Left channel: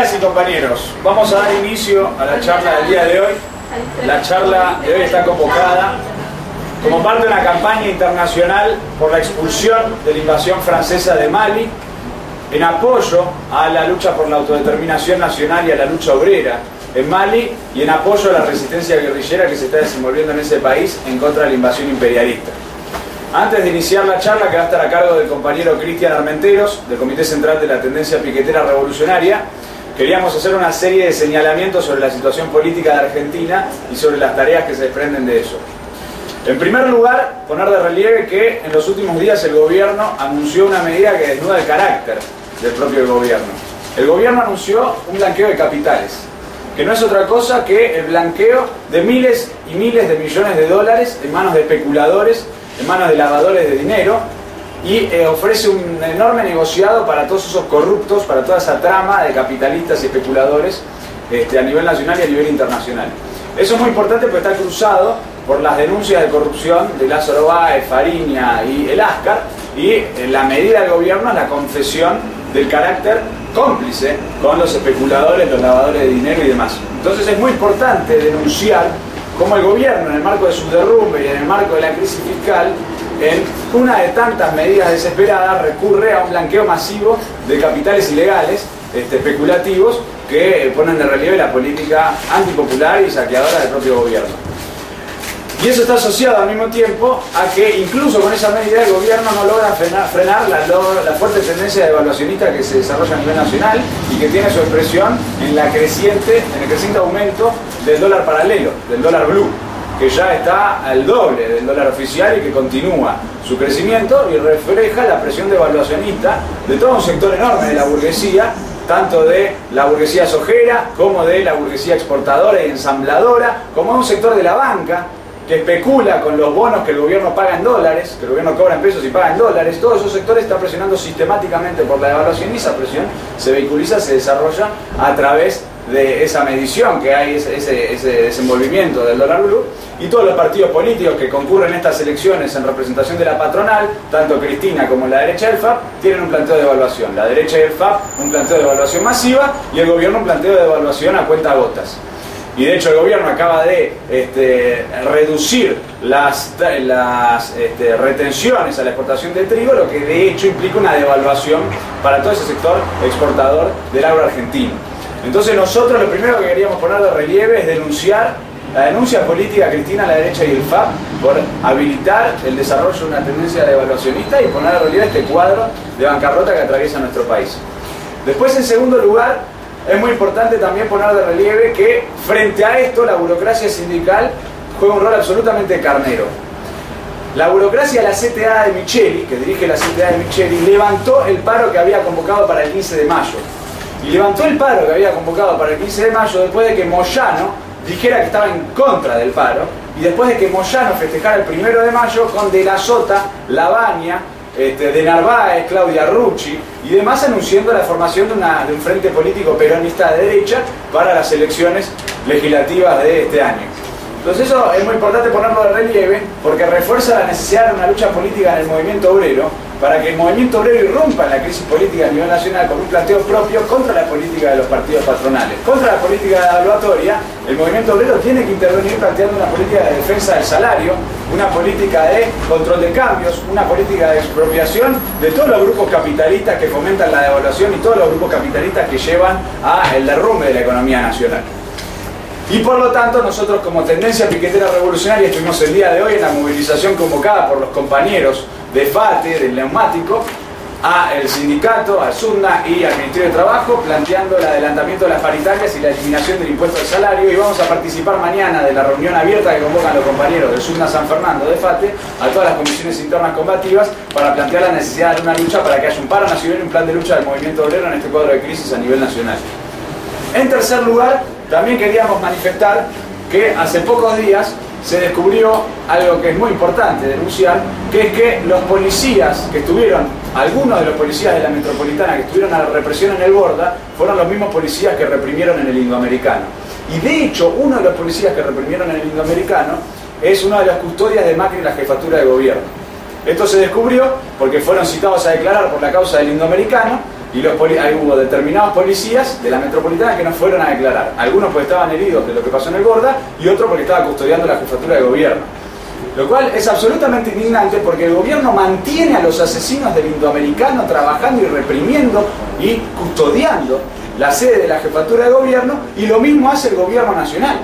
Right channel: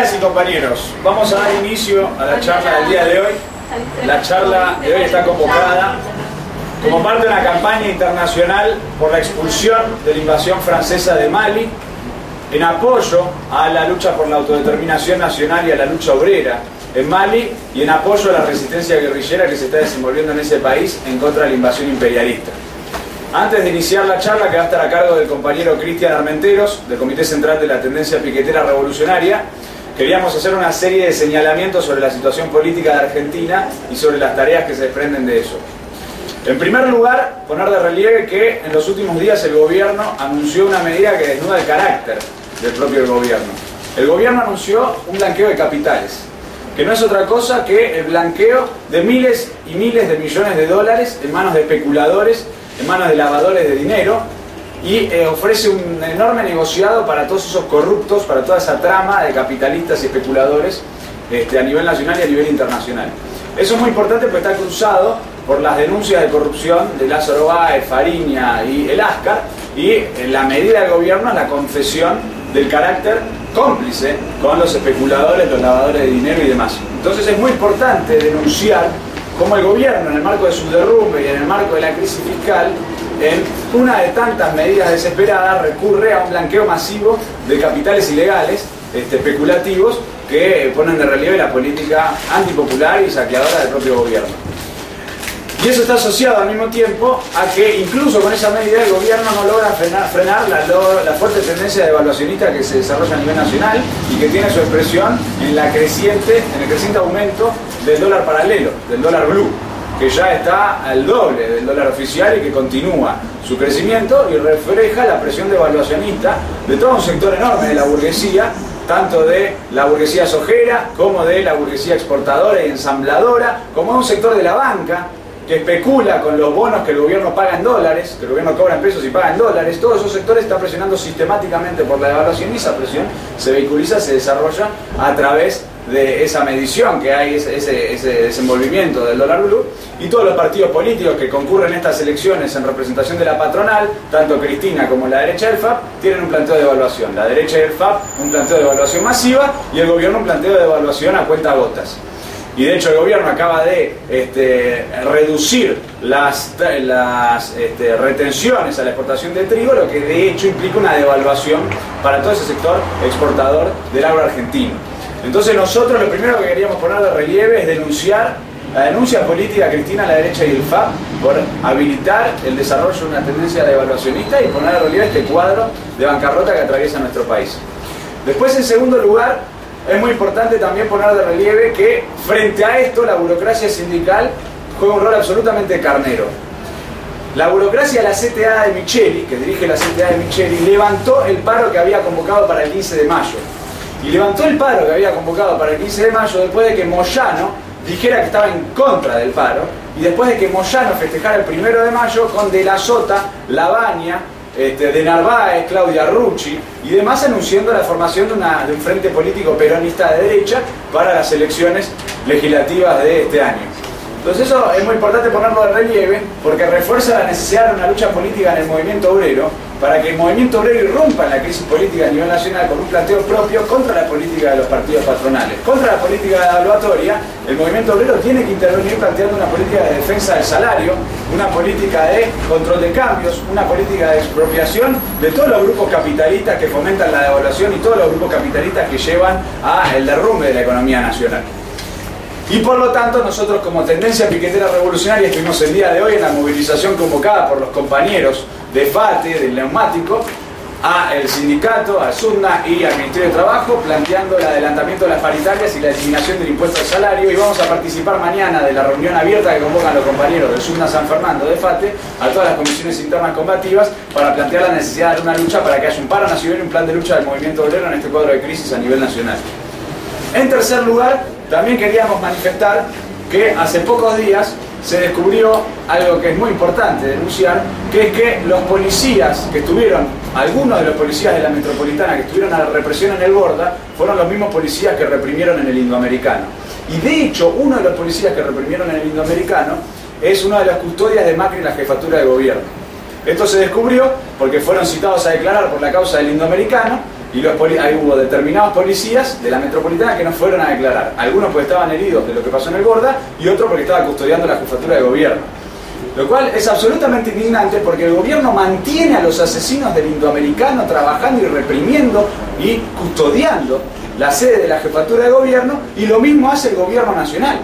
Y compañeros, vamos a dar inicio a la charla del día de hoy. La charla de hoy está convocada como parte de una campaña internacional por la expulsión de la invasión francesa de Mali, en apoyo a la lucha por la autodeterminación nacional y a la lucha obrera en Mali, y en apoyo a la resistencia guerrillera que se está desenvolviendo en ese país en contra de la invasión imperialista. Antes de iniciar la charla, que va a estar a cargo del compañero Cristian Armenteros, del Comité Central de la Tendencia Piquetera Revolucionaria, queríamos hacer una serie de señalamientos sobre la situación política de Argentina y sobre las tareas que se desprenden de eso. En primer lugar, poner de relieve que en los últimos días el gobierno anunció una medida que desnuda el carácter del propio gobierno. El gobierno anunció un blanqueo de capitales, que no es otra cosa que el blanqueo de miles y miles de millones de dólares en manos de especuladores, en manos de lavadores de dinero, y ofrece un enorme negociado para todos esos corruptos, para toda esa trama de capitalistas y especuladores a nivel nacional y a nivel internacional. Eso es muy importante porque está cruzado por las denuncias de corrupción de Lázaro Báez, Fariña y el Ascar, y en la medida del gobierno es la confesión del carácter cómplice con los especuladores, los lavadores de dinero y demás. Entonces es muy importante denunciar cómo el gobierno, en el marco de su derrumbe y en el marco de la crisis fiscal, en una de tantas medidas desesperadas, recurre a un blanqueo masivo de capitales ilegales, especulativos, que ponen de relieve la política antipopular y saqueadora del propio gobierno. Y eso está asociado al mismo tiempo a que incluso con esa medida el gobierno no logra frenar la fuerte tendencia devaluacionista que se desarrolla a nivel nacional y que tiene su expresión en el creciente aumento del dólar paralelo, del dólar blue, que ya está al doble del dólar oficial y que continúa su crecimiento y refleja la presión devaluacionista de todo un sector enorme de la burguesía, tanto de la burguesía sojera como de la burguesía exportadora y ensambladora, como de un sector de la banca que especula con los bonos que el gobierno paga en dólares, que el gobierno cobra en pesos y paga en dólares. Todos esos sectores están presionando sistemáticamente por la devaluación, y esa presión se vehiculiza, se desarrolla a través de esa medición que hay, ese desenvolvimiento del dólar blue, y todos los partidos políticos que concurren en estas elecciones en representación de la patronal, tanto Cristina como la derecha del FAP, tienen un planteo de devaluación. La derecha del FAP un planteo de devaluación masiva y el gobierno un planteo de devaluación a cuentagotas. Y de hecho el gobierno acaba de reducir las retenciones a la exportación de trigo, lo que de hecho implica una devaluación para todo ese sector exportador del agro argentino. Entonces nosotros lo primero que queríamos poner de relieve es denunciar la denuncia política de Cristina a la derecha y el FAP por habilitar el desarrollo de una tendencia devaluacionista y poner de relieve este cuadro de bancarrota que atraviesa nuestro país. Después, en segundo lugar, es muy importante también poner de relieve que frente a esto la burocracia sindical juega un rol absolutamente carnero. La burocracia de la CTA de Micheli, que dirige la CTA de Micheli, levantó el paro que había convocado para el 15 de mayo. Y levantó el paro que había convocado para el 15 de mayo después de que Moyano dijera que estaba en contra del paro, y después de que Moyano festejara el 1 de mayo con De la Sota, Lavagna, de Narváez, Claudia Rucci y demás, anunciando la formación de un frente político peronista de derecha para las elecciones legislativas de este año. Entonces eso es muy importante ponerlo de relieve porque refuerza la necesidad de una lucha política en el movimiento obrero, para que el movimiento obrero irrumpa en la crisis política a nivel nacional con un planteo propio contra la política de los partidos patronales. Contra la política devaluatoria, el movimiento obrero tiene que intervenir planteando una política de defensa del salario, una política de control de cambios, una política de expropiación de todos los grupos capitalistas que fomentan la devaluación y todos los grupos capitalistas que llevan al derrumbe de la economía nacional. Y por lo tanto nosotros, como Tendencia Piquetera Revolucionaria, estuvimos el día de hoy en la movilización convocada por los compañeros de FATE, del Neumático, al sindicato, al SUNA y al Ministerio de Trabajo, planteando el adelantamiento de las paritarias y la eliminación del impuesto al salario, y vamos a participar mañana de la reunión abierta que convocan los compañeros del SUNA San Fernando de FATE a todas las comisiones internas combativas para plantear la necesidad de una lucha para que haya un paro nacional y un plan de lucha del movimiento obrero en este cuadro de crisis a nivel nacional. En tercer lugar, también queríamos manifestar que hace pocos días se descubrió algo que es muy importante denunciar, que es que los policías que estuvieron, algunos de los policías de la metropolitana que estuvieron a la represión en el Borda, fueron los mismos policías que reprimieron en el Indoamericano. Y de hecho, uno de los policías que reprimieron en el Indoamericano es una de las custodias de Macri en la jefatura de gobierno. Esto se descubrió porque fueron citados a declarar por la causa del Indoamericano Y hubo determinados policías de la metropolitana que no fueron a declarar. Algunos porque estaban heridos de lo que pasó en el Borda y otros porque estaba custodiando la jefatura de gobierno. Lo cual es absolutamente indignante porque el gobierno mantiene a los asesinos del Indoamericano trabajando y reprimiendo y custodiando la sede de la jefatura de gobierno, y lo mismo hace el gobierno nacional.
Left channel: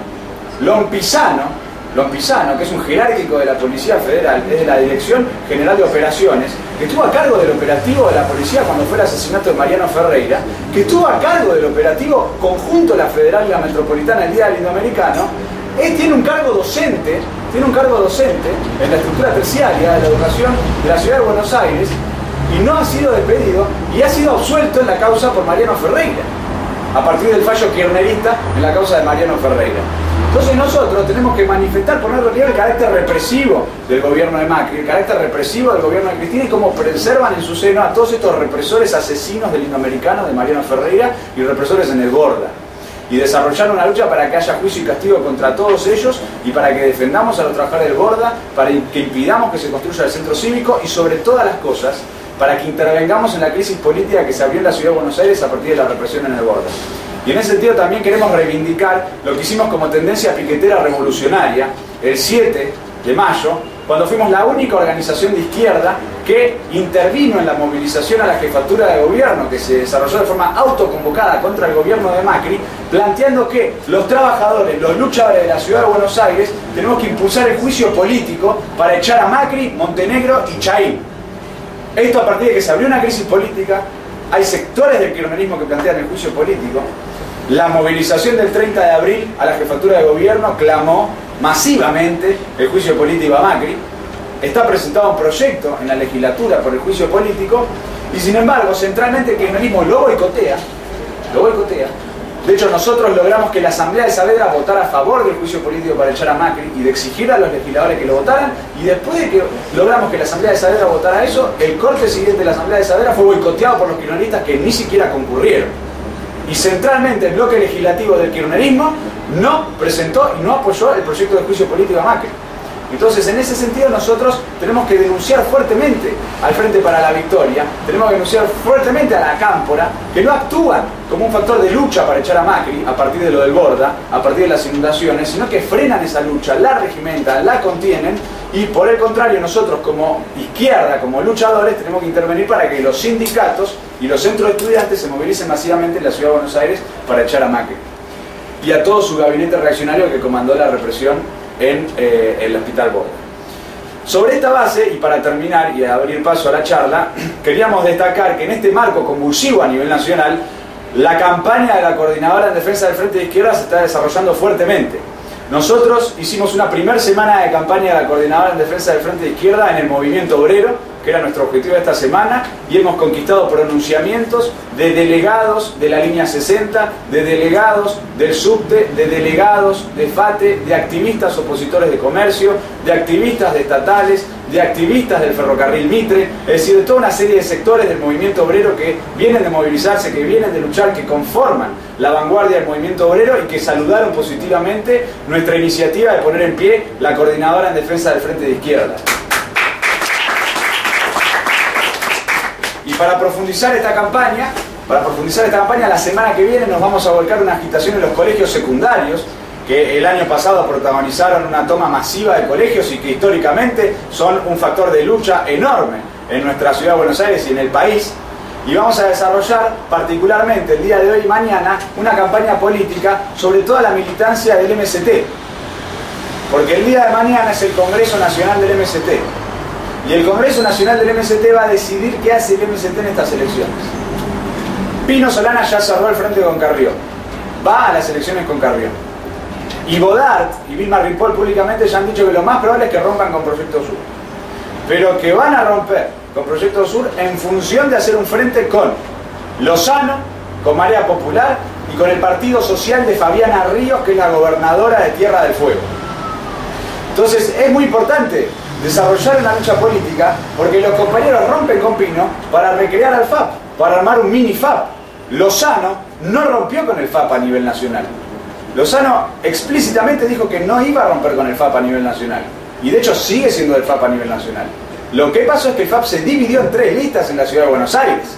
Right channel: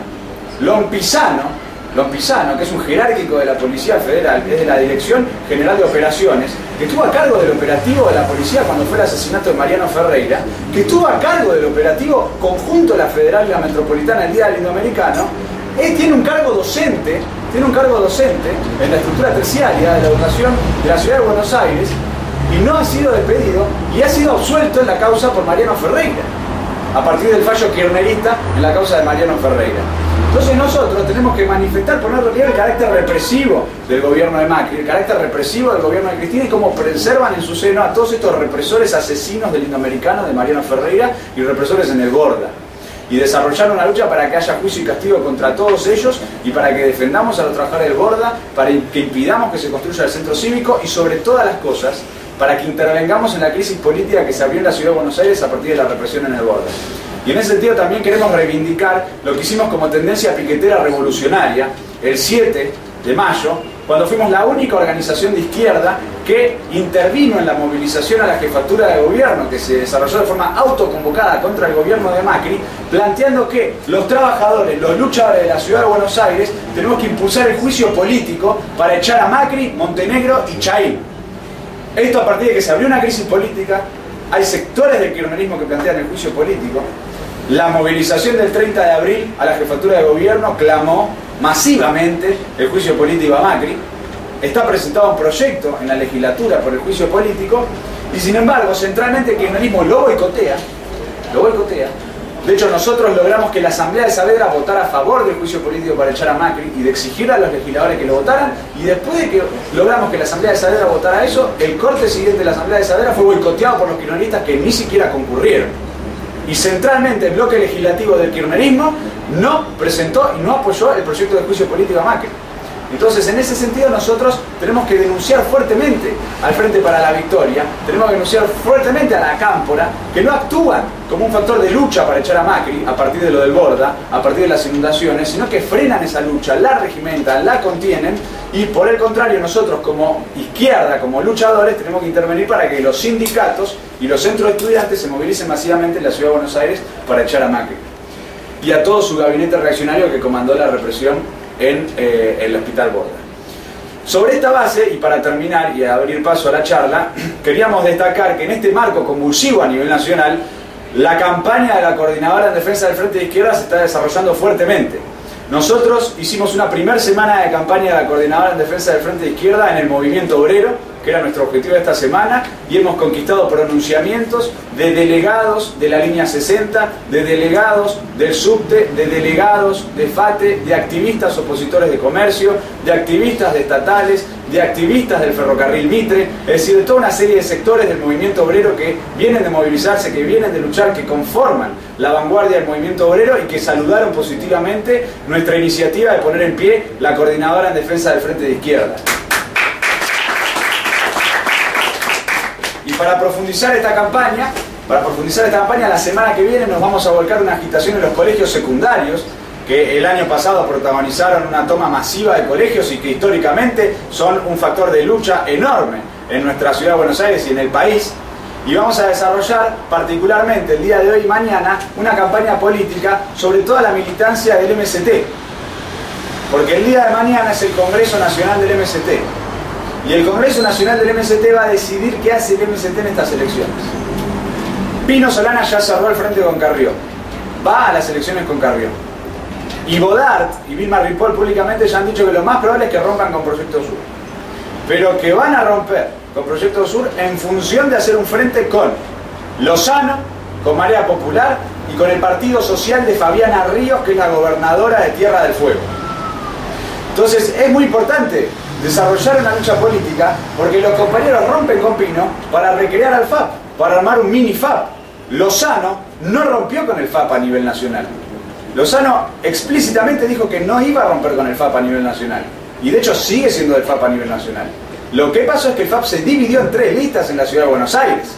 Lompisano, que es un jerárquico de la Policía Federal, es de la Dirección General de Operaciones, que estuvo a cargo del operativo de la policía cuando fue el asesinato de Mariano Ferreira, que estuvo a cargo del operativo conjunto de la Federal y la Metropolitana el día del Indoamericano. Tiene un cargo docente en la estructura terciaria de la educación de la Ciudad de Buenos Aires, y no ha sido despedido y ha sido absuelto en la causa por Mariano Ferreira, a partir del fallo kirchnerista en la causa de Mariano Ferreira. Entonces nosotros tenemos que manifestar, poner en relieve el carácter represivo del gobierno de Macri, el carácter represivo del gobierno de Cristina, y cómo preservan en su seno a todos estos represores asesinos del Indoamericano, de Mariano Ferreira, y represores en el Borda. Y desarrollar una lucha para que haya juicio y castigo contra todos ellos, y para que defendamos a los trabajadores del Borda, para que impidamos que se construya el centro cívico, y sobre todas las cosas, para que intervengamos en la crisis política que se abrió en la Ciudad de Buenos Aires a partir de la represión en el Borda. Y en ese sentido también queremos reivindicar lo que hicimos como tendencia piquetera revolucionaria el 7 de mayo, cuando fuimos la única organización de izquierda que intervino en la movilización a la jefatura de gobierno, que se desarrolló de forma autoconvocada contra el gobierno de Macri, planteando que los trabajadores, los luchadores de la Ciudad de Buenos Aires, tenemos que impulsar el juicio político para echar a Macri, Montenegro y Chaín. Esto a partir de que se abrió una crisis política. Hay sectores del kirchnerismo que plantean el juicio político. La movilización del 30 de abril a la jefatura de gobierno clamó masivamente el juicio político a Macri. Está presentado un proyecto en la legislatura por el juicio político, y sin embargo centralmente el kirchnerismo lo boicotea. De hecho, nosotros logramos que la Asamblea de Saavedra votara a favor del juicio político para echar a Macri y de exigir a los legisladores que lo votaran, y después de que logramos que la Asamblea de Saavedra votara eso, el corte siguiente de la Asamblea de Saavedra fue boicoteado por los kirchneristas, que ni siquiera concurrieron. Y centralmente el bloque legislativo del kirchnerismo no presentó y no apoyó el proyecto de juicio político a Macri. Entonces, en ese sentido, nosotros tenemos que denunciar fuertemente al Frente para la Victoria, tenemos que denunciar fuertemente a la Cámpora, que no actúan como un factor de lucha para echar a Macri a partir de lo del Borda, a partir de las inundaciones, sino que frenan esa lucha, la regimentan, la contienen, y por el contrario, nosotros como izquierda, como luchadores, tenemos que intervenir para que los sindicatos y los centros de estudiantes se movilicen masivamente en la Ciudad de Buenos Aires para echar a Macri y a todo su gabinete reaccionario que comandó la represión en el Hospital Borda. Sobre esta base, y para terminar y abrir paso a la charla, queríamos destacar que en este marco convulsivo a nivel nacional, la campaña de la Coordinadora en Defensa del Frente de Izquierda se está desarrollando fuertemente. Nosotros hicimos una primera semana de campaña de la Coordinadora en Defensa del Frente de Izquierda en el movimiento obrero, que era nuestro objetivo de esta semana, y hemos conquistado pronunciamientos de delegados de la línea 60, de delegados del subte, de delegados de FATE, de activistas opositores de comercio, de activistas de estatales, de activistas del ferrocarril Mitre, es decir, de toda una serie de sectores del movimiento obrero que vienen de movilizarse, que vienen de luchar, que conforman la vanguardia del movimiento obrero y que saludaron positivamente nuestra iniciativa de poner en pie la Coordinadora en Defensa del Frente de Izquierda. Y para profundizar esta campaña, la semana que viene nos vamos a volcar una agitación en los colegios secundarios, que el año pasado protagonizaron una toma masiva de colegios y que históricamente son un factor de lucha enorme en nuestra ciudad de Buenos Aires y en el país. Y vamos a desarrollar particularmente el día de hoy y mañana una campaña política sobre toda la militancia del MST, porque el día de mañana es el Congreso Nacional del MST. Y el Congreso Nacional del MST va a decidir qué hace el MST en estas elecciones. Pino Solana ya cerró el frente con Carrió. Va a las elecciones con Carrió. Y Bodart y Vilma Ripoll públicamente ya han dicho que lo más probable es que rompan con Proyecto Sur. Pero que van a romper con Proyecto Sur en función de hacer un frente con Lozano, con Marea Popular y con el Partido Social de Fabiana Ríos, que es la gobernadora de Tierra del Fuego. Entonces es muy importante desarrollar una lucha política, porque los compañeros rompen con Pino para recrear al FAP, para armar un mini FAP. Lozano no rompió con el FAP a nivel nacional. Lozano explícitamente dijo que no iba a romper con el FAP a nivel nacional, y de hecho sigue siendo el FAP a nivel nacional. Lo que pasó es que el FAP se dividió en 3 listas en la Ciudad de Buenos Aires,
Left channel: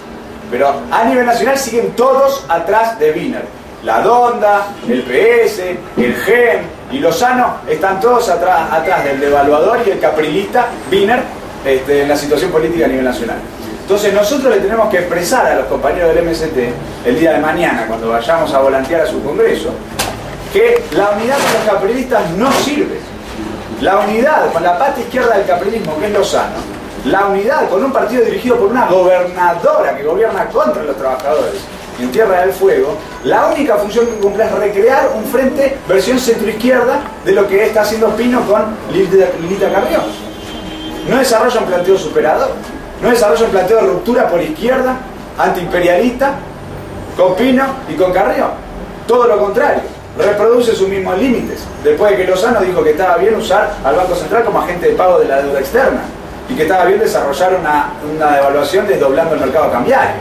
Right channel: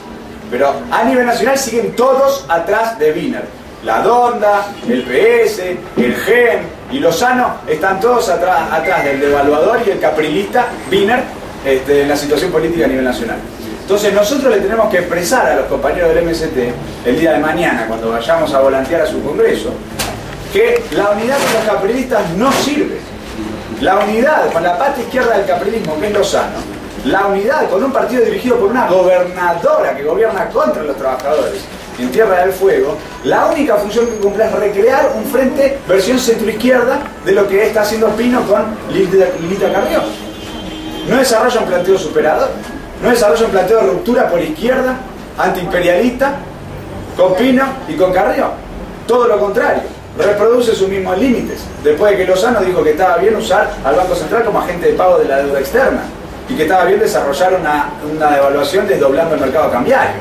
Pero a nivel nacional siguen todos atrás de Wiener. La Donda, el PS, el GEN y Lozano están todos atrás del devaluador y el caprilista Wiener en la situación política a nivel nacional. Entonces nosotros le tenemos que expresar a los compañeros del MST el día de mañana, cuando vayamos a volantear a su congreso, que la unidad con los caprilistas no sirve. La unidad con la pata izquierda del caprilismo, que es Lozano, la unidad con un partido dirigido por una gobernadora que gobierna contra los trabajadores en Tierra del Fuego, la única función que cumple es recrear un frente versión centroizquierda de lo que está haciendo Pino con Lilita Carrió. No desarrolla un planteo superador, no desarrolla un planteo de ruptura por izquierda, antiimperialista, con Pino y con Carrió. Todo lo contrario, reproduce sus mismos límites, después de que Lozano dijo que estaba bien usar al Banco Central como agente de pago de la deuda externa y que estaba bien desarrollar una devaluación desdoblando el mercado cambiario.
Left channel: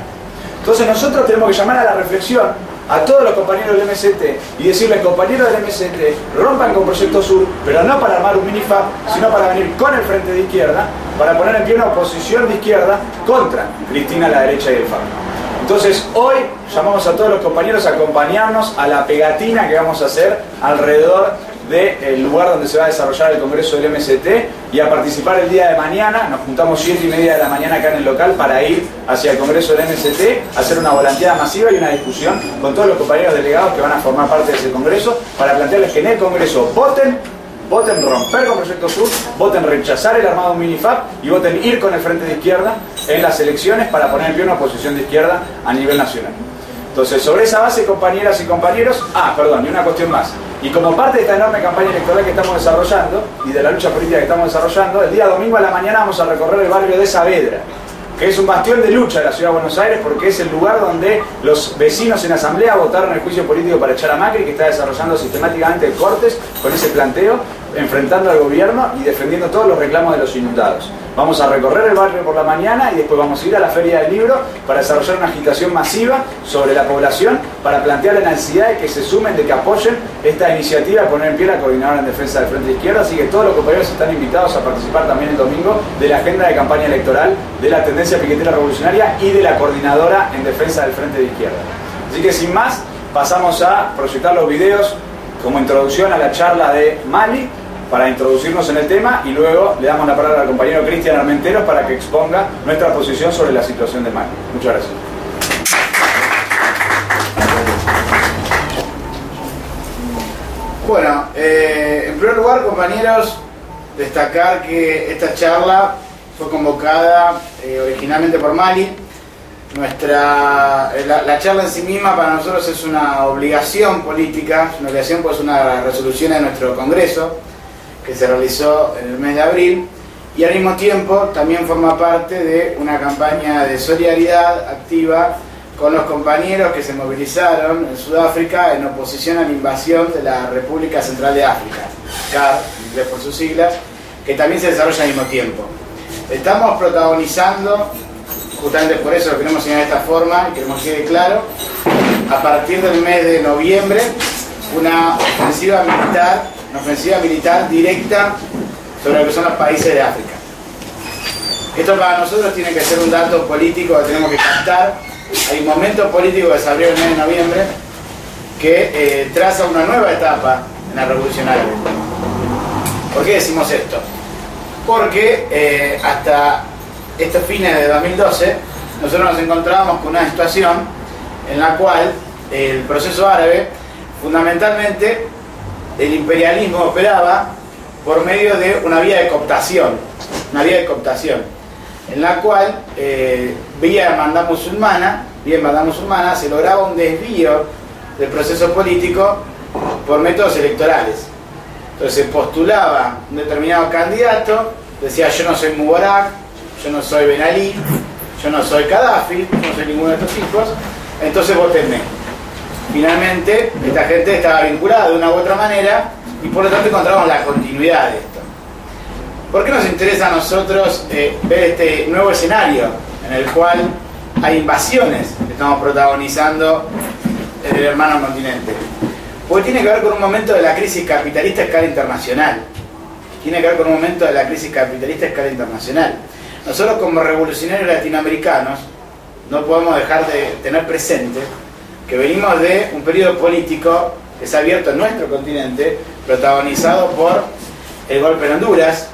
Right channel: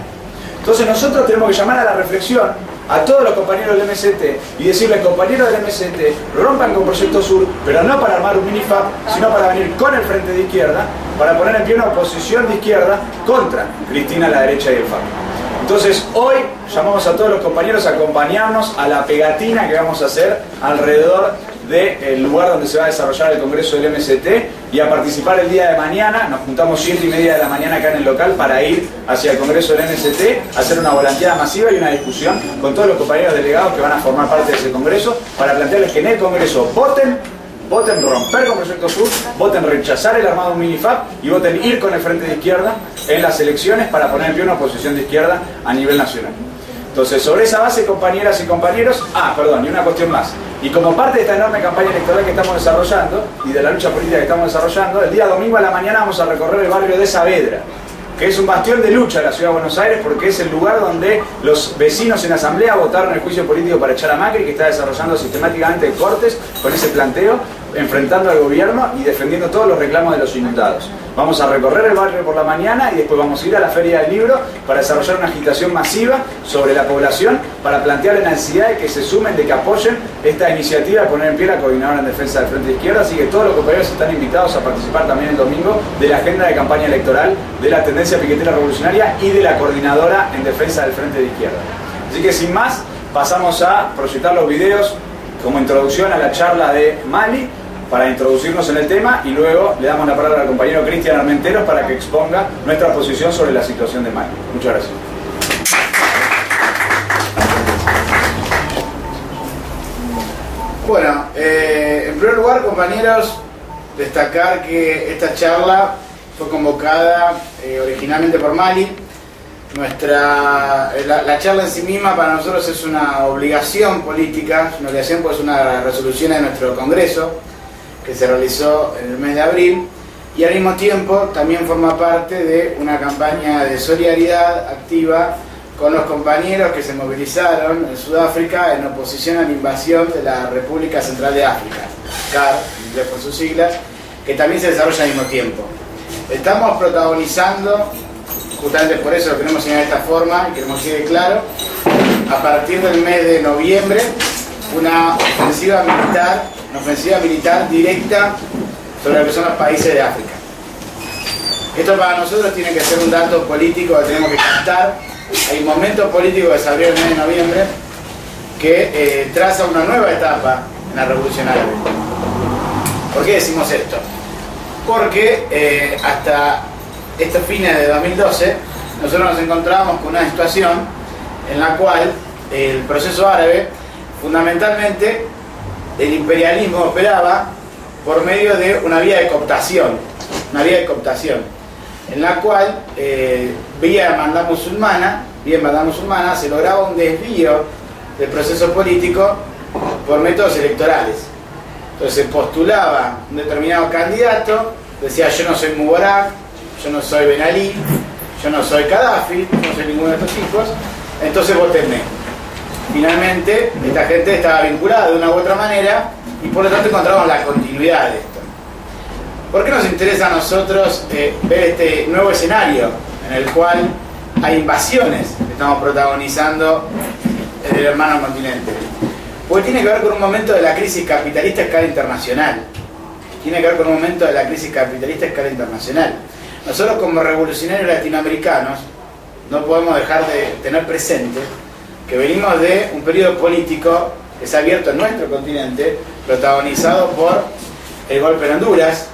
Entonces nosotros tenemos que llamar a la reflexión a todos los compañeros del MST y decirles, compañeros del MST, rompan con Proyecto Sur, pero no para armar un minifab, sino para venir con el frente de izquierda, para poner en pie una oposición de izquierda contra Cristina, la derecha y el FAP. Entonces hoy llamamos a todos los compañeros a acompañarnos a la pegatina que vamos a hacer alrededor del lugar donde se va a desarrollar el congreso del MST y a participar el día de mañana. Nos juntamos 7:30 de la mañana acá en el local para ir hacia el congreso del MST, hacer una volanteada masiva y una discusión con todos los compañeros delegados que van a formar parte de ese congreso para plantearles que en el congreso voten romper con Proyecto Sur, voten rechazar el armado minifab y voten ir con el frente de izquierda en las elecciones para poner en pie una oposición de izquierda a nivel nacional. Entonces, sobre esa base, compañeras y compañeros, y una cuestión más. Y como parte de esta enorme campaña electoral que estamos desarrollando y de la lucha política que estamos desarrollando, el día domingo a la mañana vamos a recorrer el barrio de Saavedra, que es un bastión de lucha de la Ciudad de Buenos Aires porque es el lugar donde los vecinos en asamblea votaron el juicio político para echar a Macri, que está desarrollando sistemáticamente cortes con ese planteo, enfrentando al gobierno y defendiendo todos los reclamos de los inundados. Vamos a recorrer el barrio por la mañana y después vamos a ir a la Feria del Libro para desarrollar una agitación masiva sobre la población para plantear la necesidad de que se sumen, de que apoyen esta iniciativa de poner en pie la coordinadora en defensa del Frente de Izquierda. Así que todos los compañeros están invitados a participar también el domingo de la agenda de campaña electoral de la tendencia piquetera revolucionaria y de la coordinadora en defensa del Frente de Izquierda. Así que sin más, pasamos a proyectar los videos como introducción a la charla de Mali, para introducirnos en el tema, y luego le damos la palabra al compañero Cristian Armenteros para que exponga nuestra posición sobre la situación de Mali. Muchas gracias. Bueno, en primer lugar, compañeros, destacar que esta charla fue convocada originalmente por Mali. La charla en sí misma para nosotros es una obligación política, es una obligación pues una resolución de nuestro Congreso que se realizó en el mes de abril, y al mismo tiempo también forma parte de una campaña de solidaridad activa con los compañeros que se movilizaron en Sudáfrica en oposición a la invasión de la República Central de África, CAR, en inglés por sus siglas, que también se desarrolla al mismo tiempo. Estamos protagonizando, justamente por eso lo queremos señalar de esta forma y queremos que quede claro, a partir del mes de noviembre, una ofensiva militar directa sobre lo que son los países de África. Esto para nosotros tiene que ser un dato político que tenemos que captar. Hay un momento político que se abrió el mes de noviembre que traza una nueva etapa en la Revolución Árabe. ¿Por qué decimos esto? Porque hasta estos fines de 2012 nosotros nos encontrábamos con una situación en la cual el proceso árabe, fundamentalmente, el imperialismo operaba por medio de una vía de cooptación, en la cual vía hermandad musulmana se lograba un desvío del proceso político por métodos electorales. Entonces se postulaba un determinado candidato, decía: yo no soy Mubarak, yo no soy Ben Ali, yo no soy Gaddafi, no soy ninguno de estos tipos, entonces votenme. Finalmente, esta gente estaba vinculada de una u otra manera y por lo tanto encontramos la continuidad de esto. ¿Por qué nos interesa a nosotros ver este nuevo escenario en el cual hay invasiones que estamos protagonizando en el hermano continente? Porque tiene que ver con un momento de la crisis capitalista a escala internacional. Nosotros como revolucionarios latinoamericanos no podemos dejar de tener presente que venimos de un periodo político que se ha abierto en nuestro continente, protagonizado por el golpe en Honduras,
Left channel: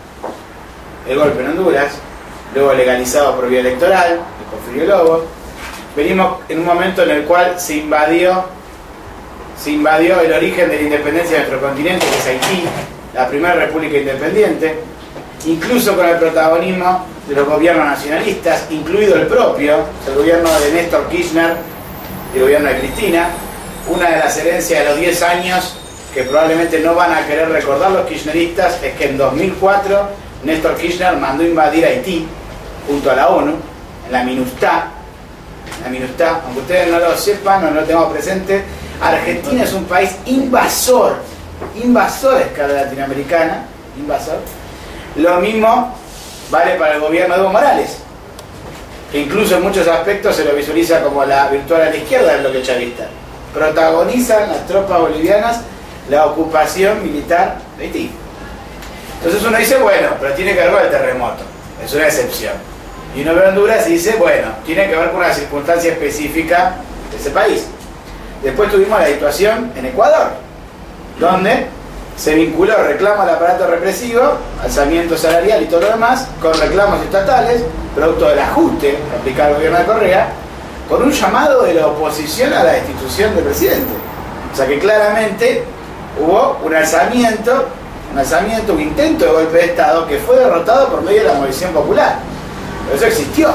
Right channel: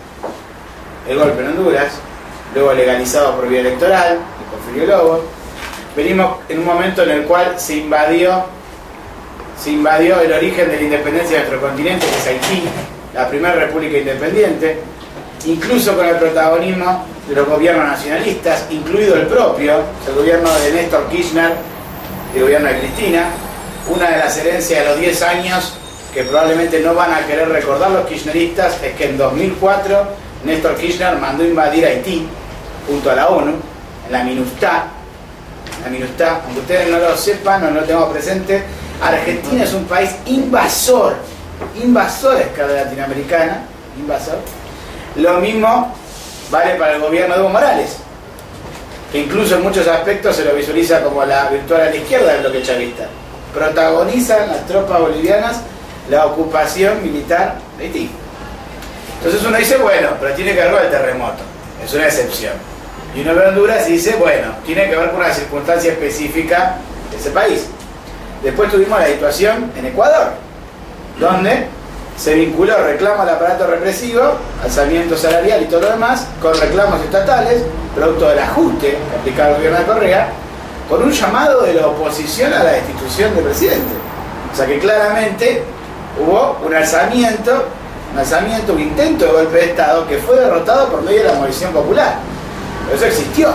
luego legalizado por vía electoral, de Porfirio Lobo. Venimos en un momento en el cual se invadió el origen de la independencia de nuestro continente, que es Haití, la primera república independiente, incluso con el protagonismo de los gobiernos nacionalistas, incluido el propio, el gobierno de Néstor Kirchner y el gobierno de Cristina. Una de las herencias de los 10 años que probablemente no van a querer recordar los kirchneristas es que en 2004 Néstor Kirchner mandó invadir Haití junto a la ONU, en la MINUSTAH, aunque ustedes no lo sepan o no lo tengamos presente, Argentina es un país invasor a escala latinoamericana, invasor. Lo mismo vale para el gobierno de Evo Morales, que incluso en muchos aspectos se lo visualiza como la virtual a la izquierda del bloque chavista. Protagonizan las tropas bolivianas la ocupación militar de Haití. Entonces uno dice, bueno, pero tiene que ver con el terremoto, es una excepción. Y uno ve Honduras y dice, bueno, tiene que ver con una circunstancia específica de ese país. Después tuvimos la situación en Ecuador, donde se vinculó reclamo al aparato represivo, alzamiento salarial y todo lo demás, con reclamos estatales, producto del ajuste que aplicaba el gobierno de Correa, con un llamado de la oposición a la destitución del presidente. O sea que claramente hubo un alzamiento, un intento de golpe de Estado que fue derrotado por medio de la movilización popular. Pero eso existió.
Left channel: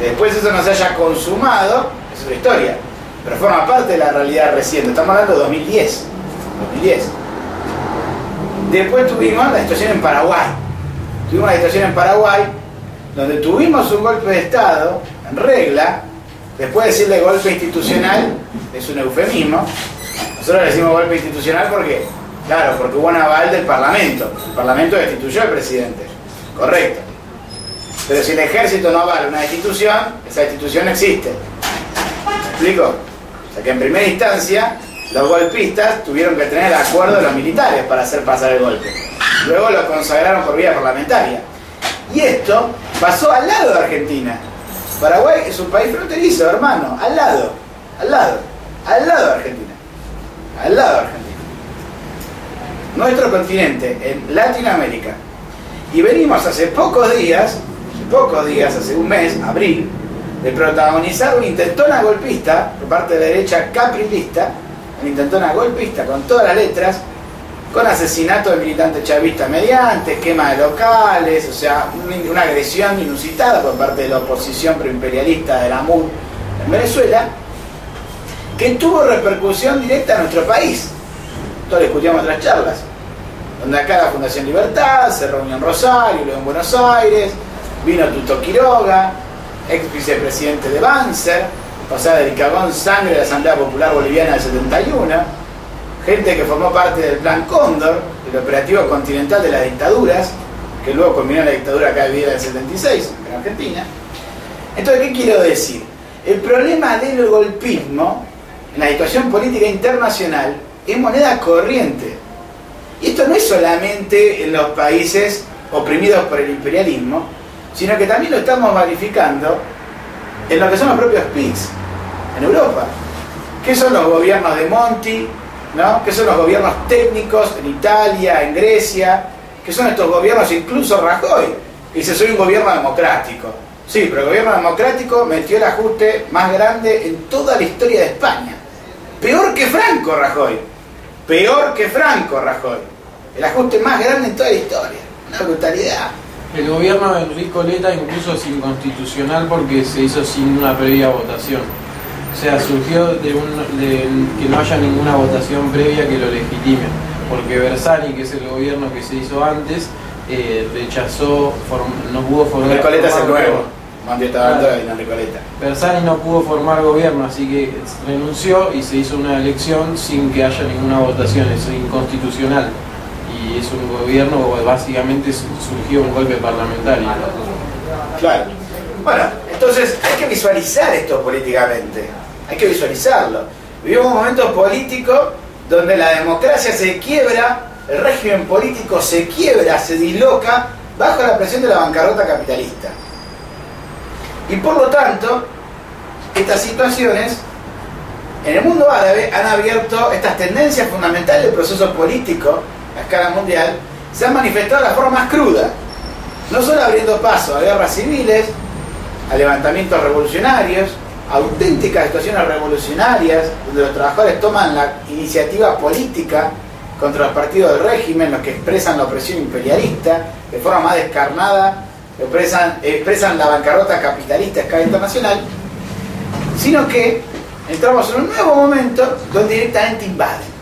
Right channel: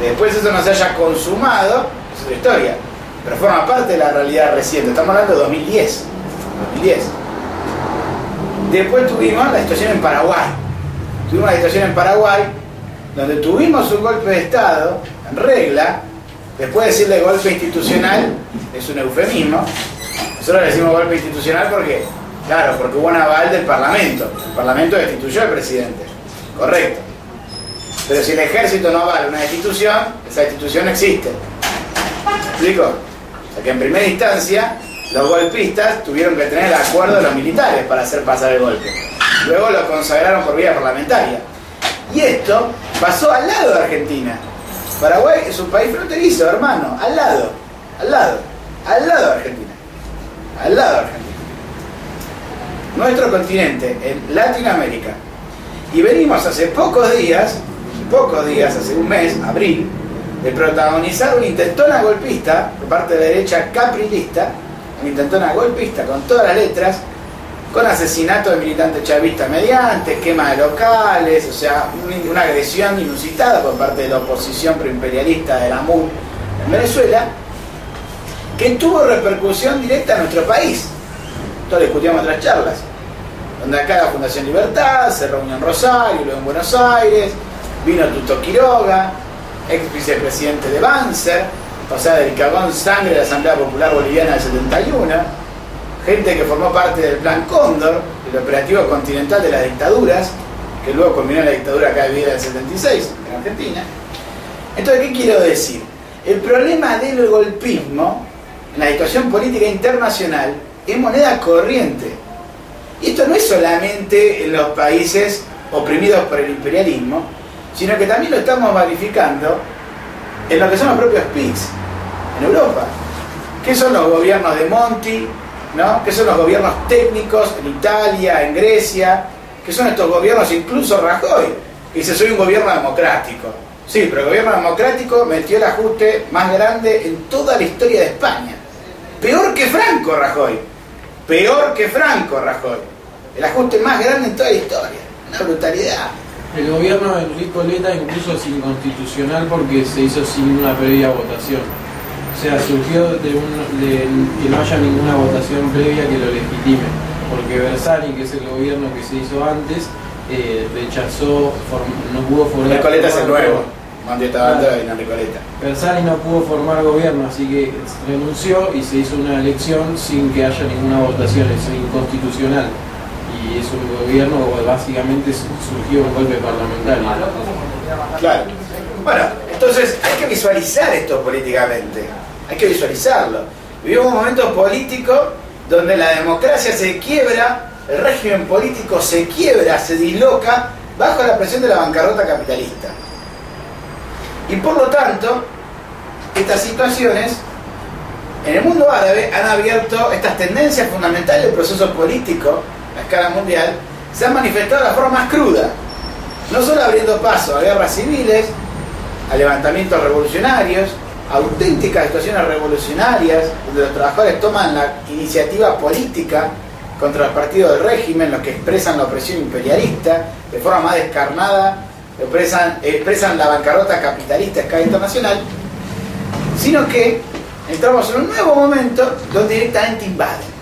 Que después eso no se haya consumado, es otra historia. Pero forma parte de la realidad reciente. Estamos hablando de 2010. Después tuvimos la situación en Paraguay. Donde tuvimos un golpe de Estado en regla. Después de decirle golpe institucional es un eufemismo. Nosotros le decimos golpe institucional porque, claro, porque hubo un aval del Parlamento. El Parlamento destituyó al presidente. Correcto. Pero si el ejército no avala una destitución, esa destitución no existe. ¿Me explico? O sea que en primera instancia los golpistas tuvieron que tener el acuerdo de los militares para hacer pasar el golpe. Luego lo consagraron por vía parlamentaria. Y esto pasó al lado de Argentina. Paraguay es un país fronterizo, hermano, al lado de Argentina. Nuestro continente, en Latinoamérica. Y venimos hace pocos días, hace un mes, abril, de protagonizar una intentona golpista por parte de la derecha caprilista, una intentona golpista con todas las letras, con asesinato de militantes chavistas mediante, quema de locales, o sea, una agresión inusitada por parte de la oposición proimperialista de la MUD en Venezuela, que tuvo repercusión directa en nuestro país. Esto lo discutíamos en otras charlas, donde acá la Fundación Libertad se reunió en Rosario, luego en Buenos Aires, vino Tuto Quiroga, ex vicepresidente de Banzer, pasada del cagón sangre de la Asamblea Popular Boliviana del 71, gente que formó parte del Plan Cóndor, del operativo continental de las dictaduras, que luego combinó la dictadura acá vivida del 76 en Argentina. Entonces, ¿qué quiero decir? El problema del golpismo en la situación política internacional es moneda corriente. Y esto no es solamente en los países oprimidos por el imperialismo, sino que también lo estamos verificando en lo que son los propios PICs en Europa. ¿Qué son los gobiernos de Monti? ¿No? ¿Qué son los gobiernos técnicos en Italia, en Grecia? ¿Qué son estos gobiernos? Incluso Rajoy, que dice soy un gobierno democrático. Sí, pero el gobierno democrático metió el ajuste más grande en toda la historia de España. Peor que Franco, Rajoy. El ajuste más grande en toda la historia. Una brutalidad. El gobierno de Enrico Letta incluso es inconstitucional porque se hizo sin una previa votación. O sea, surgió de que no haya ninguna votación previa que lo legitime. Porque Bersani, que es el gobierno que se hizo antes, rechazó, no pudo formar... Enrico Letta es el nuevo. Enrico Letta. Bersani no pudo formar gobierno, así que renunció y se hizo una elección sin que haya ninguna votación. Es inconstitucional. Y es un gobierno, básicamente surgió un golpe parlamentario. Claro. Bueno, entonces hay que visualizar esto políticamente. Hay que visualizarlo. Vivimos un momento político donde la democracia se quiebra, el régimen político se quiebra, se disloca bajo la presión de la bancarrota capitalista. Y por lo tanto, estas situaciones en el mundo árabe han abierto estas tendencias fundamentales del proceso político a escala mundial, se han manifestado de la forma más cruda, no solo abriendo paso a guerras civiles, a levantamientos revolucionarios, a auténticas situaciones revolucionarias, donde los trabajadores toman la iniciativa política contra los partidos del régimen, los que expresan la opresión imperialista de forma más descarnada, expresan la bancarrota capitalista a escala internacional, sino que entramos en un nuevo momento donde directamente invaden.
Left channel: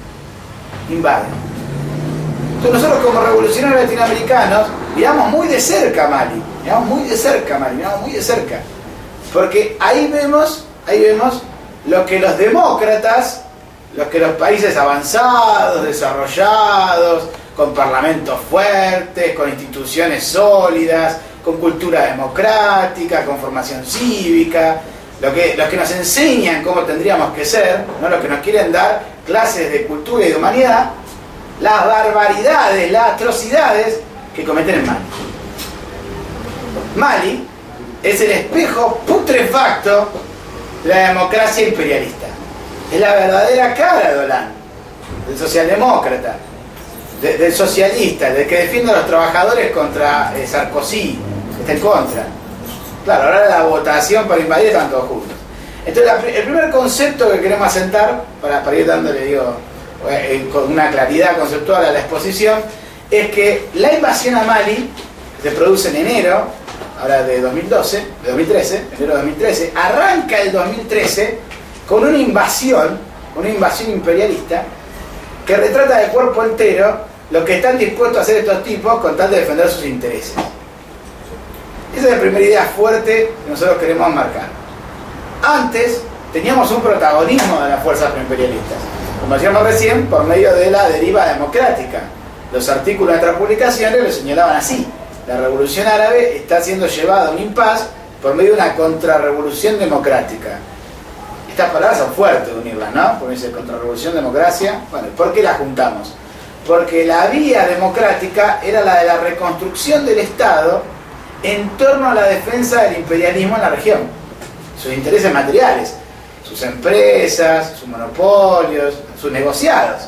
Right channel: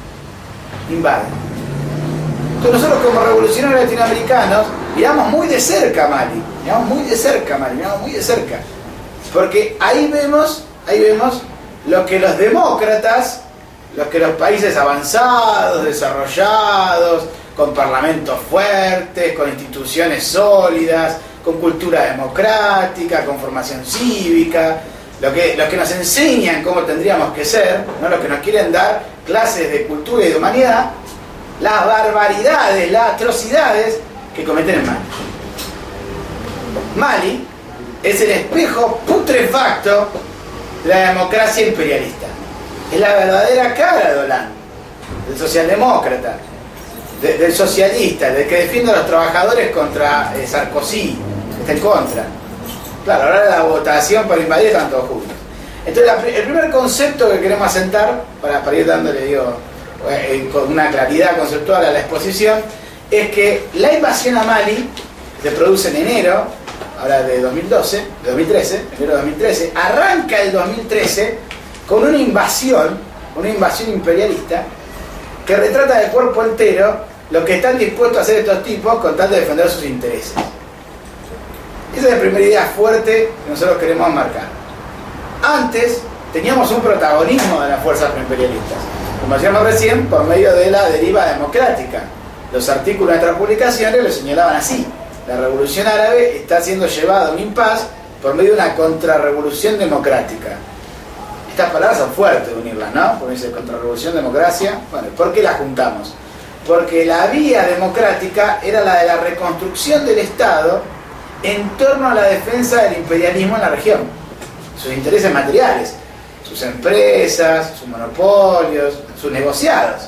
Entonces nosotros como revolucionarios latinoamericanos miramos muy de cerca Mali, miramos muy de cerca, porque ahí vemos lo que los demócratas, lo que los países avanzados, desarrollados, con parlamentos fuertes, con instituciones sólidas, con cultura democrática, con formación cívica, los que nos enseñan cómo tendríamos que ser, ¿no? Los que nos quieren dar clases de cultura y de humanidad, las barbaridades, las atrocidades que cometen en Mali. Mali es el espejo putrefacto de la democracia imperialista. Es la verdadera cara de Hollande, del socialdemócrata, del socialista, del que defiende a los trabajadores contra Sarkozy, que está en contra. Claro, ahora la votación para invadir están todos juntos. Entonces el primer concepto que queremos asentar, para ir dándole, con una claridad conceptual a la exposición, es que la invasión a Mali, que se produce en enero, ahora de 2013, arranca el 2013 con una invasión imperialista que retrata de cuerpo entero lo que están dispuestos a hacer estos tipos con tal de defender sus intereses. Esa es la primera idea fuerte que nosotros queremos marcar. Antes teníamos un protagonismo de las fuerzas imperialistas, como decíamos recién, por medio de la deriva democrática. Los artículos de nuestras publicaciones lo señalaban así: la revolución árabe está siendo llevada a un impasse por medio de una contrarrevolución democrática. Estas palabras son fuertes de unirlas, ¿no? Porque dice contrarrevolución, democracia. Bueno, ¿por qué las juntamos? Porque la vía democrática era la de la reconstrucción del Estado en torno a la defensa del imperialismo en la región, sus intereses materiales, sus empresas, sus monopolios, sus negociados.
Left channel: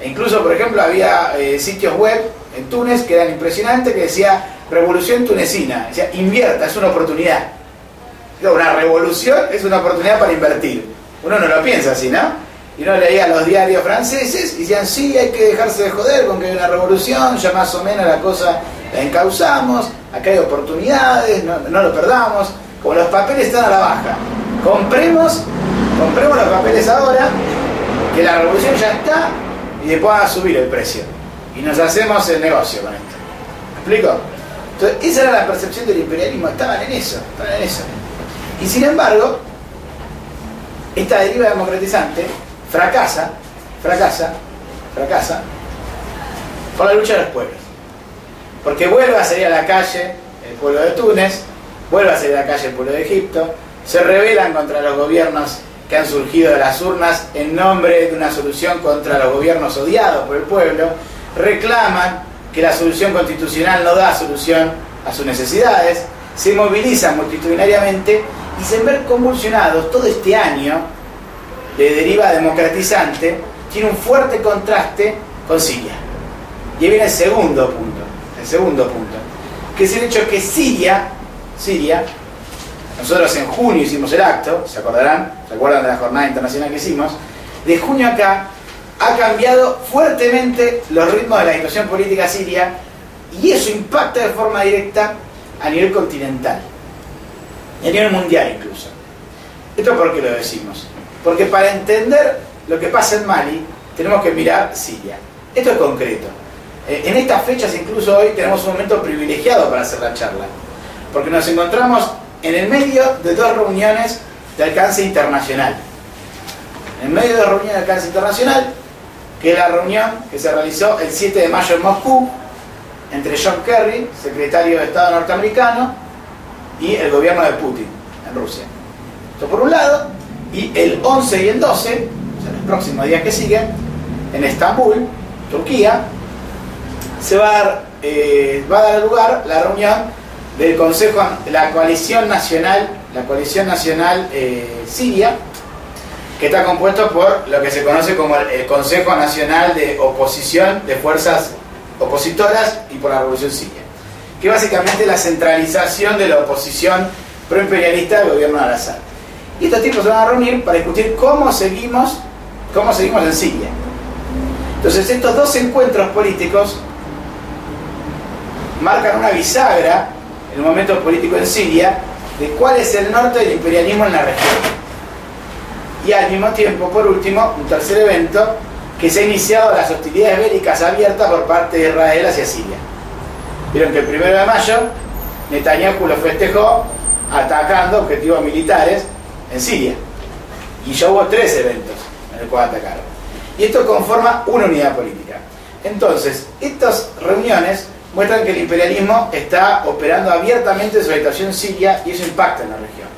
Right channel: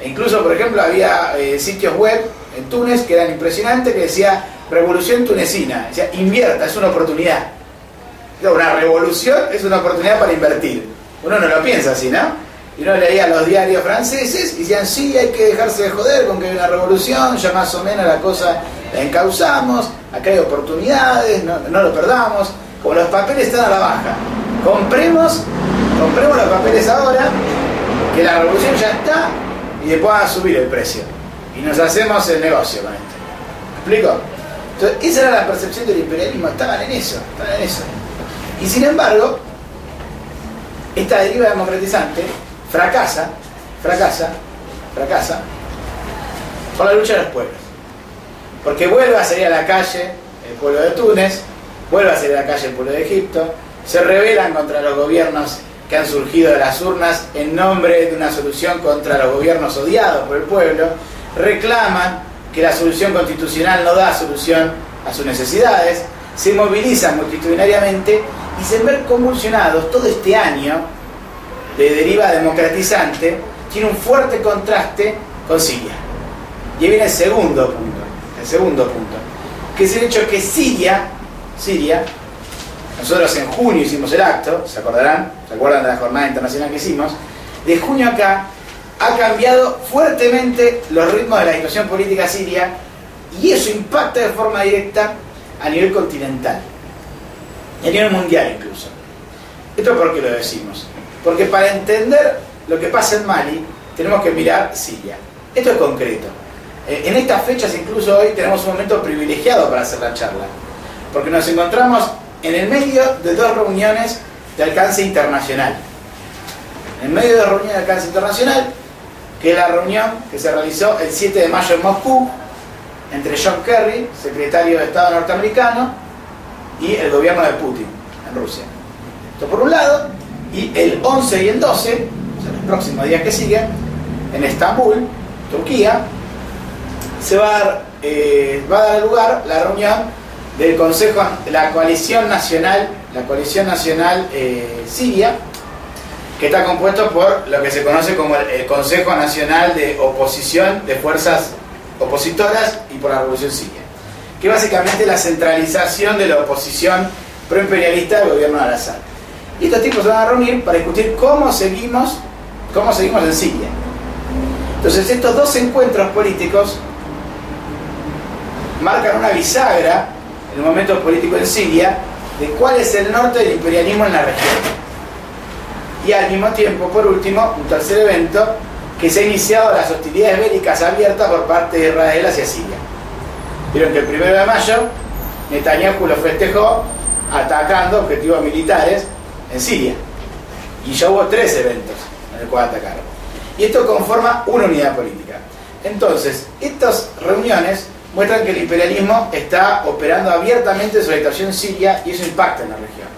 E incluso, por ejemplo, había sitios web en Túnez que eran impresionantes, que decía revolución tunecina, decía invierta, es una oportunidad. Una revolución es una oportunidad para invertir. Uno no lo piensa así, ¿no? Y uno leía los diarios franceses y decían, sí, hay que dejarse de joder con que hay una revolución, ya más o menos la cosa la encauzamos, acá hay oportunidades, no lo perdamos, como los papeles están a la baja, compremos los papeles ahora, que la revolución ya está, y después van a subir el precio, y nos hacemos el negocio con esto. ¿Me explico? Entonces, esa era la percepción del imperialismo, estaban en eso. Y sin embargo, esta deriva democratizante fracasa por la lucha de los pueblos. Porque vuelve a salir a la calle el pueblo de Túnez, vuelve a salir a la calle el pueblo de Egipto, se rebelan contra los gobiernos que han surgido de las urnas en nombre de una solución contra los gobiernos odiados por el pueblo, reclaman que la solución constitucional no da solución a sus necesidades, se movilizan multitudinariamente y se ven convulsionados. Todo este año de deriva democratizante tiene un fuerte contraste con Siria. Y ahí viene el segundo punto, que es el hecho que Siria, nosotros en junio hicimos el acto, ¿se acuerdan de la jornada internacional que hicimos? De junio acá ha cambiado fuertemente los ritmos de la situación política siria, y eso impacta de forma directa a nivel continental, y a nivel mundial incluso. ¿Esto por qué lo decimos? Porque para entender lo que pasa en Mali tenemos que mirar Siria. Esto es concreto. En estas fechas, incluso hoy, tenemos un momento privilegiado para hacer la charla, porque nos encontramos en el medio de dos reuniones de alcance internacional. En medio de dos reuniones de alcance internacional, que es la reunión que se realizó el 7 de mayo en Moscú entre John Kerry, secretario de Estado norteamericano, y el gobierno de Putin en Rusia. Esto por un lado. Y el 11 y el 12, o sea, los próximos días que siguen, en Estambul, Turquía, se va a dar lugar la reunión del Consejo, la coalición nacional siria, que está compuesto por lo que se conoce como el Consejo Nacional de Oposición de Fuerzas Opositoras y por la Revolución Siria, que básicamente es la centralización de la oposición proimperialista del gobierno de Al-Assad. Y estos tipos se van a reunir para discutir cómo seguimos en Siria. Entonces estos dos encuentros políticos marcan una bisagra en el momento político en Siria de cuál es el norte del imperialismo en la región. Y al mismo tiempo, por último, un tercer evento, que se ha iniciado las hostilidades bélicas abiertas por parte de Israel hacia Siria. Vieron que el 1 de mayo Netanyahu lo festejó atacando objetivos militares en Siria, y ya hubo 3 eventos en el cual atacaron, y esto conforma una unidad política. Entonces, estas reuniones muestran que el imperialismo está operando abiertamente sobre la situación siria, y eso impacta en la región.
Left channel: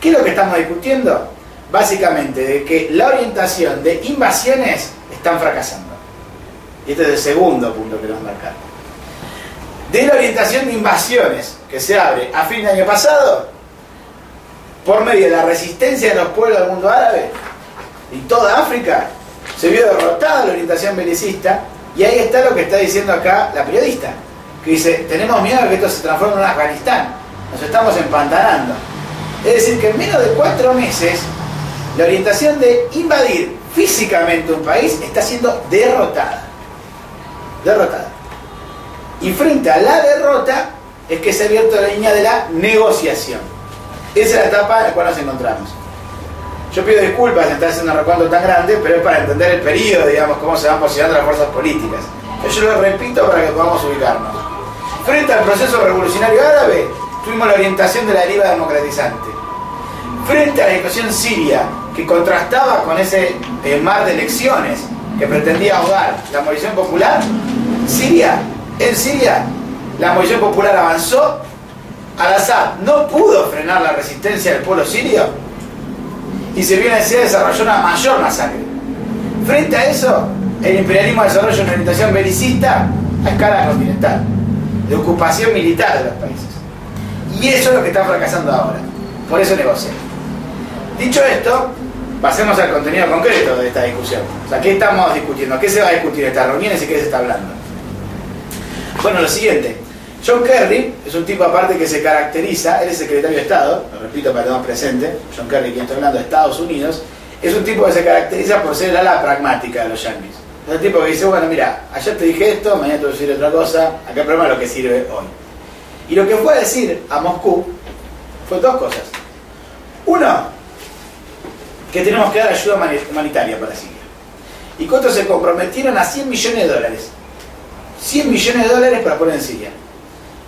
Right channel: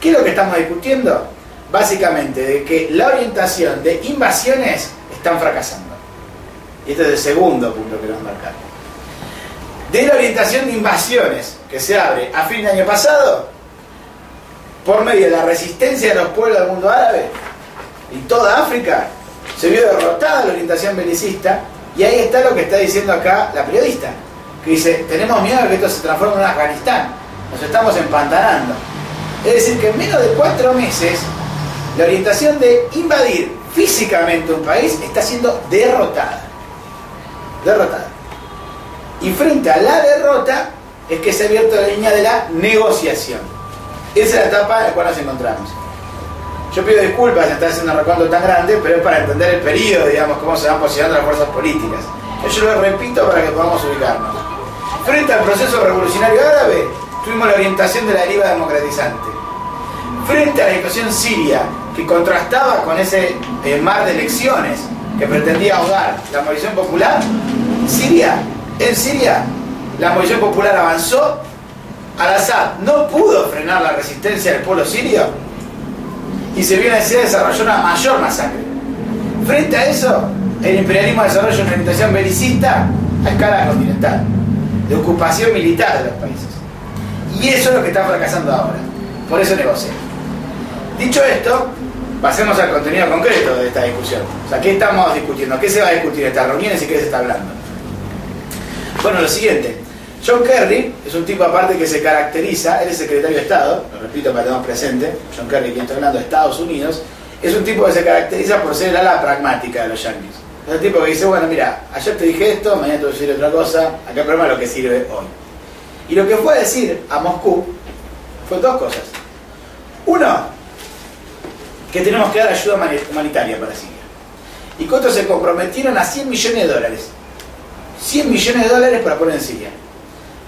¿Qué es lo que estamos discutiendo? Básicamente de que la orientación de invasiones están fracasando, y este es el segundo punto que vamos a marcar. De la orientación de invasiones que se abre a fin de año pasado, por medio de la resistencia de los pueblos del mundo árabe y toda África, se vio derrotada la orientación belicista, y ahí está lo que está diciendo acá la periodista, que dice: tenemos miedo de que esto se transforme en un Afganistán, nos estamos empantanando. Es decir, que en menos de 4 meses la orientación de invadir físicamente un país está siendo derrotada. Y frente a la derrota es que se ha abierto la línea de la negociación. Esa es la etapa en la cual nos encontramos. Yo pido disculpas de estar haciendo un recuento tan grande, pero es para entender el periodo, digamos, cómo se van posicionando las fuerzas políticas. Yo lo repito para que podamos ubicarnos. Frente al proceso revolucionario árabe, tuvimos la orientación de la deriva democratizante. Frente a la situación siria, que contrastaba con ese mar de elecciones que pretendía ahogar la movilización popular, en Siria, la movilización popular avanzó. Al-Assad no pudo frenar la resistencia del pueblo sirio, y se vio necesidad de desarrollar una mayor masacre. Frente a eso, el imperialismo desarrolla una orientación belicista a escala continental, de ocupación militar de los países. Y eso es lo que está fracasando ahora. Por eso negocian. Dicho esto, pasemos al contenido concreto de esta discusión. O sea, ¿qué estamos discutiendo? ¿Qué se va a discutir en estas reuniones y qué se está hablando? Bueno, lo siguiente. John Kerry es un tipo aparte que se caracteriza, él es secretario de Estado, lo repito para que tengamos presente, John Kerry, quien está hablando de Estados Unidos, es un tipo que se caracteriza por ser el ala pragmática de los yanquis. Es un tipo que dice: bueno, mira, ayer te dije esto, mañana te voy a decir otra cosa, acá el problema es lo que sirve hoy. Y lo que fue a decir a Moscú fue 2 cosas. Uno, que tenemos que dar ayuda humanitaria para Siria. Y que otros se comprometieron a $100 millones. $100 millones para poner en Siria.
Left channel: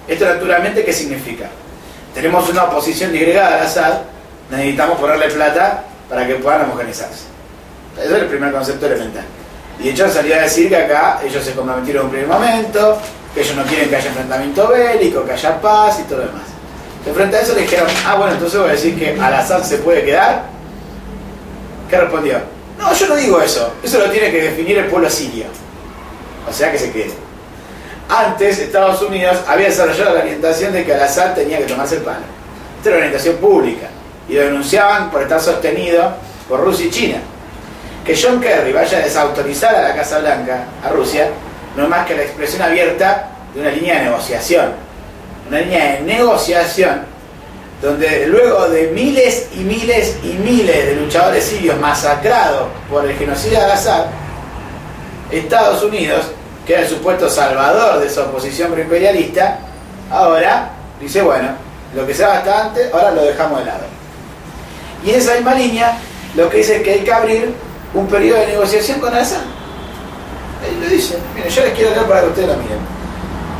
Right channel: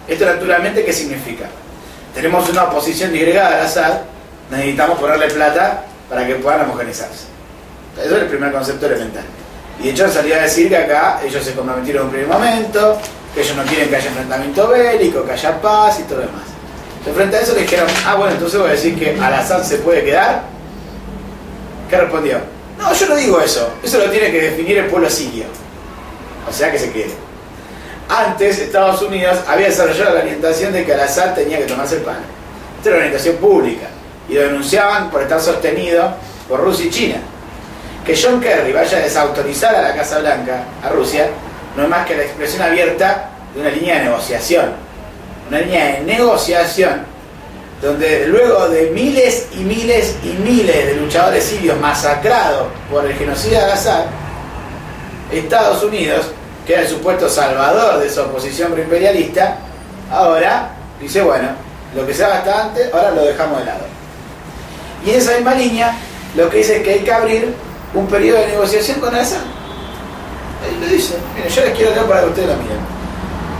Esto naturalmente, ¿qué significa? Tenemos una oposición disgregada al Assad, necesitamos ponerle plata para que puedan homogeneizarse. Eso es el primer concepto elemental. Y de hecho salió a decir que acá ellos se comprometieron en un primer momento, que ellos no quieren que haya enfrentamiento bélico, que haya paz y todo lo demás. Entonces, frente a eso le dijeron: bueno, entonces voy a decir que Al-Assad se puede quedar. ¿Qué respondió? No, yo no digo eso lo tiene que definir el pueblo sirio. O sea, que se quede. Antes, Estados Unidos había desarrollado la orientación de que Al-Assad tenía que tomarse el palo. Esta era una orientación pública, y lo denunciaban por estar sostenido por Rusia y China. Que John Kerry vaya a desautorizar a la Casa Blanca, a Rusia, no es más que la expresión abierta de una línea de negociación. Una línea de negociación donde luego de miles y miles y miles de luchadores sirios masacrados por el genocidio de Al-Assad, Estados Unidos, que era el supuesto salvador de esa oposición proimperialista, ahora dice: bueno, lo que se daba hasta antes, ahora lo dejamos de lado. Y en esa misma línea, lo que dice es que hay que abrir un periodo de negociación con Al-Assad. Él lo dice. Miren, yo les quiero leer para que ustedes lo miren.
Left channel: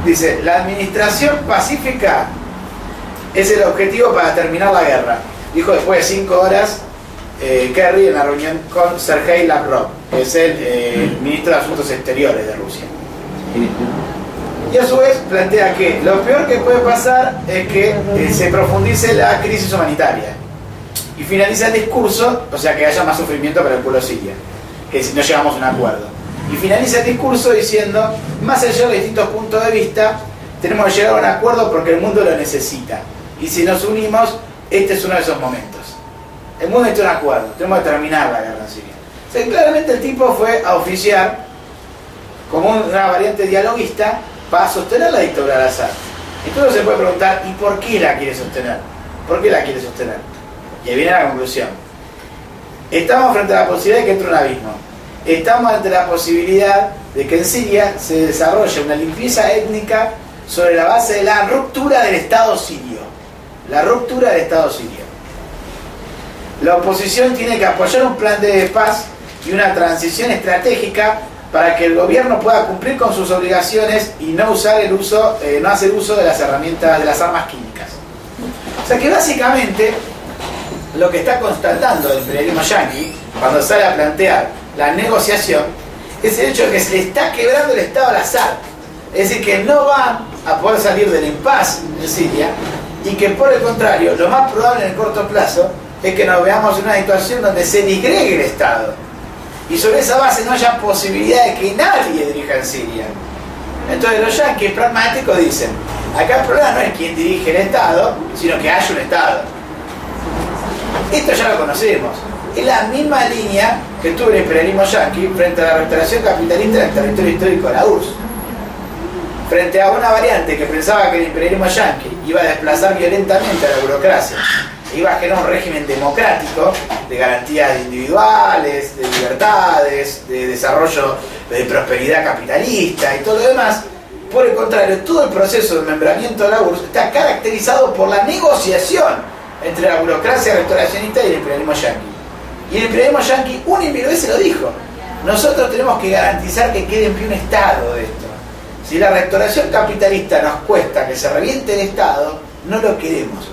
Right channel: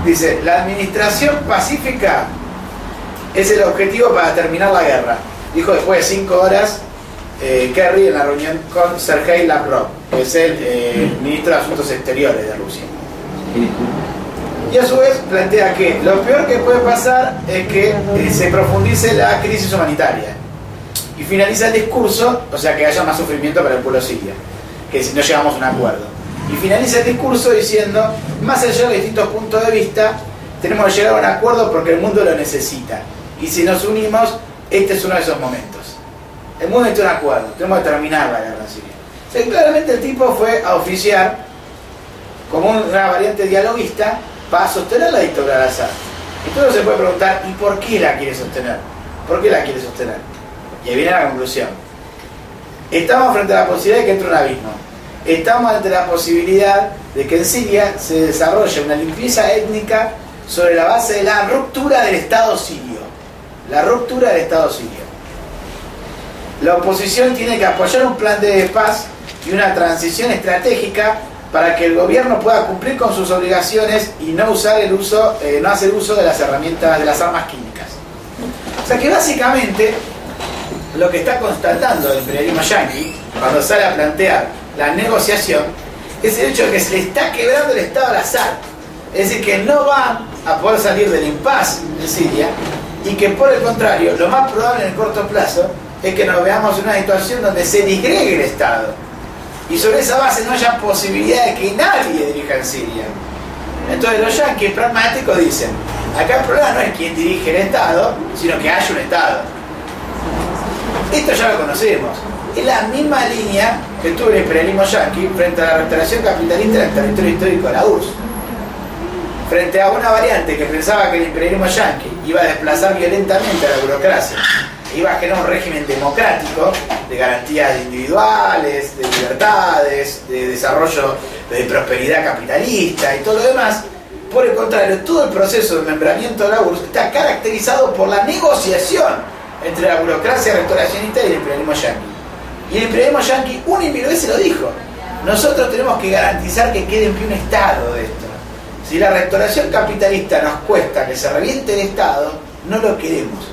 Dice: la administración pacífica es el objetivo para terminar la guerra, dijo después de 5 horas Kerry en la reunión con Sergei Lavrov, que es el ministro de Asuntos Exteriores de Rusia. Y a su vez plantea que lo peor que puede pasar es que se profundice la crisis humanitaria y finaliza el discurso, o sea, que haya más sufrimiento para el pueblo sirio, que si no llegamos a un acuerdo. Y finaliza el discurso diciendo: más allá de distintos puntos de vista, tenemos que llegar a un acuerdo porque el mundo lo necesita. Y si nos unimos, este es uno de esos momentos. El mundo necesita un acuerdo, tenemos que terminar la guerra en Siria. O sea, claramente el tipo fue a oficiar como una variante dialoguista para sostener la dictadura de Al-Assad. Entonces se puede preguntar, ¿y por qué la quiere sostener? ¿Por qué la quiere sostener? Y ahí viene la conclusión. Estamos frente a la posibilidad de que entre un abismo. Estamos ante la posibilidad de que en Siria se desarrolle una limpieza étnica sobre la base de la ruptura del Estado sirio. La ruptura del Estado sirio. La oposición tiene que apoyar un plan de paz y una transición estratégica para que el gobierno pueda cumplir con sus obligaciones y no hacer uso de las herramientas, de las armas químicas. O sea que básicamente lo que está constatando el imperialismo yanqui cuando sale a plantear la negociación es el hecho de que se le está quebrando el Estado al Assad. Es decir, que no va a poder salir del impasse en Siria y que por el contrario, lo más probable en el corto plazo es que nos veamos en una situación donde se disgregue el Estado y sobre esa base no haya posibilidad de que nadie dirija en Siria. Entonces los yanquis pragmáticos dicen, acá el problema no es quién dirige el Estado, sino que haya un Estado. Esto ya lo conocemos. Es la misma línea que tuvo el imperialismo yanqui frente a la restauración capitalista en el territorio histórico de la URSS. Frente a una variante que pensaba que el imperialismo yanqui iba a desplazar violentamente a la burocracia, iba a generar un régimen democrático de garantías individuales, de libertades, de desarrollo, de prosperidad capitalista y todo lo demás. Por el contrario, todo el proceso de membramiento de la URSS está caracterizado por la negociación entre la burocracia restauracionista y el imperialismo yanqui. Y el imperialismo yanqui una y mil veces lo dijo: nosotros tenemos que garantizar que quede en pie un Estado de esto. Si la restauración capitalista nos cuesta que se reviente el Estado, no lo queremos.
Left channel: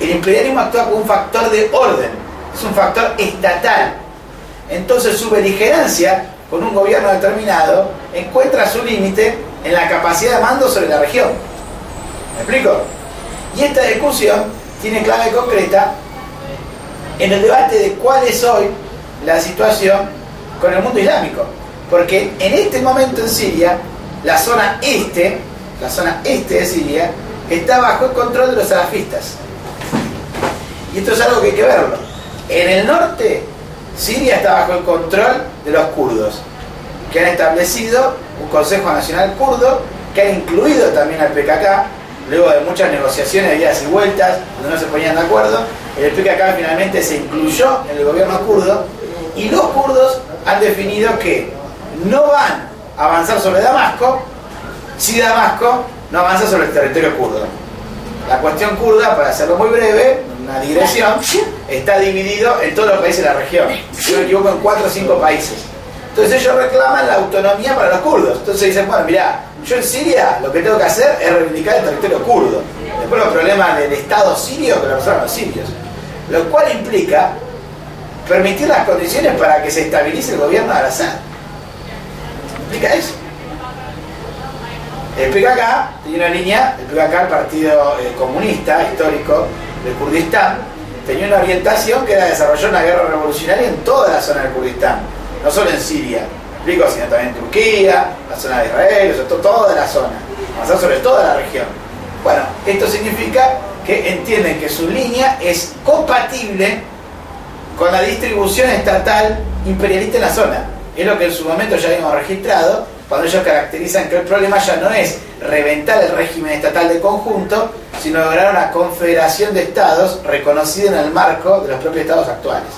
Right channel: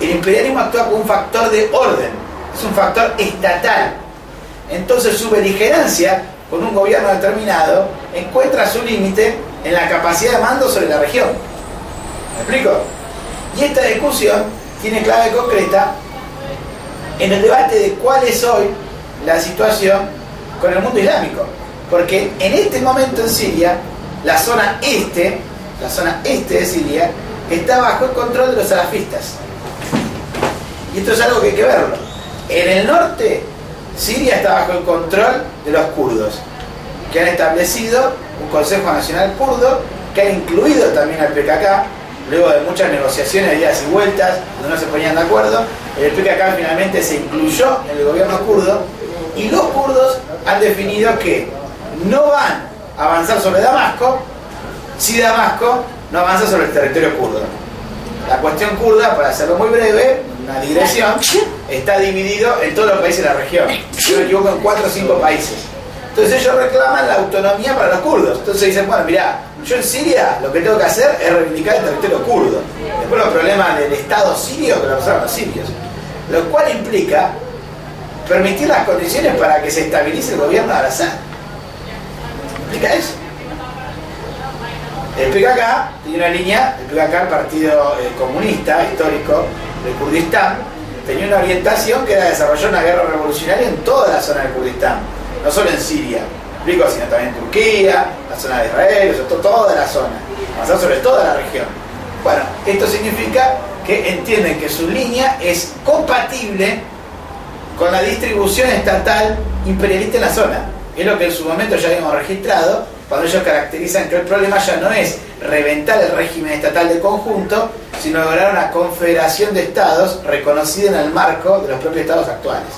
El imperialismo actúa como un factor de orden, es un factor estatal. Entonces su beligerancia con un gobierno determinado encuentra su límite en la capacidad de mando sobre la región. ¿Me explico? Y esta discusión tiene clave concreta en el debate de cuál es hoy la situación con el mundo islámico. Porque en este momento en Siria, la zona este de Siria, está bajo el control de los salafistas. Y esto es algo que hay que verlo. En el norte, Siria está bajo el control de los kurdos, que han establecido un Consejo Nacional Kurdo, que ha incluido también al PKK, luego de muchas negociaciones, idas y vueltas, donde no se ponían de acuerdo. El PKK finalmente se incluyó en el gobierno kurdo, y los kurdos han definido que no van a avanzar sobre Damasco si Damasco no avanza sobre el territorio kurdo. La cuestión kurda, para hacerlo muy breve, una digresión, está dividido en todos los países de la región. Si no me equivoco, en 4 o 5 países. Entonces ellos reclaman la autonomía para los kurdos. Entonces dicen, bueno, mirá, yo en Siria lo que tengo que hacer es reivindicar el territorio kurdo. Después los problemas del Estado sirio que lo pasaron los sirios. Lo cual implica permitir las condiciones para que se estabilice el gobierno de Al-Assad. ¿Implica eso? El PKK tenía una línea, el PKK, el partido comunista histórico del Kurdistán, tenía una orientación que era desarrollar una guerra revolucionaria en toda la zona del Kurdistán, no solo en Siria, explico, sino también en Turquía, la zona de Israel, sobre todo toda la zona, avanzar sobre toda la región. Bueno, esto significa que entienden que su línea es compatible con la distribución estatal imperialista en la zona. Es lo que en su momento ya habíamos registrado, cuando ellos caracterizan que el problema ya no es reventar el régimen estatal de conjunto, sino lograr una confederación de estados reconocida en el marco de los propios estados actuales.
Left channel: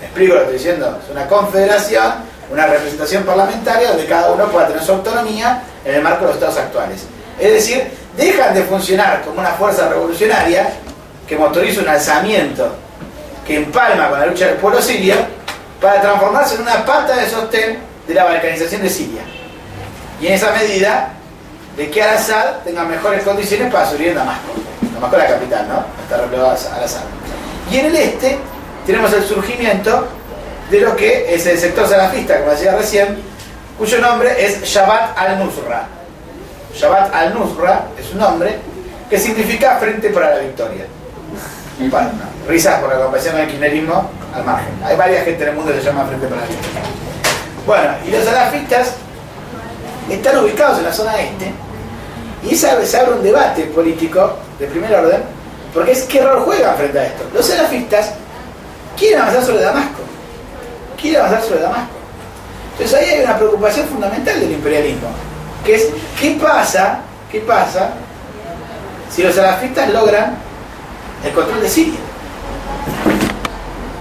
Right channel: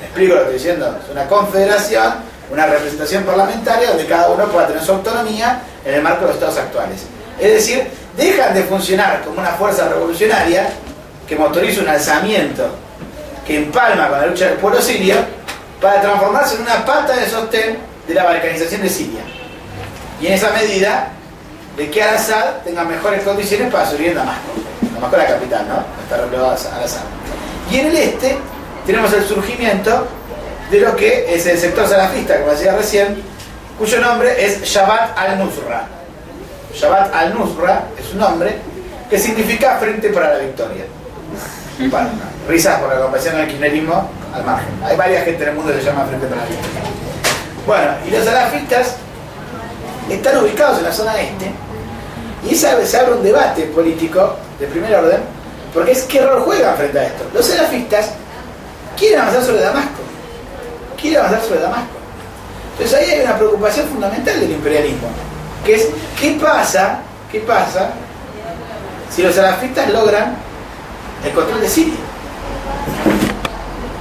¿Me explico lo que estoy diciendo? Es una confederación, una representación parlamentaria donde cada uno pueda tener su autonomía en el marco de los estados actuales. Es decir, dejan de funcionar como una fuerza revolucionaria que motoriza un alzamiento que empalma con la lucha del pueblo sirio para transformarse en una pata de sostén de la balcanización de Siria. Y en esa medida de que Al-Assad tenga mejores condiciones para subir en Damasco. Damasco es la capital, ¿no? Está replegado Al-Assad. Y en el este tenemos el surgimiento de lo que es el sector salafista, como decía recién, cuyo nombre es Jabhat al-Nusra. Jabhat al-Nusra es un nombre que significa Frente para la Victoria. Bueno, risas por la comparación del kirchnerismo al margen. Hay varias gente en el mundo que se llama Frente para la Victoria. Bueno, y los salafistas están ubicados en la zona este Y se abre un debate político de primer orden, porque es qué rol juegan frente a esto. Los salafistas quieren avanzar sobre Damasco. Entonces ahí hay una preocupación fundamental del imperialismo, que es ¿qué pasa si los salafistas logran el control de Siria?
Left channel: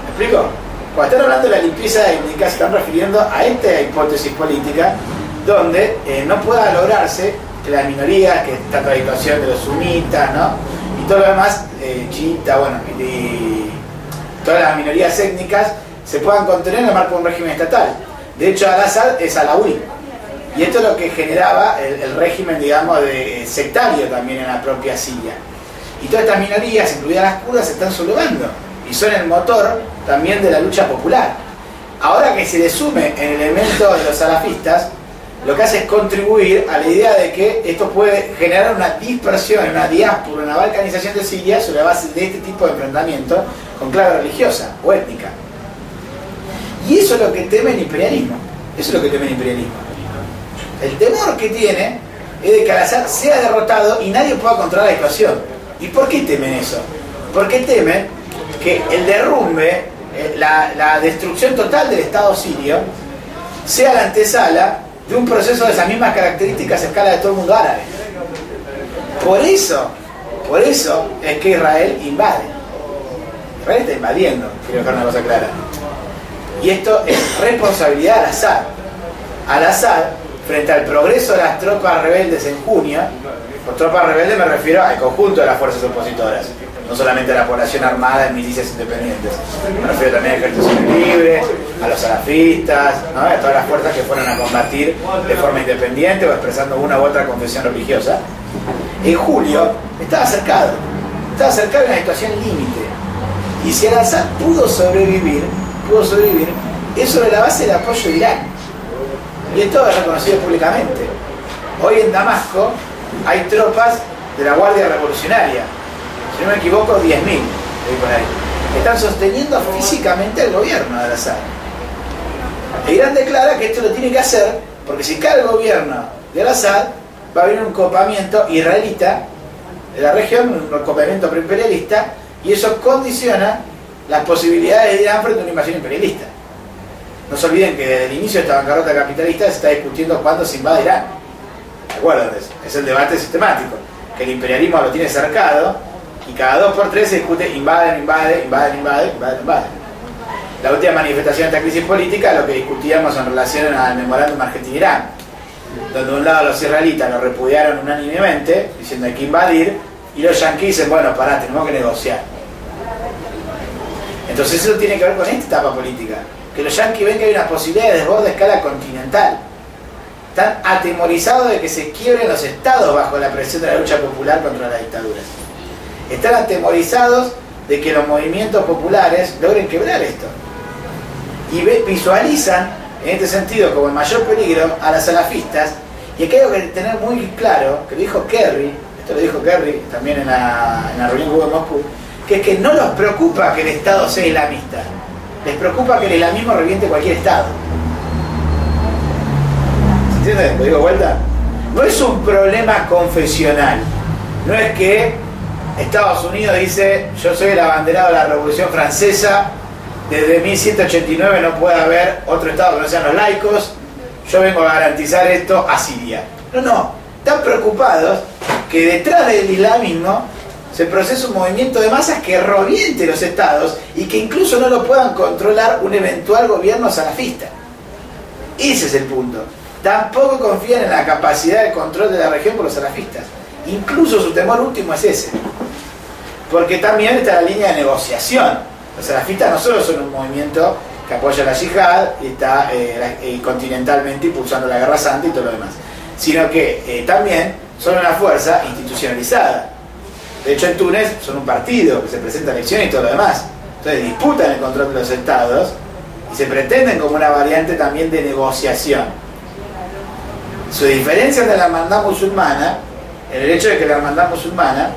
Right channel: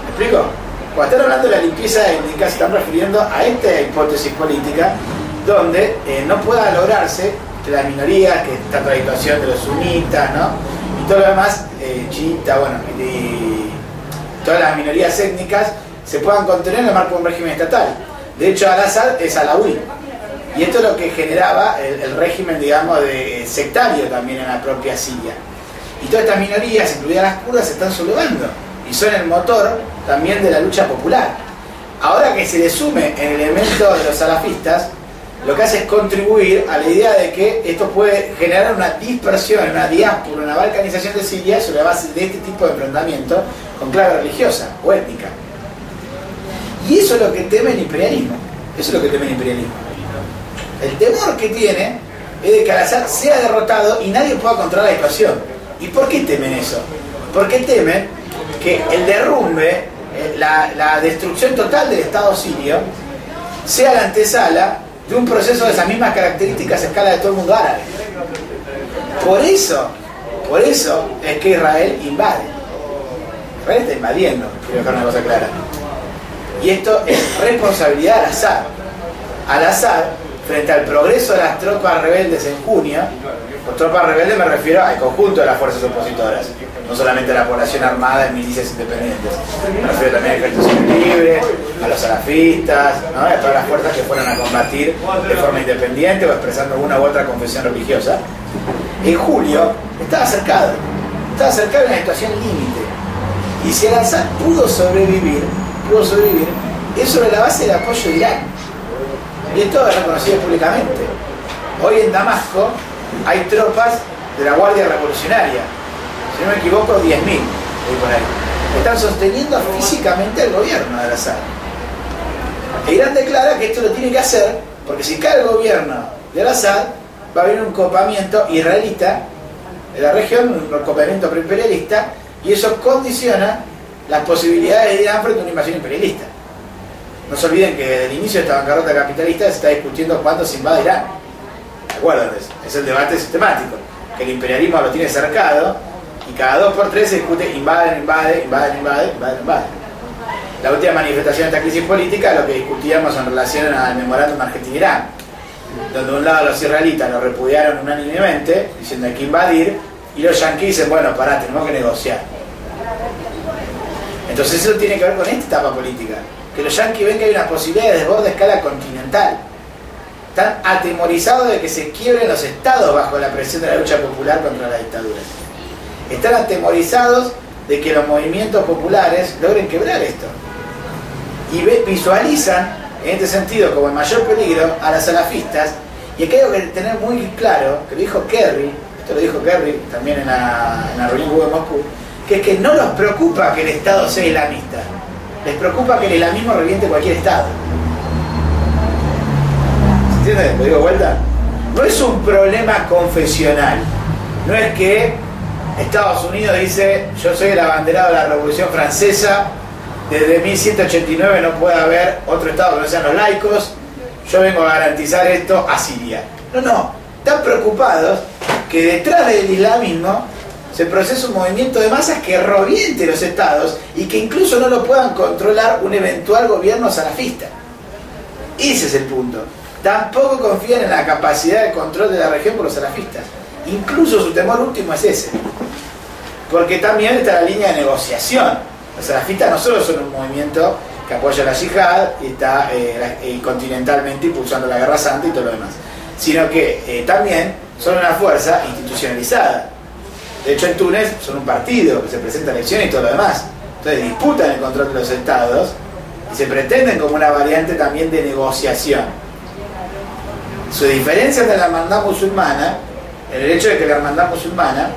¿Me explico? Cuando están hablando de la limpieza étnica, se están refiriendo a esta hipótesis política donde no pueda lograrse que las minorías, que está toda la situación de los sunitas, ¿no? Y todo lo demás, chiita, bueno, y todas las minorías étnicas se puedan contener en el marco de un régimen estatal. De hecho, Al-Assad es alauí. Y esto es lo que generaba el régimen, digamos, de sectario también en la propia Siria. Y todas estas minorías, incluidas las kurdas, se están sublevando y son el motor también de la lucha popular. Ahora que se le sume el elemento de los salafistas, lo que hace es contribuir a la idea de que esto puede generar una dispersión, una diáspora, una balcanización de Siria sobre la base de este tipo de enfrentamiento con clave religiosa o étnica. Y eso es lo que teme el imperialismo. El temor que tiene es de que Al-Assad sea derrotado y nadie pueda controlar la situación. ¿Y por qué temen eso? Porque temen que el derrumbe, la destrucción total del Estado sirio, sea la antesala de un proceso de esas mismas características a escala de todo el mundo árabe. Por eso es que Israel invade. Israel está invadiendo, quiero dejar una cosa clara. Y esto es responsabilidad de Al-Assad. Al-Assad, frente al progreso de las tropas rebeldes en junio, por tropas rebeldes me refiero al conjunto de las fuerzas opositoras, no solamente a la población armada en milicias independientes, me refiero también al ejército libre, a los salafistas, ¿no? A todas las fuerzas que fueron a combatir de forma independiente o expresando una u otra confesión religiosa. En julio estaba cercado en una situación límite, y si Al-Assad pudo sobrevivir es sobre la base del apoyo de Irán, y esto es reconocido públicamente. Hoy en Damasco hay tropas de la Guardia Revolucionaria, si no me equivoco 10.000, están sosteniendo físicamente el gobierno de Al-Assad. E Irán declara que esto lo tiene que hacer porque si cae el gobierno de Al-Assad va a haber un copamiento israelita de la región, un copamiento preimperialista, y eso condiciona las posibilidades de Irán frente a una invasión imperialista. No se olviden que desde el inicio de esta bancarrota capitalista se está discutiendo cuándo se invade Irán. Acuérdense, es el debate sistemático, que el imperialismo lo tiene cercado y cada 2x3 se discute invade. La última manifestación de esta crisis política, lo que discutíamos en relación al memorándum Argentina-Irán, donde de un lado los israelitas lo repudiaron unánimemente, diciendo hay que invadir, y los yanquis dicen, bueno, pará, tenemos que negociar. Entonces eso tiene que ver con esta etapa política, que los yanquis ven que hay una posibilidad de desborde a escala continental. Están atemorizados de que se quiebren los estados bajo la presión de la lucha popular contra las dictaduras. Están atemorizados de que los movimientos populares logren quebrar esto. Y visualizan, en este sentido, como el mayor peligro a las salafistas. Y aquí hay que tener muy claro, que lo dijo Kerry, esto lo dijo Kerry también en la reunión que hubo en Moscú, que es que no los preocupa que el Estado sea islamista, les preocupa que el islamismo reviente cualquier Estado. ¿Se entiende? ¿Lo digo de vuelta? No es un problema confesional, no es que Estados Unidos dice yo soy el abanderado de la Revolución Francesa, desde 1189 no puede haber otro Estado que no sean los laicos, yo vengo a garantizar esto a Siria. No, están preocupados que detrás del islamismo se procesa un movimiento de masas que reviente los estados y que incluso no lo puedan controlar un eventual gobierno salafista. Ese es el punto. Tampoco confían en la capacidad de control de la región por los salafistas. Incluso su temor último es ese. Porque también está la línea de negociación. Los salafistas no solo son un movimiento que apoya la yihad y está continentalmente impulsando la guerra santa y todo lo demás, sino que también son una fuerza institucionalizada. De hecho, en Túnez son un partido que se presenta a elecciones y todo lo demás. Entonces disputan el control de los estados y se pretenden como una variante también de negociación. Su diferencia de la hermandad musulmana, en el hecho de que la hermandad musulmana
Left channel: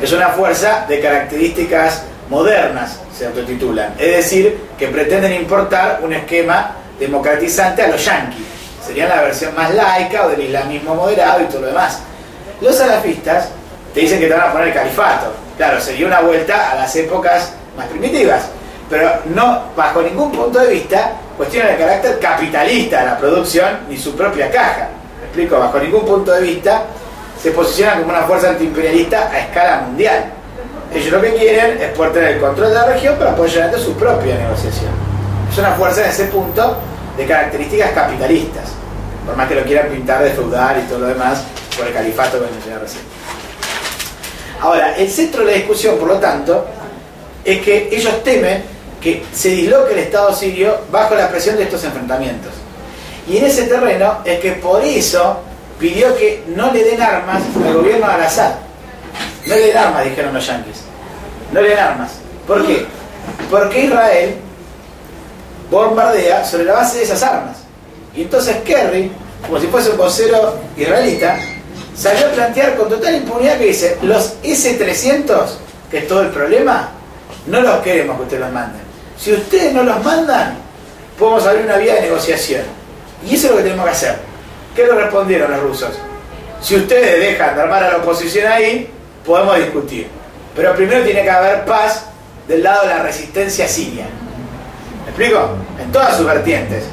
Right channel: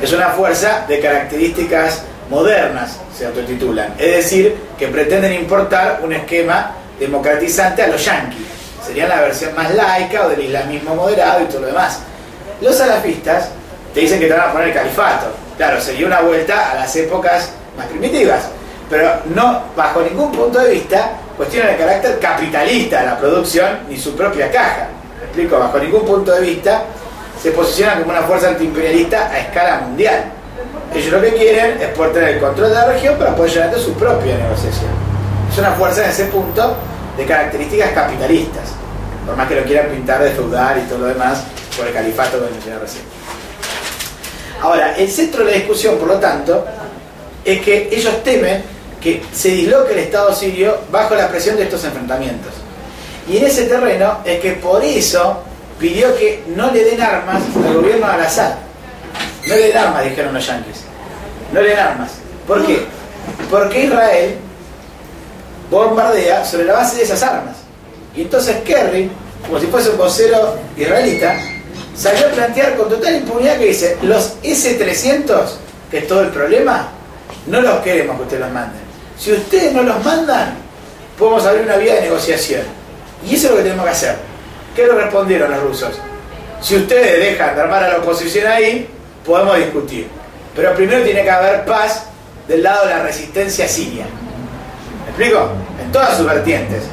es una fuerza de características modernas, se autotitulan. Es decir, que pretenden importar un esquema democratizante a los yanquis. serían la versión más laica o del islamismo moderado y todo lo demás. Los salafistas te dicen que te van a poner el califato. Claro, sería una vuelta a las épocas más primitivas, pero no, bajo ningún punto de vista, cuestionan el carácter capitalista de la producción ni su propia caja. ¿Me explico? Bajo ningún punto de vista se posicionan como una fuerza antiimperialista a escala mundial. Ellos lo que quieren es poder tener el control de la región para poder llevar a su propia negociación. Es una fuerza en ese punto de características capitalistas, por más que lo quieran pintar de feudal y todo lo demás por el califato que mencioné recién. Ahora, el centro de la discusión, por lo tanto, es que ellos temen que se disloque el Estado sirio bajo la presión de estos enfrentamientos. Y en ese terreno es que por eso pidió que no le den armas al gobierno de Al-Assad. No le den armas, dijeron los yanquis. No le den armas. ¿Por qué? Porque Israel bombardea sobre la base de esas armas. Y entonces Kerry, como si fuese un vocero israelita, salió a plantear con total impunidad que dice: los S-300, que es todo el problema, no los queremos que ustedes los manden. Si ustedes no los mandan, podemos abrir una vía de negociación. Y eso es lo que tenemos que hacer. ¿Qué le respondieron los rusos? Si ustedes dejan de armar a la oposición ahí, podemos discutir. Pero primero tiene que haber paz del lado de la resistencia siria. ¿Me explico? En todas sus vertientes.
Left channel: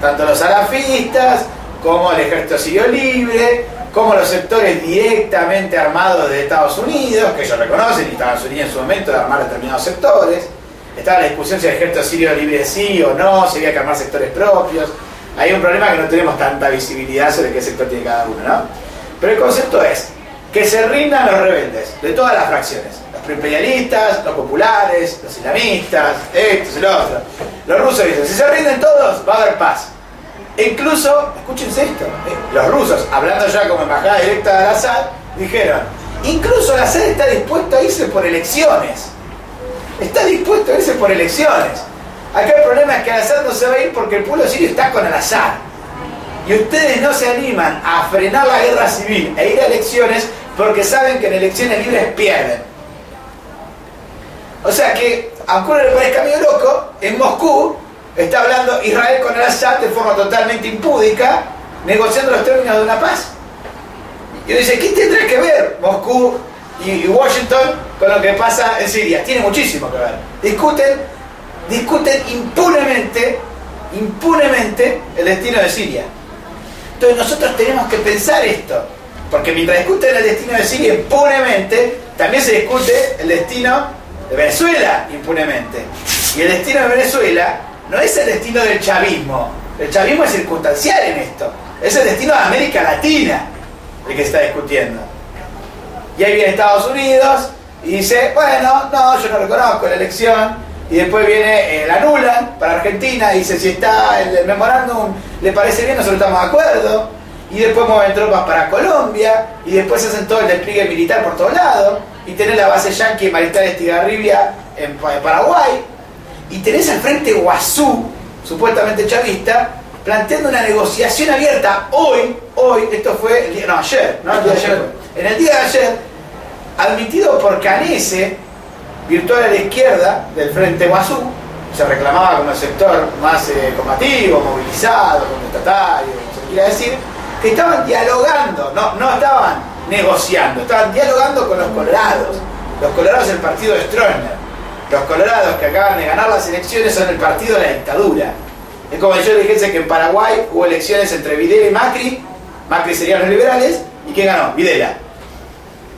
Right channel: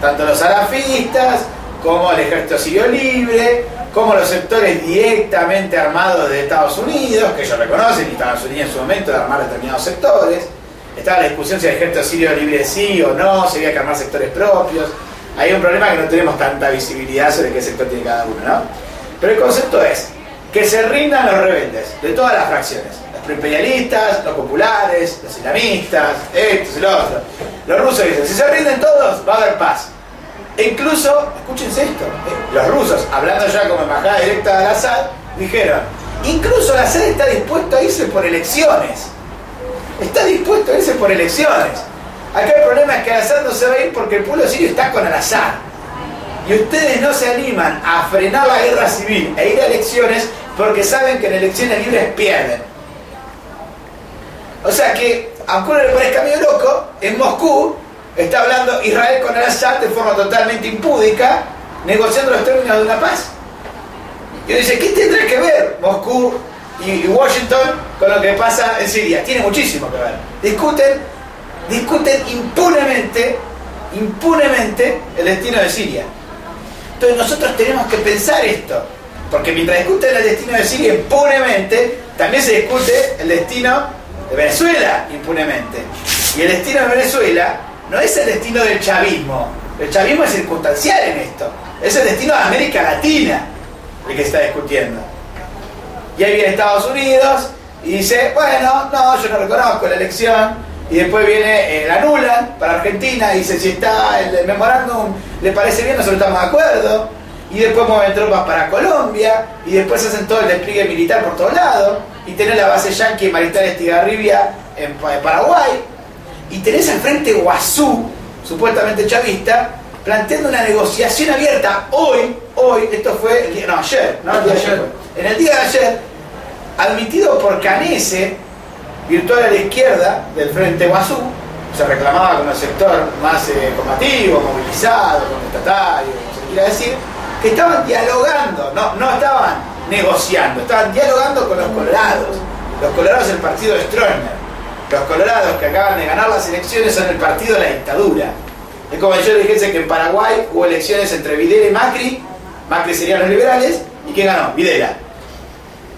Tanto los salafistas, como el ejército sirio libre, como los sectores directamente armados de Estados Unidos, que ellos reconocen, y Estados Unidos en su momento de armar determinados sectores. Estaba la discusión si el ejército sirio libre sí o no, si había que armar sectores propios. Hay un problema que no tenemos tanta visibilidad sobre qué sector tiene cada uno, ¿no? Pero el concepto es que se rindan los rebeldes, de todas las fracciones. Los proimperialistas, los populares, los islamistas, estos y los otros. Los rusos dicen: si se rinden todos, va a haber paz. E incluso, escúchense esto, los rusos, hablando ya como embajada directa de Al-Assad, dijeron: incluso Al-Assad está dispuesto a irse por elecciones. Está dispuesto a irse por elecciones. Acá el problema es que Al-Assad no se va a ir porque el pueblo sirio está con Al-Assad. Y ustedes no se animan a frenar la guerra civil e ir a elecciones porque saben que en elecciones libres pierden. O sea que, aunque uno le parezca medio loco, en Moscú está hablando Israel con Al-Assad de forma totalmente impúdica, negociando los términos de una paz. Y uno dice: ¿qué tendrá que ver Moscú y Washington con lo que pasa en Siria? Tiene muchísimo que ver. Discuten impunemente el destino de Siria. Entonces nosotros tenemos que pensar esto, porque mientras discuten el destino de Siria impunemente, también se discute el destino de Venezuela impunemente. Y el destino de Venezuela no es el destino del chavismo. El chavismo es circunstancial en esto. Es el destino de América Latina el que se está discutiendo. Y ahí viene Estados Unidos y dice: bueno, no, yo no reconozco la elección. Y después viene, la anulan para Argentina, dice: si está el memorándum le parece bien, nosotros estamos de acuerdo. Y después mueven tropas para Colombia, y después hacen todo el despliegue militar por todos lados, y tenés la base yanqui en Mariscal Estigarribia en Paraguay, y tenés al frente Guazú, supuestamente chavista, planteando una negociación abierta hoy, esto fue el día, no, ayer, ¿no? El día de ayer. En el día de ayer, admitido por Canese, virtual a la izquierda del Frente Guazú, se reclamaba como el sector más combativo, movilizado, contestatario, como se quiera decir, que estaban dialogando, no estaban negociando, estaban dialogando con los colorados. Los colorados es el partido de Stroessner. Los colorados que acaban de ganar las elecciones son el partido de la dictadura. Es como si yo dijese que en Paraguay hubo elecciones entre Videla y Macri. Macri serían los liberales, ¿y quién ganó? Videla.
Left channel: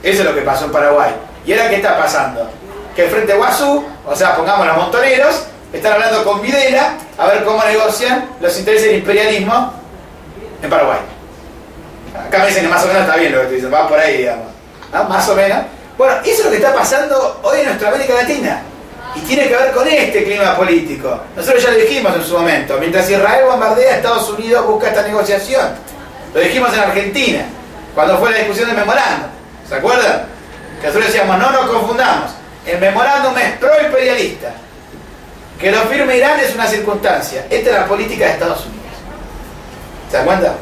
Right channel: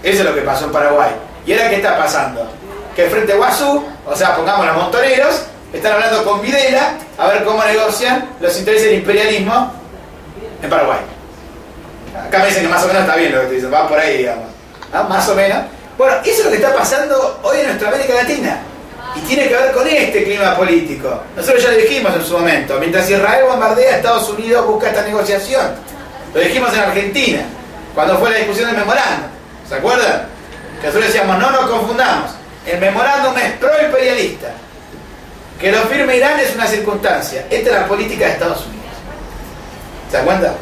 Eso es lo que pasó en Paraguay. ¿Y ahora qué está pasando? Que el Frente Guazú, o sea, pongamos los montoneros, están hablando con Videla a ver cómo negocian los intereses del imperialismo en Paraguay. Acá me dicen que más o menos está bien lo que te dicen, va por ahí, digamos, ¿no? Más o menos. Bueno, eso es lo que está pasando hoy en nuestra América Latina. Y tiene que ver con este clima político. Nosotros ya lo dijimos en su momento. Mientras Israel bombardea, Estados Unidos busca esta negociación. Lo dijimos en Argentina, cuando fue la discusión del memorándum. ¿Se acuerdan? Que nosotros decíamos: no nos confundamos. El memorándum es pro-imperialista. Que lo firme Irán es una circunstancia. Esta es la política de Estados Unidos. ¿Se dan cuenta?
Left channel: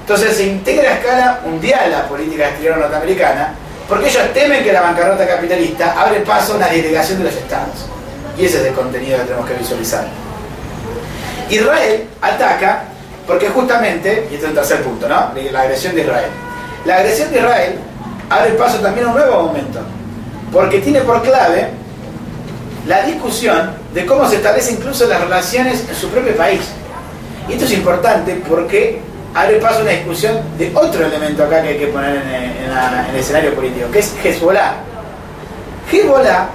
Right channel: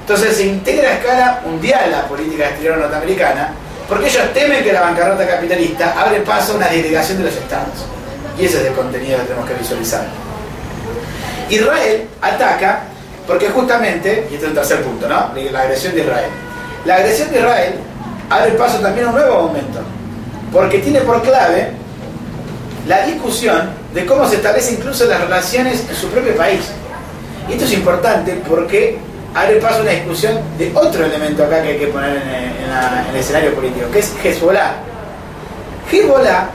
Entonces se integra a escala mundial la política exterior norteamericana, porque ellos temen que la bancarrota capitalista abre paso a una disgregación de los estados. Y ese es el contenido que tenemos que visualizar. Israel ataca Porque justamente, y este es un tercer punto, ¿no? La agresión de Israel. La agresión de Israel abre paso también a un nuevo momento, porque tiene por clave la discusión de cómo se establecen incluso las relaciones en su propio país. Y esto es importante porque abre paso a una discusión de otro elemento acá que hay que poner en el escenario político, que es Hezbollah. Hezbollah,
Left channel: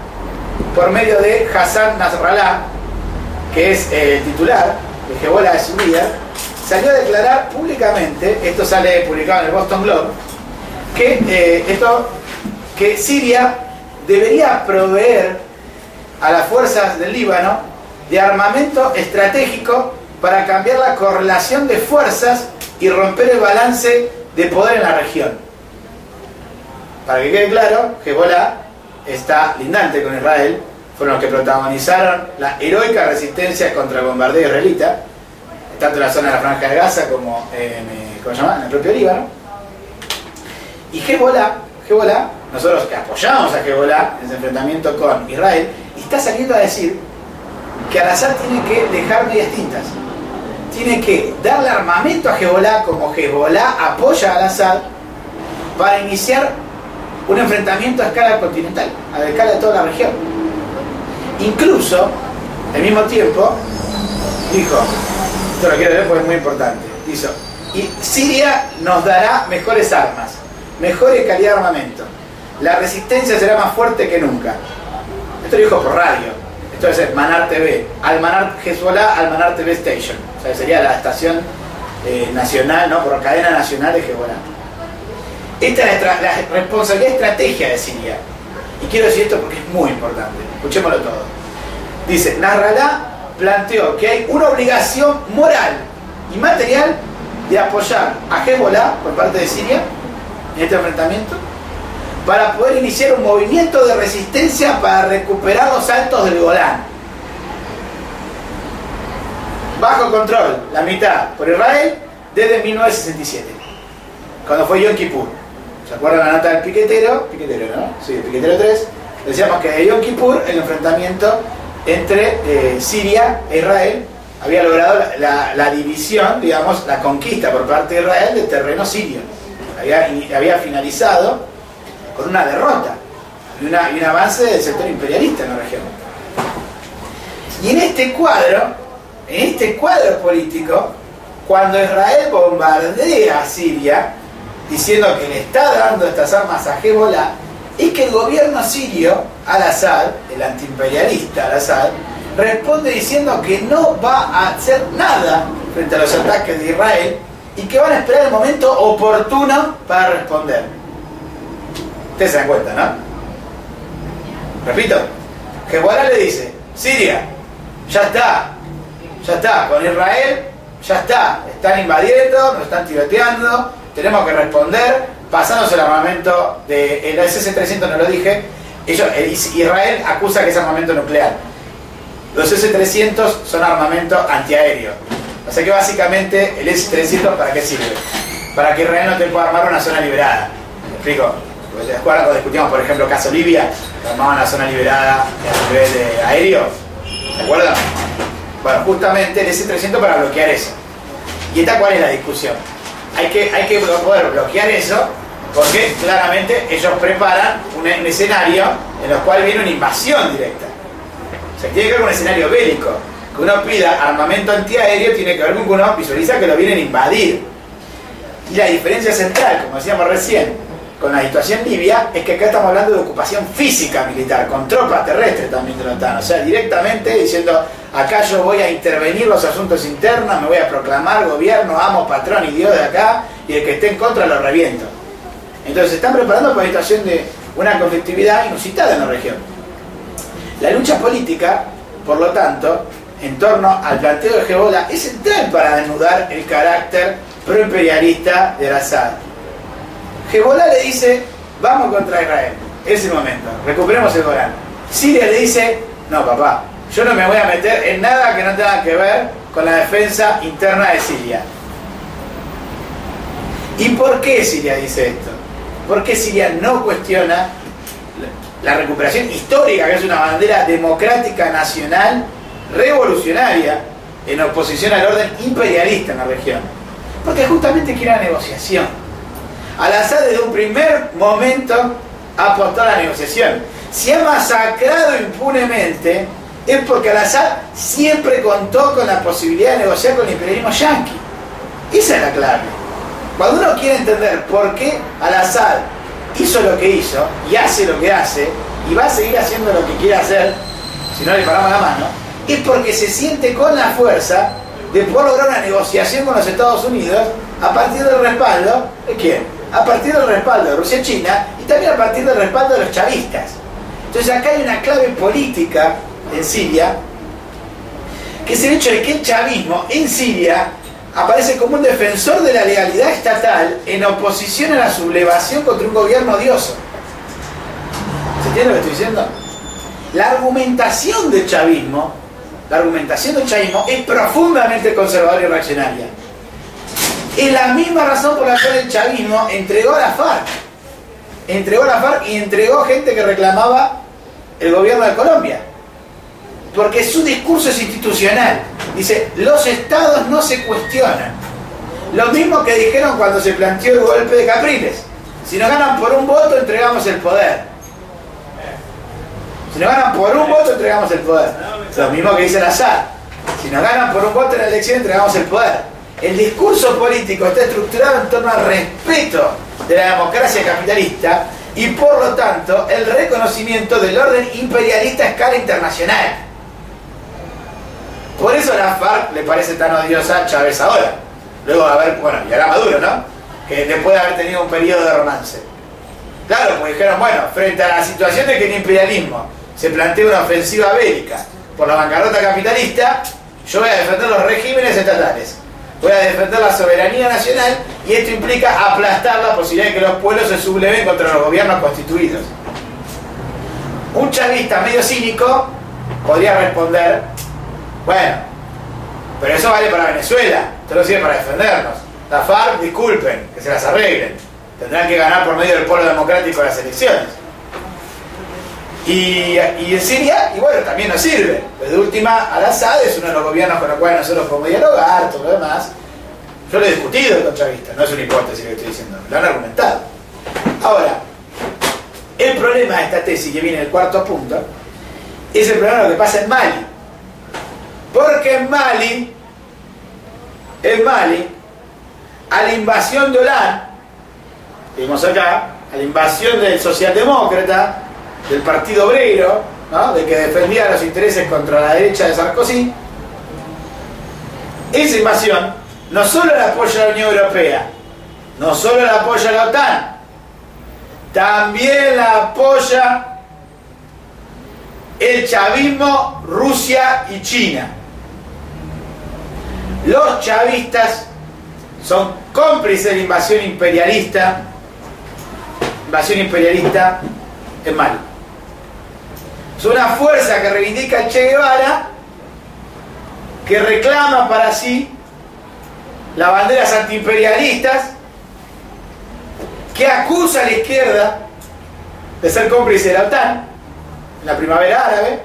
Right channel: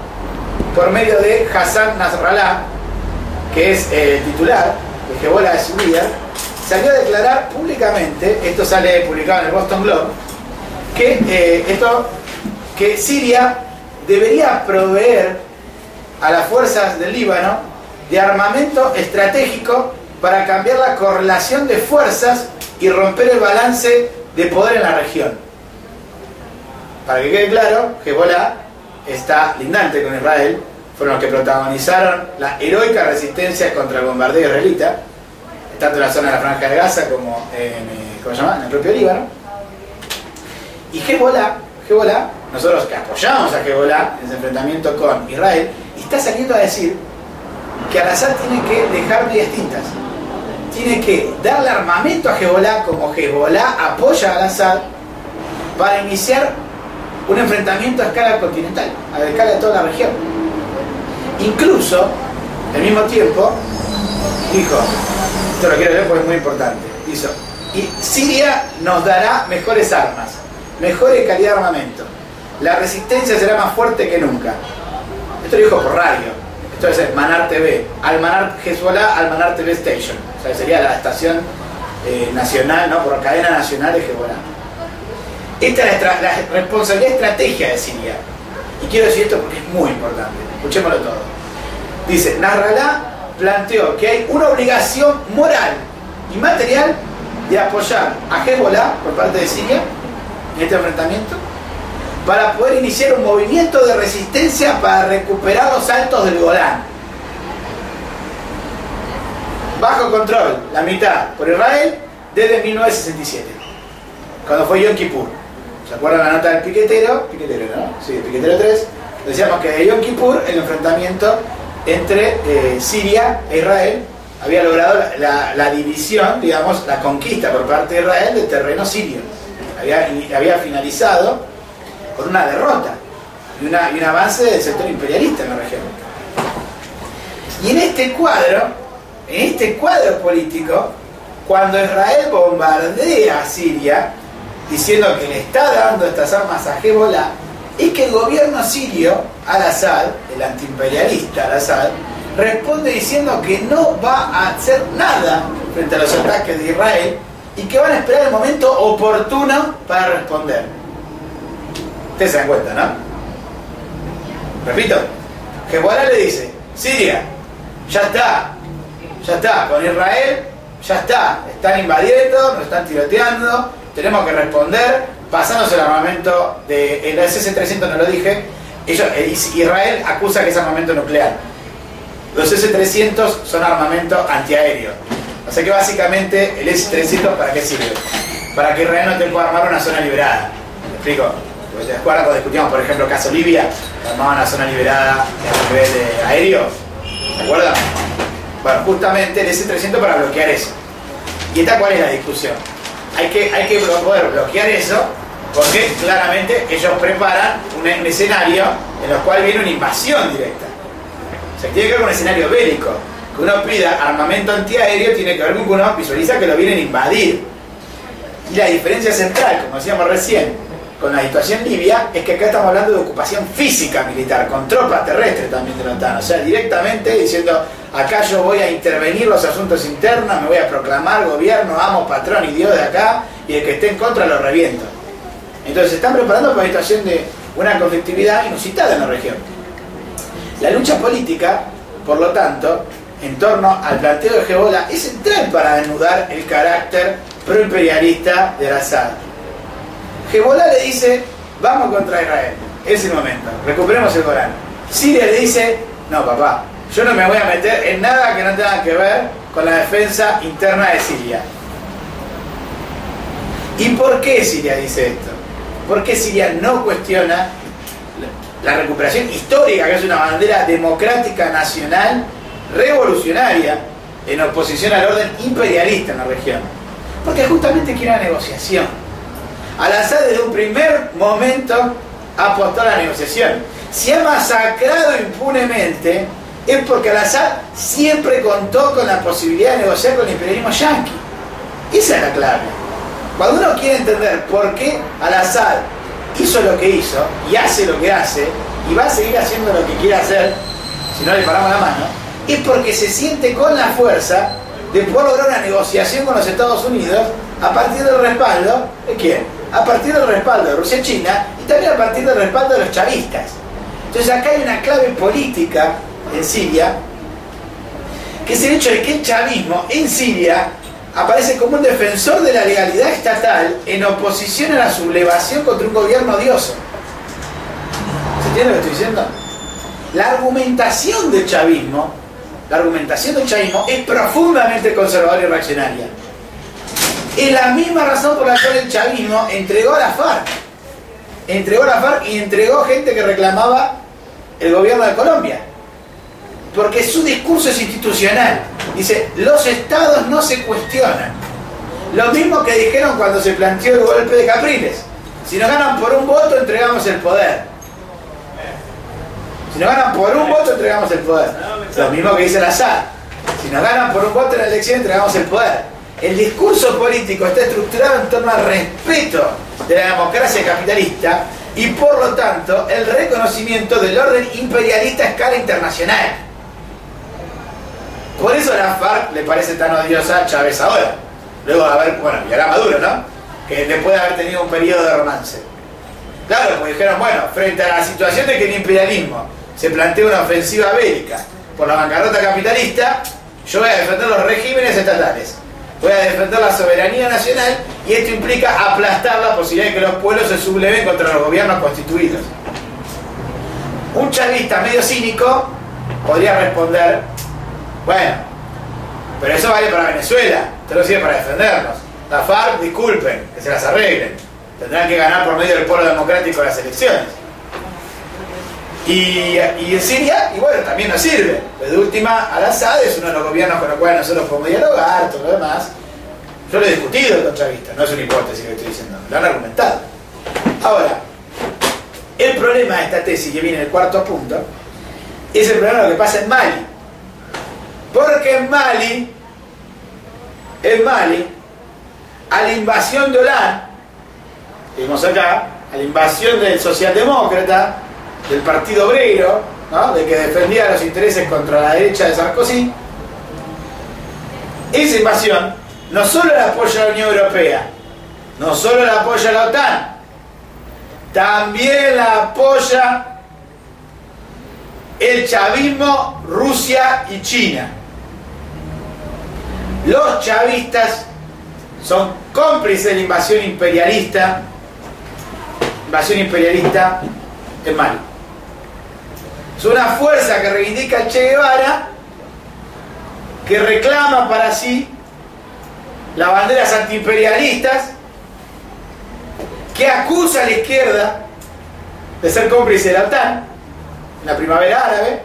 por medio de Hassan Nasrallah, que es el titular de Hezbollah, es su líder, salió a declarar públicamente, esto sale publicado en el Boston Globe, que Siria debería proveer a las fuerzas del Líbano de armamento estratégico para cambiar la correlación de fuerzas y romper el balance de poder en la región. Para que quede claro, Hezbollah está lindante con Israel, fueron los que protagonizaron la heroica resistencia contra el bombardeo israelita, tanto en la zona de la Franja de Gaza como en el propio Líbano. Y Hezbollah, nosotros que apoyamos a Hezbollah en ese enfrentamiento con Israel, está saliendo a decir que Al-Assad tiene que dejar medias tintas, tiene que darle armamento a Hezbollah como Hezbollah apoya a Al-Assad para iniciar un enfrentamiento a escala continental, a escala de toda la región. Incluso, al mismo tiempo, dijo, esto lo quiero leer porque es muy importante, dice, y Siria nos dará mejores armas, mejores calidad de armamento, la resistencia será más fuerte que nunca. Esto lo dijo por radio, esto es Manar TV, Al-Manar Hezbollah, Al-Manar TV Station, o sea, sería la estación nacional, ¿no? Por cadena nacional de Hezbollah. Esta es la responsabilidad estratégica de Siria, y quiero decir esto porque es muy importante, escuchémoslo todo. Dice, Nasrallah planteó que hay una obligación moral y material de apoyar a Hezbollah por parte de Siria en este enfrentamiento para poder iniciar un movimiento de resistencia para recuperar los altos del Golán. Bajo control, la mitad por Israel, desde 1967, cuando fue Yom Kippur. ¿Se acuerdan la nota del piquetero? Piquetero, ¿no? Sí, el piquetero 3. Decíamos que de Yom Kippur el enfrentamiento entre Siria e Israel había logrado la división, digamos, la conquista por parte de Israel del terreno sirio. Había finalizado con una derrota y un avance del sector imperialista en la región. Y en este cuadro político, cuando Israel bombardea a Siria, diciendo que le está dando estas armas a Hezbollah, es que el gobierno sirio, Al-Assad, el antiimperialista Al-Assad, responde diciendo que no va a hacer nada frente a los ataques de Israel y que van a esperar el momento oportuno para responder. Ustedes se dan cuenta, ¿no? Repito, Hezbollah le dice, Siria, ya está, con Israel, ya están invadiendo, nos están tiroteando, tenemos que responder, pasándose el armamento de el SS-300, no lo dije, Israel acusa que es armamento nuclear. Los SS-300 son armamento antiaéreo. O sea que básicamente el SS-300 ¿para qué sirve? Para que Israel no te pueda armar una zona liberada. ¿Me explico? Porque ¿te acuerdas cuando discutíamos, por ejemplo, el caso Libia? Que armaban una zona liberada a nivel aéreo. ¿Se acuerdan? Bueno, justamente el SS-300 para bloquear eso. ¿Y esta cuál es la discusión? Hay que poder bloquear eso porque claramente ellos preparan un escenario en el cual viene una invasión directa. O sea, tiene que ver con un escenario bélico. Que uno pida armamento antiaéreo tiene que ver con que uno visualiza que lo vienen a invadir. Y la diferencia central, como decíamos recién, con la situación libia, es que acá estamos hablando de ocupación física militar, con tropas terrestres también de la OTAN. O sea, directamente diciendo, acá yo voy a intervenir los asuntos internos, me voy a proclamar gobierno, amo, patrón y Dios de acá, y el que esté en contra lo reviento. Entonces se están preparando para la situación de una conflictividad inusitada en la región. La lucha política, por lo tanto, en torno al planteo de Hezbollah, es central para desnudar el carácter proimperialista de Al-Assad. Hezbollah le dice, vamos contra Israel, es el momento, recuperemos el Golán. Siria le dice, no papá, yo no me voy a meter en nada que no tenga que ver con la defensa interna de Siria. ¿Y por qué Siria dice esto? ¿Por qué Siria no cuestiona la recuperación histórica, que es una bandera democrática nacional revolucionaria en oposición al orden imperialista en la región, porque justamente quiere la negociación. Al-Assad desde un primer momento apostó a la negociación. Si ha masacrado impunemente es porque Al-Assad siempre contó con la posibilidad de negociar con el imperialismo yanqui. Esa es la clave. Cuando uno quiere entender por qué Al-Assad hizo lo que hizo y hace lo que hace y va a seguir haciendo lo que quiere hacer si no le paramos la mano, es porque se siente con la fuerza de poder lograr una negociación con los Estados Unidos a partir del respaldo ¿de quién? A partir del respaldo de Rusia y China, y también a partir del respaldo de los chavistas. Entonces acá hay una clave política en Siria, que es el hecho de que el chavismo en Siria aparece como un defensor de la legalidad estatal en oposición a la sublevación contra un gobierno odioso. ¿Se entiende lo que estoy diciendo? La argumentación del chavismo es profundamente conservadora y reaccionaria. Es la misma razón por la cual el chavismo entregó a la FARC. Entregó a la FARC y entregó gente que reclamaba el gobierno de Colombia. Porque su discurso es institucional. Dice, los estados no se cuestionan. Lo mismo que dijeron cuando se planteó el golpe de Capriles. Si nos ganan por un voto, entregamos el poder. Si nos ganan por un voto, entregamos el poder. Lo mismo que dice Al-Assad. Si nos ganan por un voto en la elección, entregamos el poder. El discurso político está estructurado en torno al respeto de la democracia capitalista y por lo tanto el reconocimiento del orden imperialista a escala internacional. Por eso a la FARC le parece tan odiosa a Chávez ahora. Luego a ver, bueno, y ahora Maduro, ¿no? Que después de haber tenido un periodo de romance. Claro, pues dijeron, bueno, frente a la situación de que el imperialismo se plantea una ofensiva bélica por la bancarrota capitalista, yo voy a defender los regímenes estatales. Voy a defender la soberanía nacional y esto implica aplastar la posibilidad de que los pueblos se subleven contra los gobiernos constituidos. Un chavista medio cínico podría responder, bueno, pero eso vale para Venezuela, esto no sirve para defendernos. La FARC, disculpen, que se las arreglen. Tendrán que ganar por medio del pueblo democrático las elecciones. Y en Siria, y bueno, también nos sirve. Pero de última, Al-Assad es uno de los gobiernos con los cuales nosotros podemos dialogar, todo lo demás. Yo lo he discutido con chavistas, no es una hipótesis que estoy diciendo, lo han argumentado. Ahora, el problema de esta tesis, que viene en el cuarto punto, es el problema de lo que pasa en Mali. Porque en Mali, a la invasión de Hollande, vimos acá, a la invasión del socialdemócrata, del Partido Obrero, ¿no? De que defendía los intereses contra la derecha de Sarkozy, esa invasión no solo la apoya la Unión Europea, no solo la apoya la OTAN, también la apoya el chavismo, Rusia y China. Los chavistas son cómplices de la invasión imperialista en Mali. Es una fuerza que reivindica el Che Guevara, que reclama para sí las banderas antiimperialistas, que acusa a la izquierda de ser cómplice de la OTAN en la primavera árabe,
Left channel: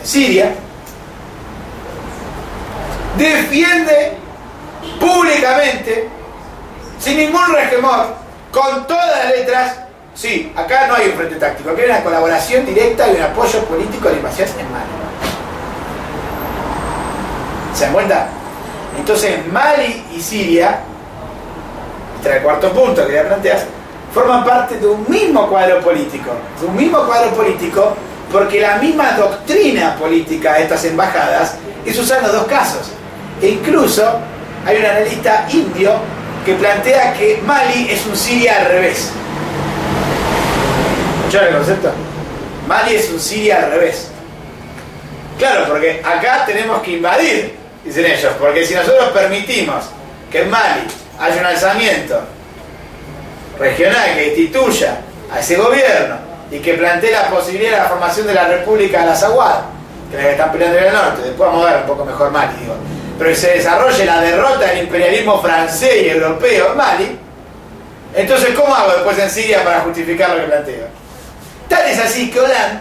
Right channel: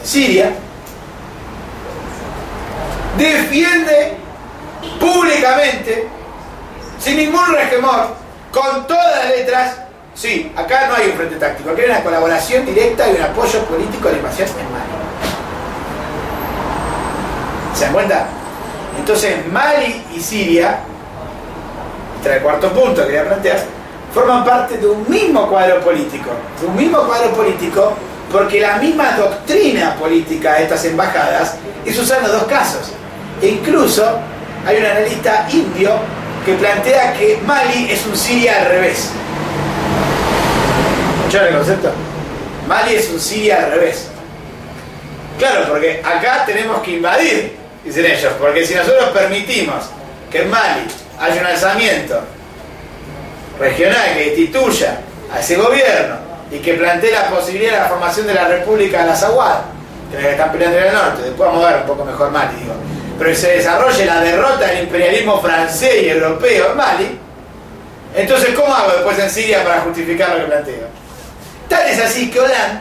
en Siria, defiende públicamente, sin ningún resquemor, con todas las letras. Sí, acá no hay un frente táctico, acá hay una colaboración directa y un apoyo político a la invasión en Mali. ¿Se dan cuenta? Entonces Mali y Siria, este es el cuarto punto que quería plantear, forman parte de un mismo cuadro político. Porque la misma doctrina política de estas embajadas es usada en los dos casos. E incluso hay un analista indio que plantea que Mali es un Siria al revés. ¿Escucharon el concepto? Mali es un Siria al revés. Claro, porque acá tenemos que invadir, dicen ellos, porque si nosotros permitimos que en Mali haya un alzamiento regional que instituya a ese gobierno y que plantee la posibilidad de la formación de la República de la Azawad, que es la que están peleando en el norte, después vamos a ver un poco mejor Mali, digo, pero que se desarrolle la derrota del imperialismo francés y europeo en Mali, entonces ¿cómo hago después en Siria para justificar lo que planteo? Tal es así que Hollande,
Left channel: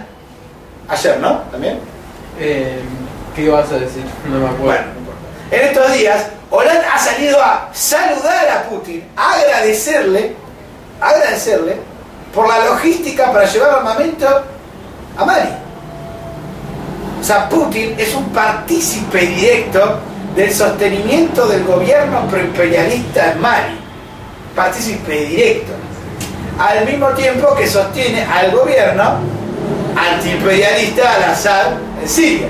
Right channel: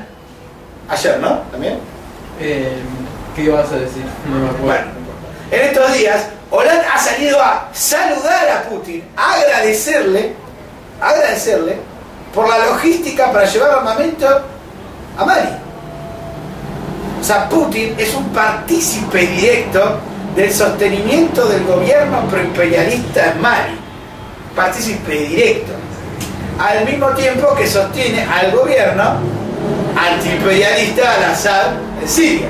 ayer, ¿no? ¿También? ¿Qué vas a decir? No me acuerdo. Bueno, en estos días, Hollande ha salido a saludar a Putin, a agradecerle por la logística para llevar armamento a Mali. O sea, Putin es un partícipe directo del sostenimiento del gobierno proimperialista en Mali. Partícipe directo. Al mismo tiempo que sostiene al gobierno antiimperialista al-Assad en Siria.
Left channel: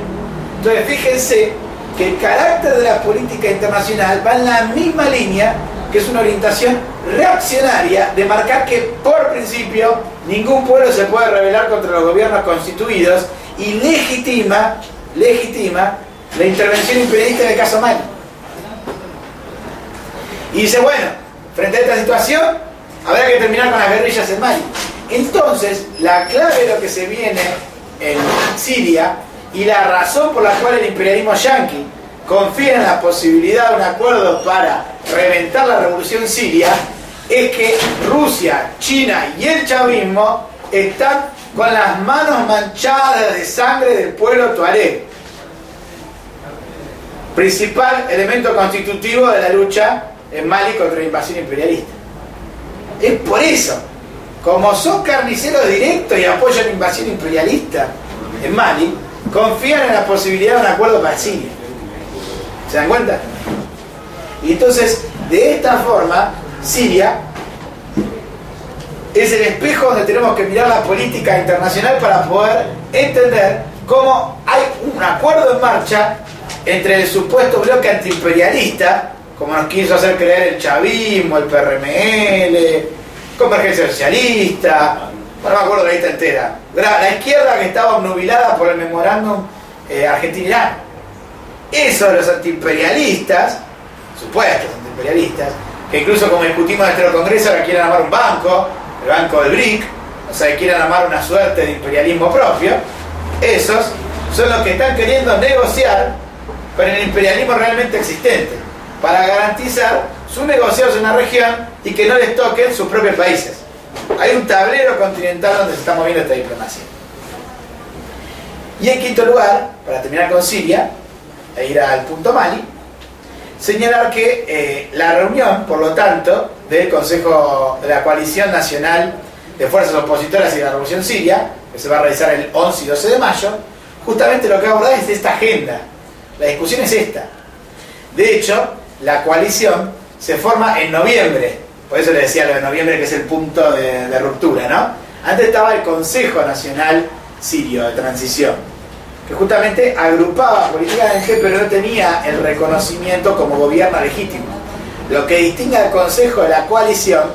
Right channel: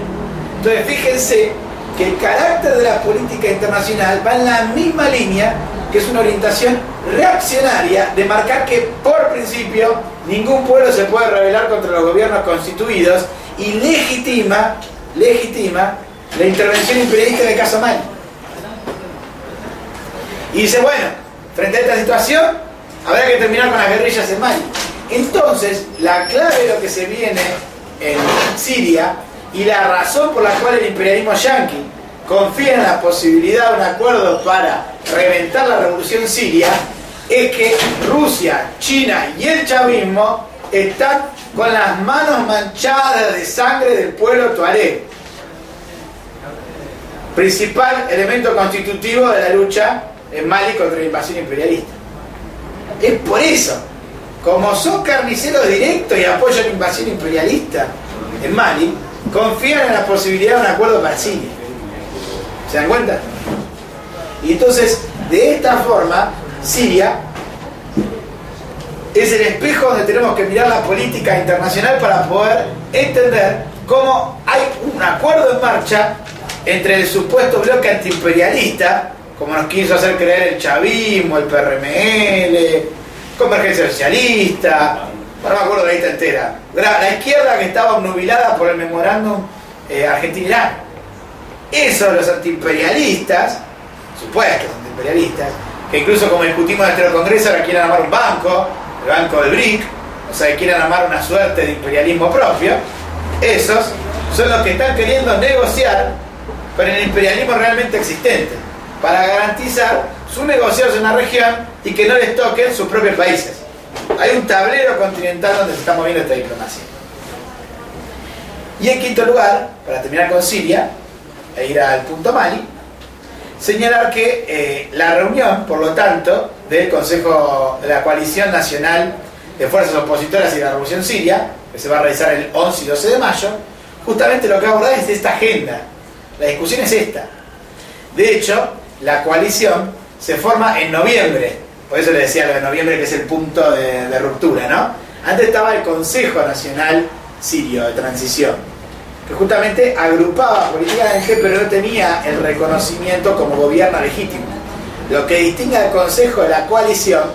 Entonces, fíjense que el carácter de la política internacional va en la misma línea, que es una orientación reaccionaria de marcar que, por principio, ningún pueblo se puede rebelar contra los gobiernos constituidos y legitima la intervención imperialista en el caso Mali. Y dice, bueno, frente a esta situación, habrá que terminar con las guerrillas en Mali. Entonces, la clave de lo que se viene en Siria y la razón por la cual el imperialismo yanqui confía en la posibilidad de un acuerdo para reventar la revolución siria es que Rusia, China y el chavismo están con las manos manchadas de sangre del pueblo tuareg, principal elemento constitutivo de la lucha en Mali contra la invasión imperialista. Es por eso, como son carniceros directos y apoyan la invasión imperialista en Mali, confían en la posibilidad de un acuerdo para Siria. ¿Se dan cuenta? Y entonces, de esta forma, Siria es el espejo donde tenemos que mirar la política internacional para poder entender cómo hay un acuerdo en marcha entre el supuesto bloque antiimperialista, como nos quiso hacer creer el chavismo, el PRML, Convergencia Socialista, no me acuerdo de la lista entera, la izquierda que estaba obnubilada por el memorándum Argentina-Irán. Esos los antiimperialistas, supuestos antiimperialistas, que incluso como discutimos dentro del Congreso ahora quieren armar un banco, el banco del BRIC, o sea, que quieren armar una suerte de imperialismo propio, esos son los que están queriendo negociar con el imperialismo realmente existente, para garantizar sus negociados en la región y que no les toquen sus propios países. Hay un tablero continental donde se está moviendo esta diplomacia. Y en quinto lugar, para terminar con Siria e ir al punto Mali, señalar que la reunión, por lo tanto, del Consejo de la Coalición Nacional de Fuerzas Opositoras y de la Revolución Siria, que se va a realizar el 11 y 12 de mayo, justamente lo que va a abordar es esta agenda. La discusión es esta. De hecho, la coalición se forma en noviembre. Por eso le decía lo de noviembre, que es el punto de ruptura, ¿no? Antes estaba el Consejo Nacional Sirio de Transición, que justamente agrupaba políticamente, pero no tenía el reconocimiento como gobierno legítimo. Lo que distingue al Consejo de la Coalición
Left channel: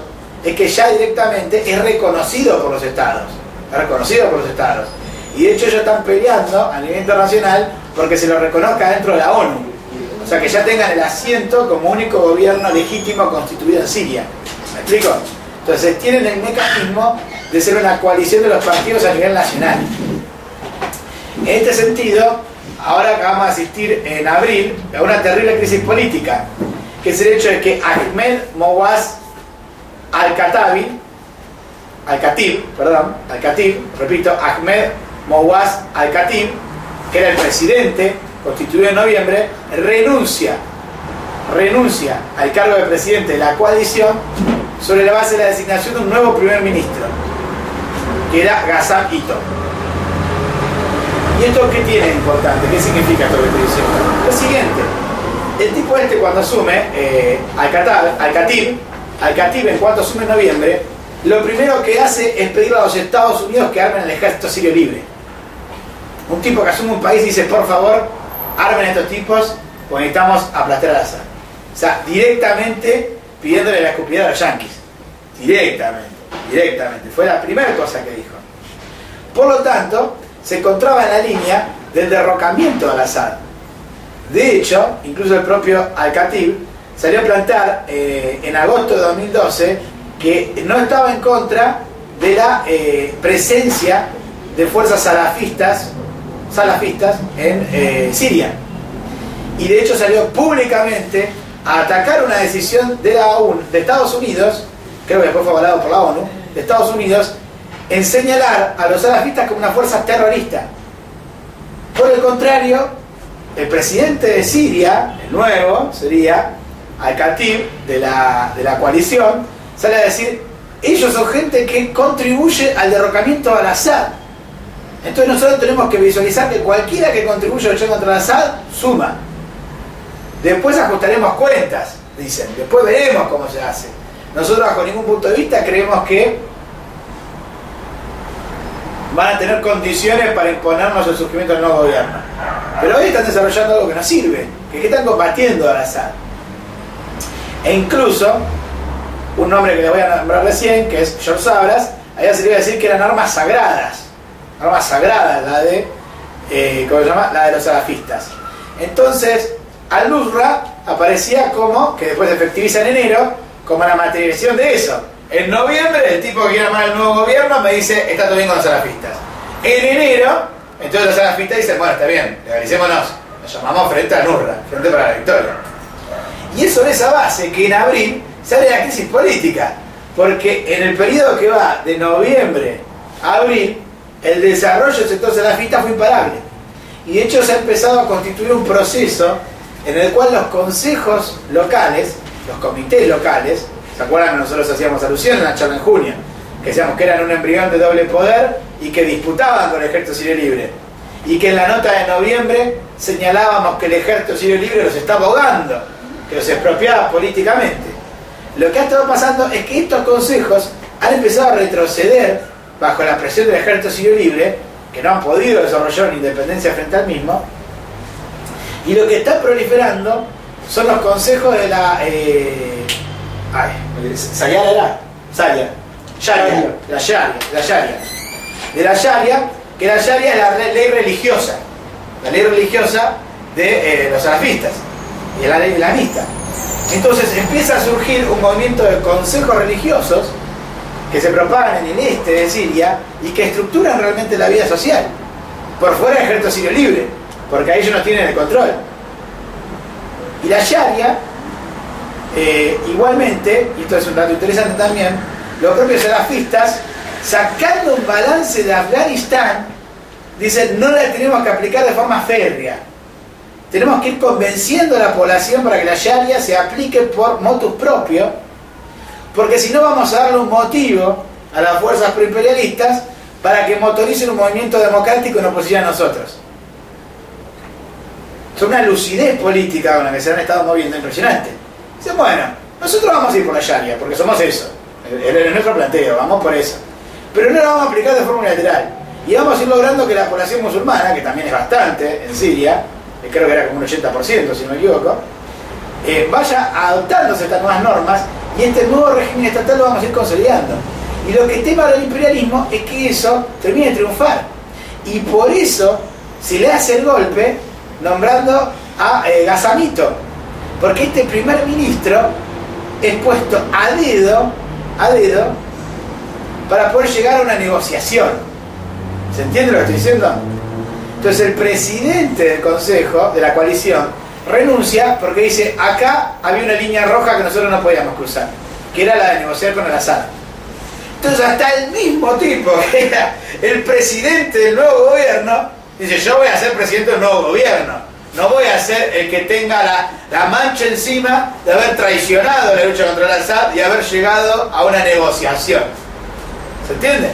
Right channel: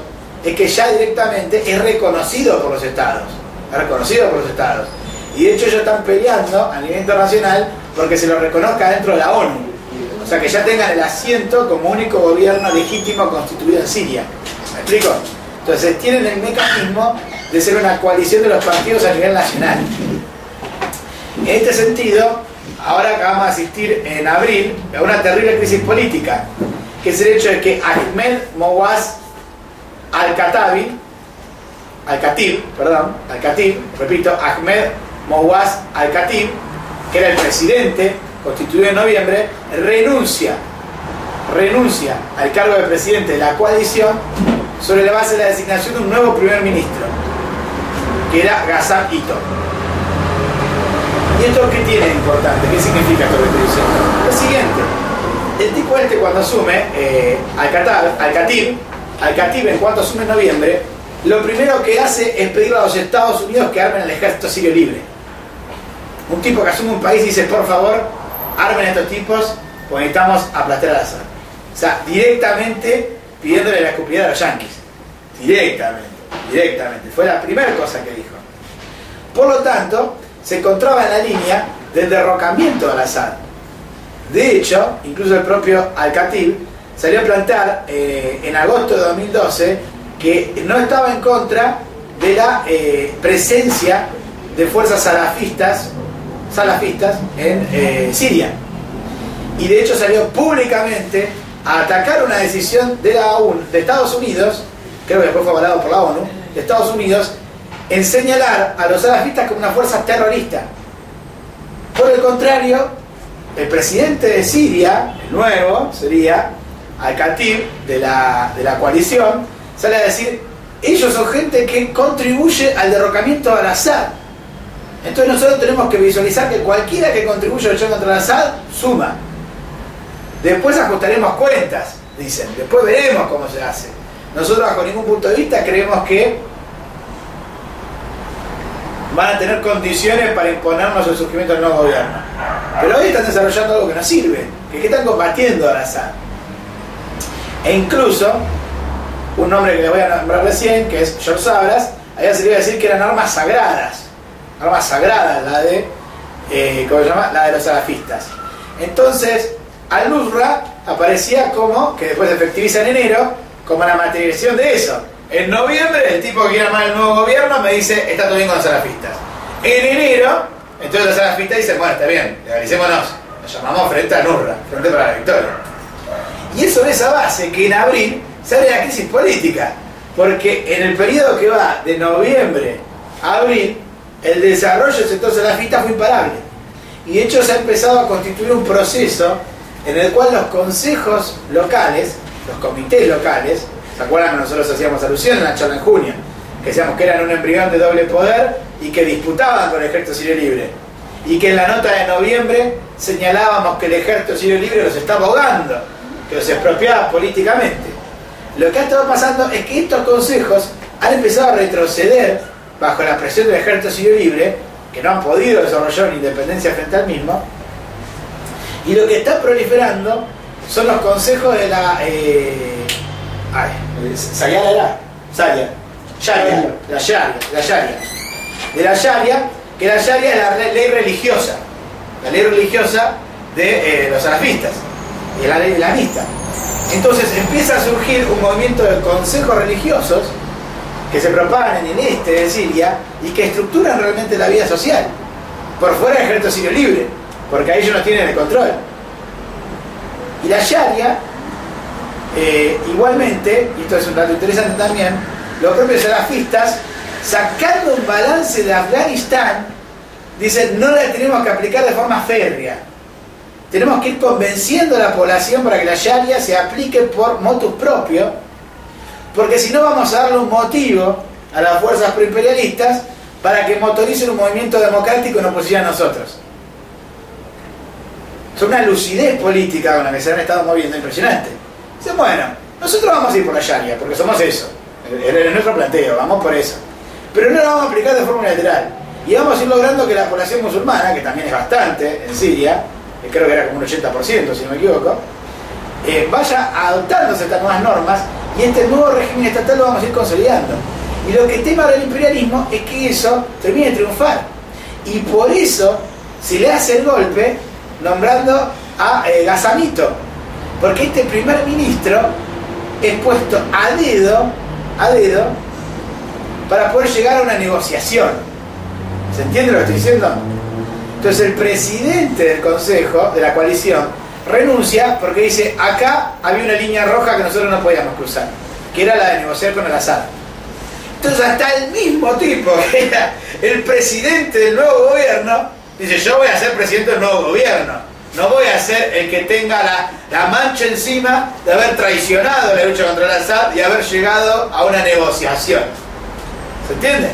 es que ya directamente es reconocido por los estados. Es reconocido por los estados. Y de hecho ellos están peleando a nivel internacional porque se lo reconozca dentro de la ONU. O sea, que ya tengan el asiento como único gobierno legítimo constituido en Siria. ¿Me explico? Entonces tienen el mecanismo de ser una coalición de los partidos a nivel nacional. En este sentido, ahora vamos a asistir en abril a una terrible crisis política, que es el hecho de que Ahmed Mouaz Al-Khatib, repito, Ahmed Mouaz Al-Khatib, que era el presidente constituido en noviembre, renuncia al cargo de presidente de la coalición sobre la base de la designación de un nuevo primer ministro, que era Ghassan Ito. ¿Y esto qué tiene de importante? ¿Qué significa esto que estoy diciendo? Lo siguiente, el tipo cuando asume, Al-Khatib en cuanto asume en noviembre, lo primero que hace es pedirle a los Estados Unidos que armen el ejército sirio libre. Un tipo que asume un país y dice, por favor, armen a estos tipos, porque necesitamos aplastar a Assad. O sea, directamente pidiéndole la escupidera a los yanquis. Directamente. Fue la primera cosa que dijo. Por lo tanto, se encontraba en la línea del derrocamiento de Assad. De hecho, incluso el propio Al-Khatib salió a plantear en agosto de 2012 que no estaba en contra de la presencia de fuerzas salafistas en Siria. Y de hecho salió públicamente a atacar una decisión de la ONU, de Estados Unidos, creo que después fue avalado por la ONU, de Estados Unidos, en señalar a los salafistas como una fuerza terrorista. Por el contrario, el presidente de Siria, el nuevo, sería Al-Khatib, de la coalición, sale a decir, ellos son gente que contribuye al derrocamiento de Al-Assad. Entonces nosotros tenemos que visualizar que cualquiera que contribuya a luchar contra Al-Assad suma. Después ajustaremos cuentas, dicen, después veremos cómo se hace. Nosotros bajo ningún punto de vista creemos que van a tener condiciones para imponernos el surgimiento del nuevo gobierno. Pero hoy están desarrollando algo que no sirve, que están combatiendo a Al-Assad. E incluso, un nombre que le voy a nombrar recién, que es George Sabras, había salido a decir que eran armas sagradas. Armas sagradas, la de, ¿cómo se llama? La de los salafistas. Entonces, Al-Nusra aparecía como, que después se efectiviza en enero, como la materialización de eso. En noviembre, el tipo que quiere armar el nuevo gobierno me dice, está todo bien con los salafistas. En enero, entonces los salafistas dicen, bueno, está bien, legalicémonos. Nos llamamos Frente Al-Nusra, Frente para la Victoria. Y es sobre esa base que en abril sale la crisis política. Porque en el periodo que va de noviembre a abril, el desarrollo del sector salafista fue imparable. Y de hecho se ha empezado a constituir un proceso en el cual los consejos locales, los comités locales, ¿se acuerdan que nosotros hacíamos alusión en la charla en junio? Que decíamos que eran un embrión de doble poder y que disputaban con el Ejército Sirio Libre. Y que en la nota de noviembre señalábamos que el Ejército Sirio Libre los estaba ahogando, que los expropiaba políticamente. Lo que ha estado pasando es que estos consejos han empezado a retroceder bajo la presión del Ejército Sirio Libre, que no han podido desarrollar una independencia frente al mismo, y lo que está proliferando son los consejos de la Sayara era Sharia, la Sharia, de la Sharia, que la Sharia es la ley religiosa, de los salafistas, y es la ley islamista. Entonces empieza a surgir un movimiento de consejos religiosos que se propagan en el este de Siria y que estructuran realmente la vida social, por fuera del Ejército Sirio Libre, porque ahí ellos no tienen el control. Y la Sharia, igualmente, y esto es un dato interesante también, los propios salafistas, sacando un balance de Afganistán, dicen, no la tenemos que aplicar de forma férrea. Tenemos que ir convenciendo a la población para que la Sharia se aplique por motus propio, porque si no vamos a darle un motivo a las fuerzas proimperialistas para que motoricen un movimiento democrático en oposición a nosotros. Es una lucidez política con la que se han estado moviendo impresionante. Dicen, bueno, nosotros vamos a ir por la Sharia, porque somos eso, es nuestro planteo, vamos por eso. Pero no la vamos a aplicar de forma unilateral. Y vamos a ir logrando que la población musulmana, que también es bastante en Siria, creo que era como un 80% si no me equivoco, vaya adoptándose estas nuevas normas, y este nuevo régimen estatal lo vamos a ir consolidando. Y lo que tema del imperialismo es que eso termine de triunfar, y por eso se le hace el golpe nombrando a Gazamito, porque este primer ministro es puesto a dedo para poder llegar a una negociación. ¿Se entiende lo que estoy diciendo? Entonces el presidente del consejo, de la coalición, renuncia porque dice, acá había una línea roja que nosotros no podíamos cruzar, que era la de negociar con Al-Assad. Entonces hasta el mismo tipo, que era el presidente del nuevo gobierno, dice, yo voy a ser presidente del nuevo gobierno, no voy a ser el que tenga la mancha encima de haber traicionado la lucha contra Al-Assad y haber llegado a una negociación. ¿Se entiende?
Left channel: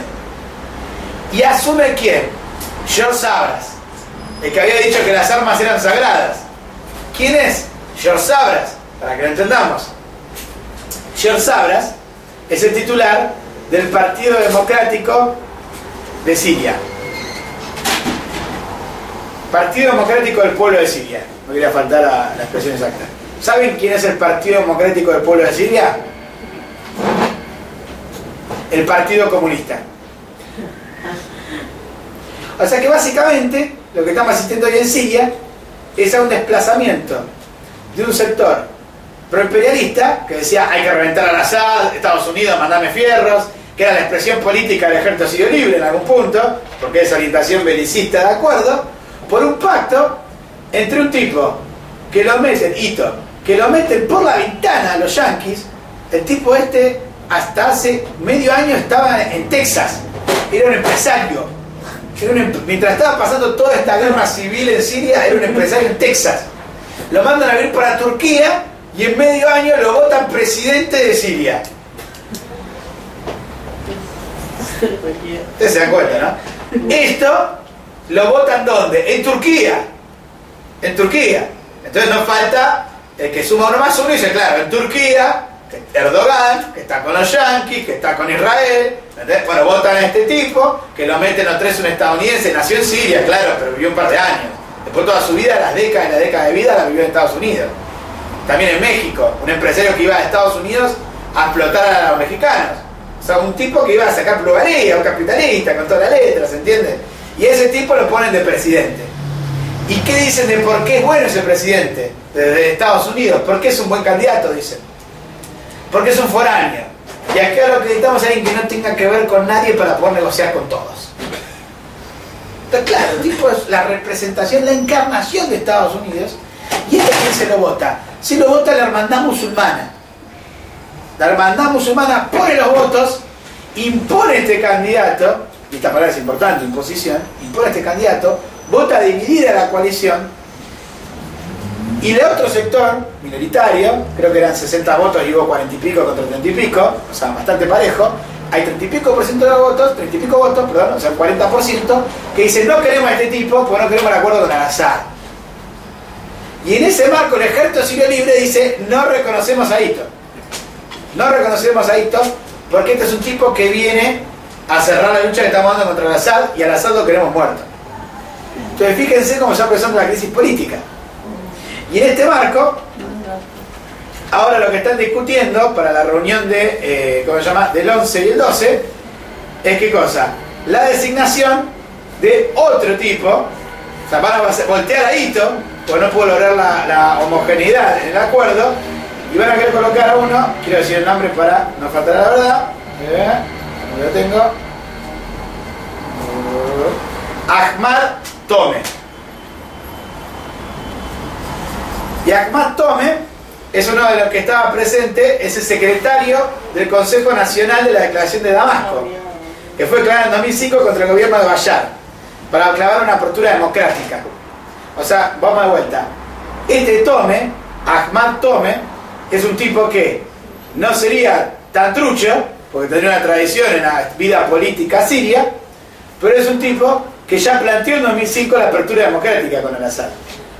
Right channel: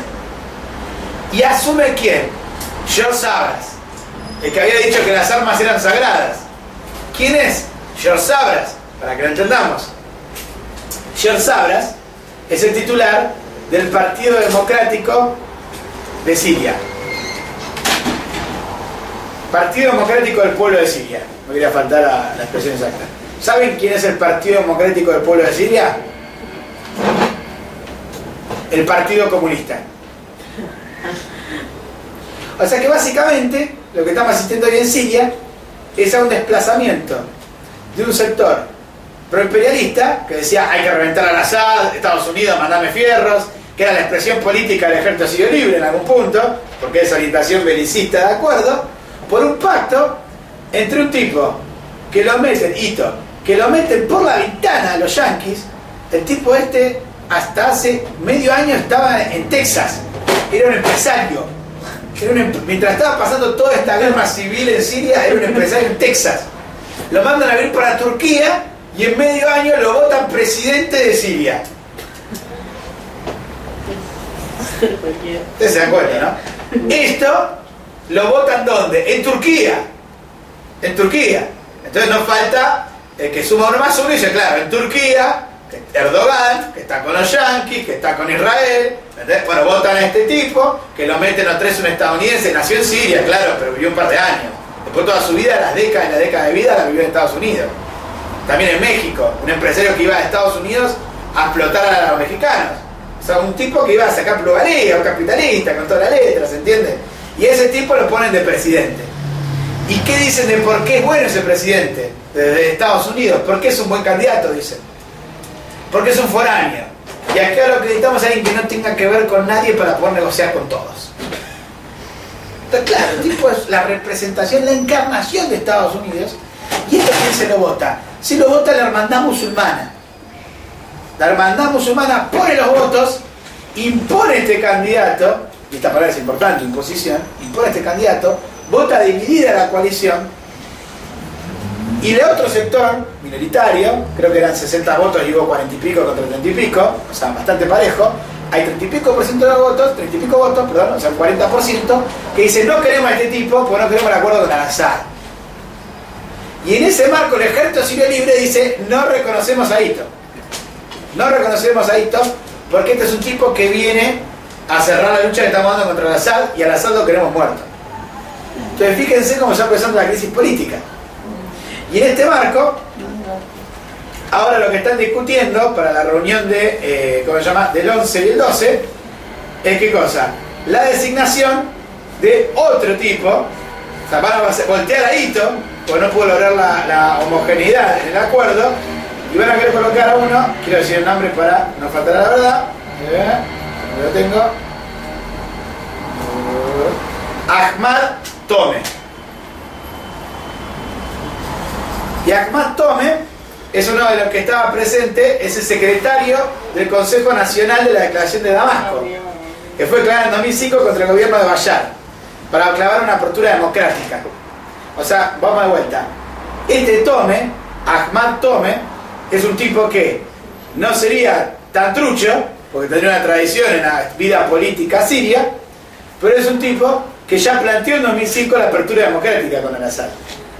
¿Y asume quién? George Sabras, el que había dicho que las armas eran sagradas. ¿Quién es? George Sabras, para que lo entendamos. George Sabras es el titular del Partido Democrático de Siria. Partido Democrático del Pueblo de Siria. No quería faltar a la expresión exacta. ¿Saben quién es el Partido Democrático del Pueblo de Siria? El Partido Comunista. O sea que básicamente lo que estamos asistiendo hoy en Siria es a un desplazamiento de un sector proimperialista que decía hay que reventar al Assad, Estados Unidos, mandame fierros, que era la expresión política del Ejército Sirio Libre en algún punto, porque es orientación belicista, de acuerdo, por un pacto entre un tipo que lo meten, que lo meten por la ventana a los yanquis. El tipo hasta hace medio año estaba en Texas, era un empresario, mientras estaba pasando toda esta guerra civil en Siria, era un empresario en Texas. Lo mandan a vivir para Turquía y en medio año lo votan presidente de Siria. Ustedes se dan cuenta, ¿no? Esto lo votan ¿dónde? En Turquía. En Turquía. Entonces no falta el que suma uno más uno y dice, claro, en Turquía, Erdogan, que está con los yanquis, que está con Israel, ¿entendés? Bueno, votan a este tipo, que lo meten a tres un estadounidense, nació en Siria, claro, pero vivió un par de años. Después toda su vida, la década de vida, la vivió en Estados Unidos. También en México, un empresario que iba a Estados Unidos a explotar a los mexicanos. O sea, un tipo que iba a sacar plusvalía, un capitalista, con todas las letras, ¿se entiende? Y ese tipo lo ponen de presidente. ¿Y qué dicen de por qué es bueno ese presidente de Estados Unidos? ¿Por qué es un buen candidato? Dicen. Porque es un foráneo. Y acá lo que necesitamos es alguien que no tenga que ver con nadie para poder negociar con todos. Entonces, claro, el tipo es la representación, la encarnación de Estados Unidos. ¿Y esto quién se lo vota? Se lo vota la hermandad musulmana. La hermandad musulmana pone los votos, impone este candidato, y esta palabra es importante, imposición, impone este candidato, vota dividida la coalición, y el otro sector, minoritario, creo que eran 60 votos y hubo 40 y pico contra 30 y pico, o sea, bastante parejo, hay 30 y pico % de votos, 30 y pico votos, perdón, o sea, el 40%, que dicen no queremos a este tipo porque no queremos el acuerdo con Al-Assad. Y en ese marco el ejército sirio libre dice no reconocemos a Ito. No reconocemos a Ito porque este es un tipo que viene a cerrar la lucha que estamos dando contra Al-Assad y Al-Assad lo queremos muerto. Entonces fíjense cómo está empezando la crisis política. Y en este marco, ahora lo que están discutiendo para la reunión de, ¿cómo se llama?, del 11 y el 12, es ¿qué cosa? La designación de otro tipo, o sea, van a voltear a Ito, porque no pudo lograr la homogeneidad en el acuerdo, y van a querer colocar a uno, quiero decir el nombre para no faltar a la verdad, lo tengo, Ahmad Tome. Y Ahmad Tome es uno de los que estaba presente, es el secretario del Consejo Nacional de la Declaración de Damasco, que fue declarado en 2005 contra el gobierno de Bashar, para clavar una apertura democrática. O sea, vamos de vuelta. Este Tome, Ahmad Tome, es un tipo que no sería tan trucho, porque tendría una tradición en la vida política siria, pero es un tipo que ya planteó en 2005 la apertura democrática con Al-Assad.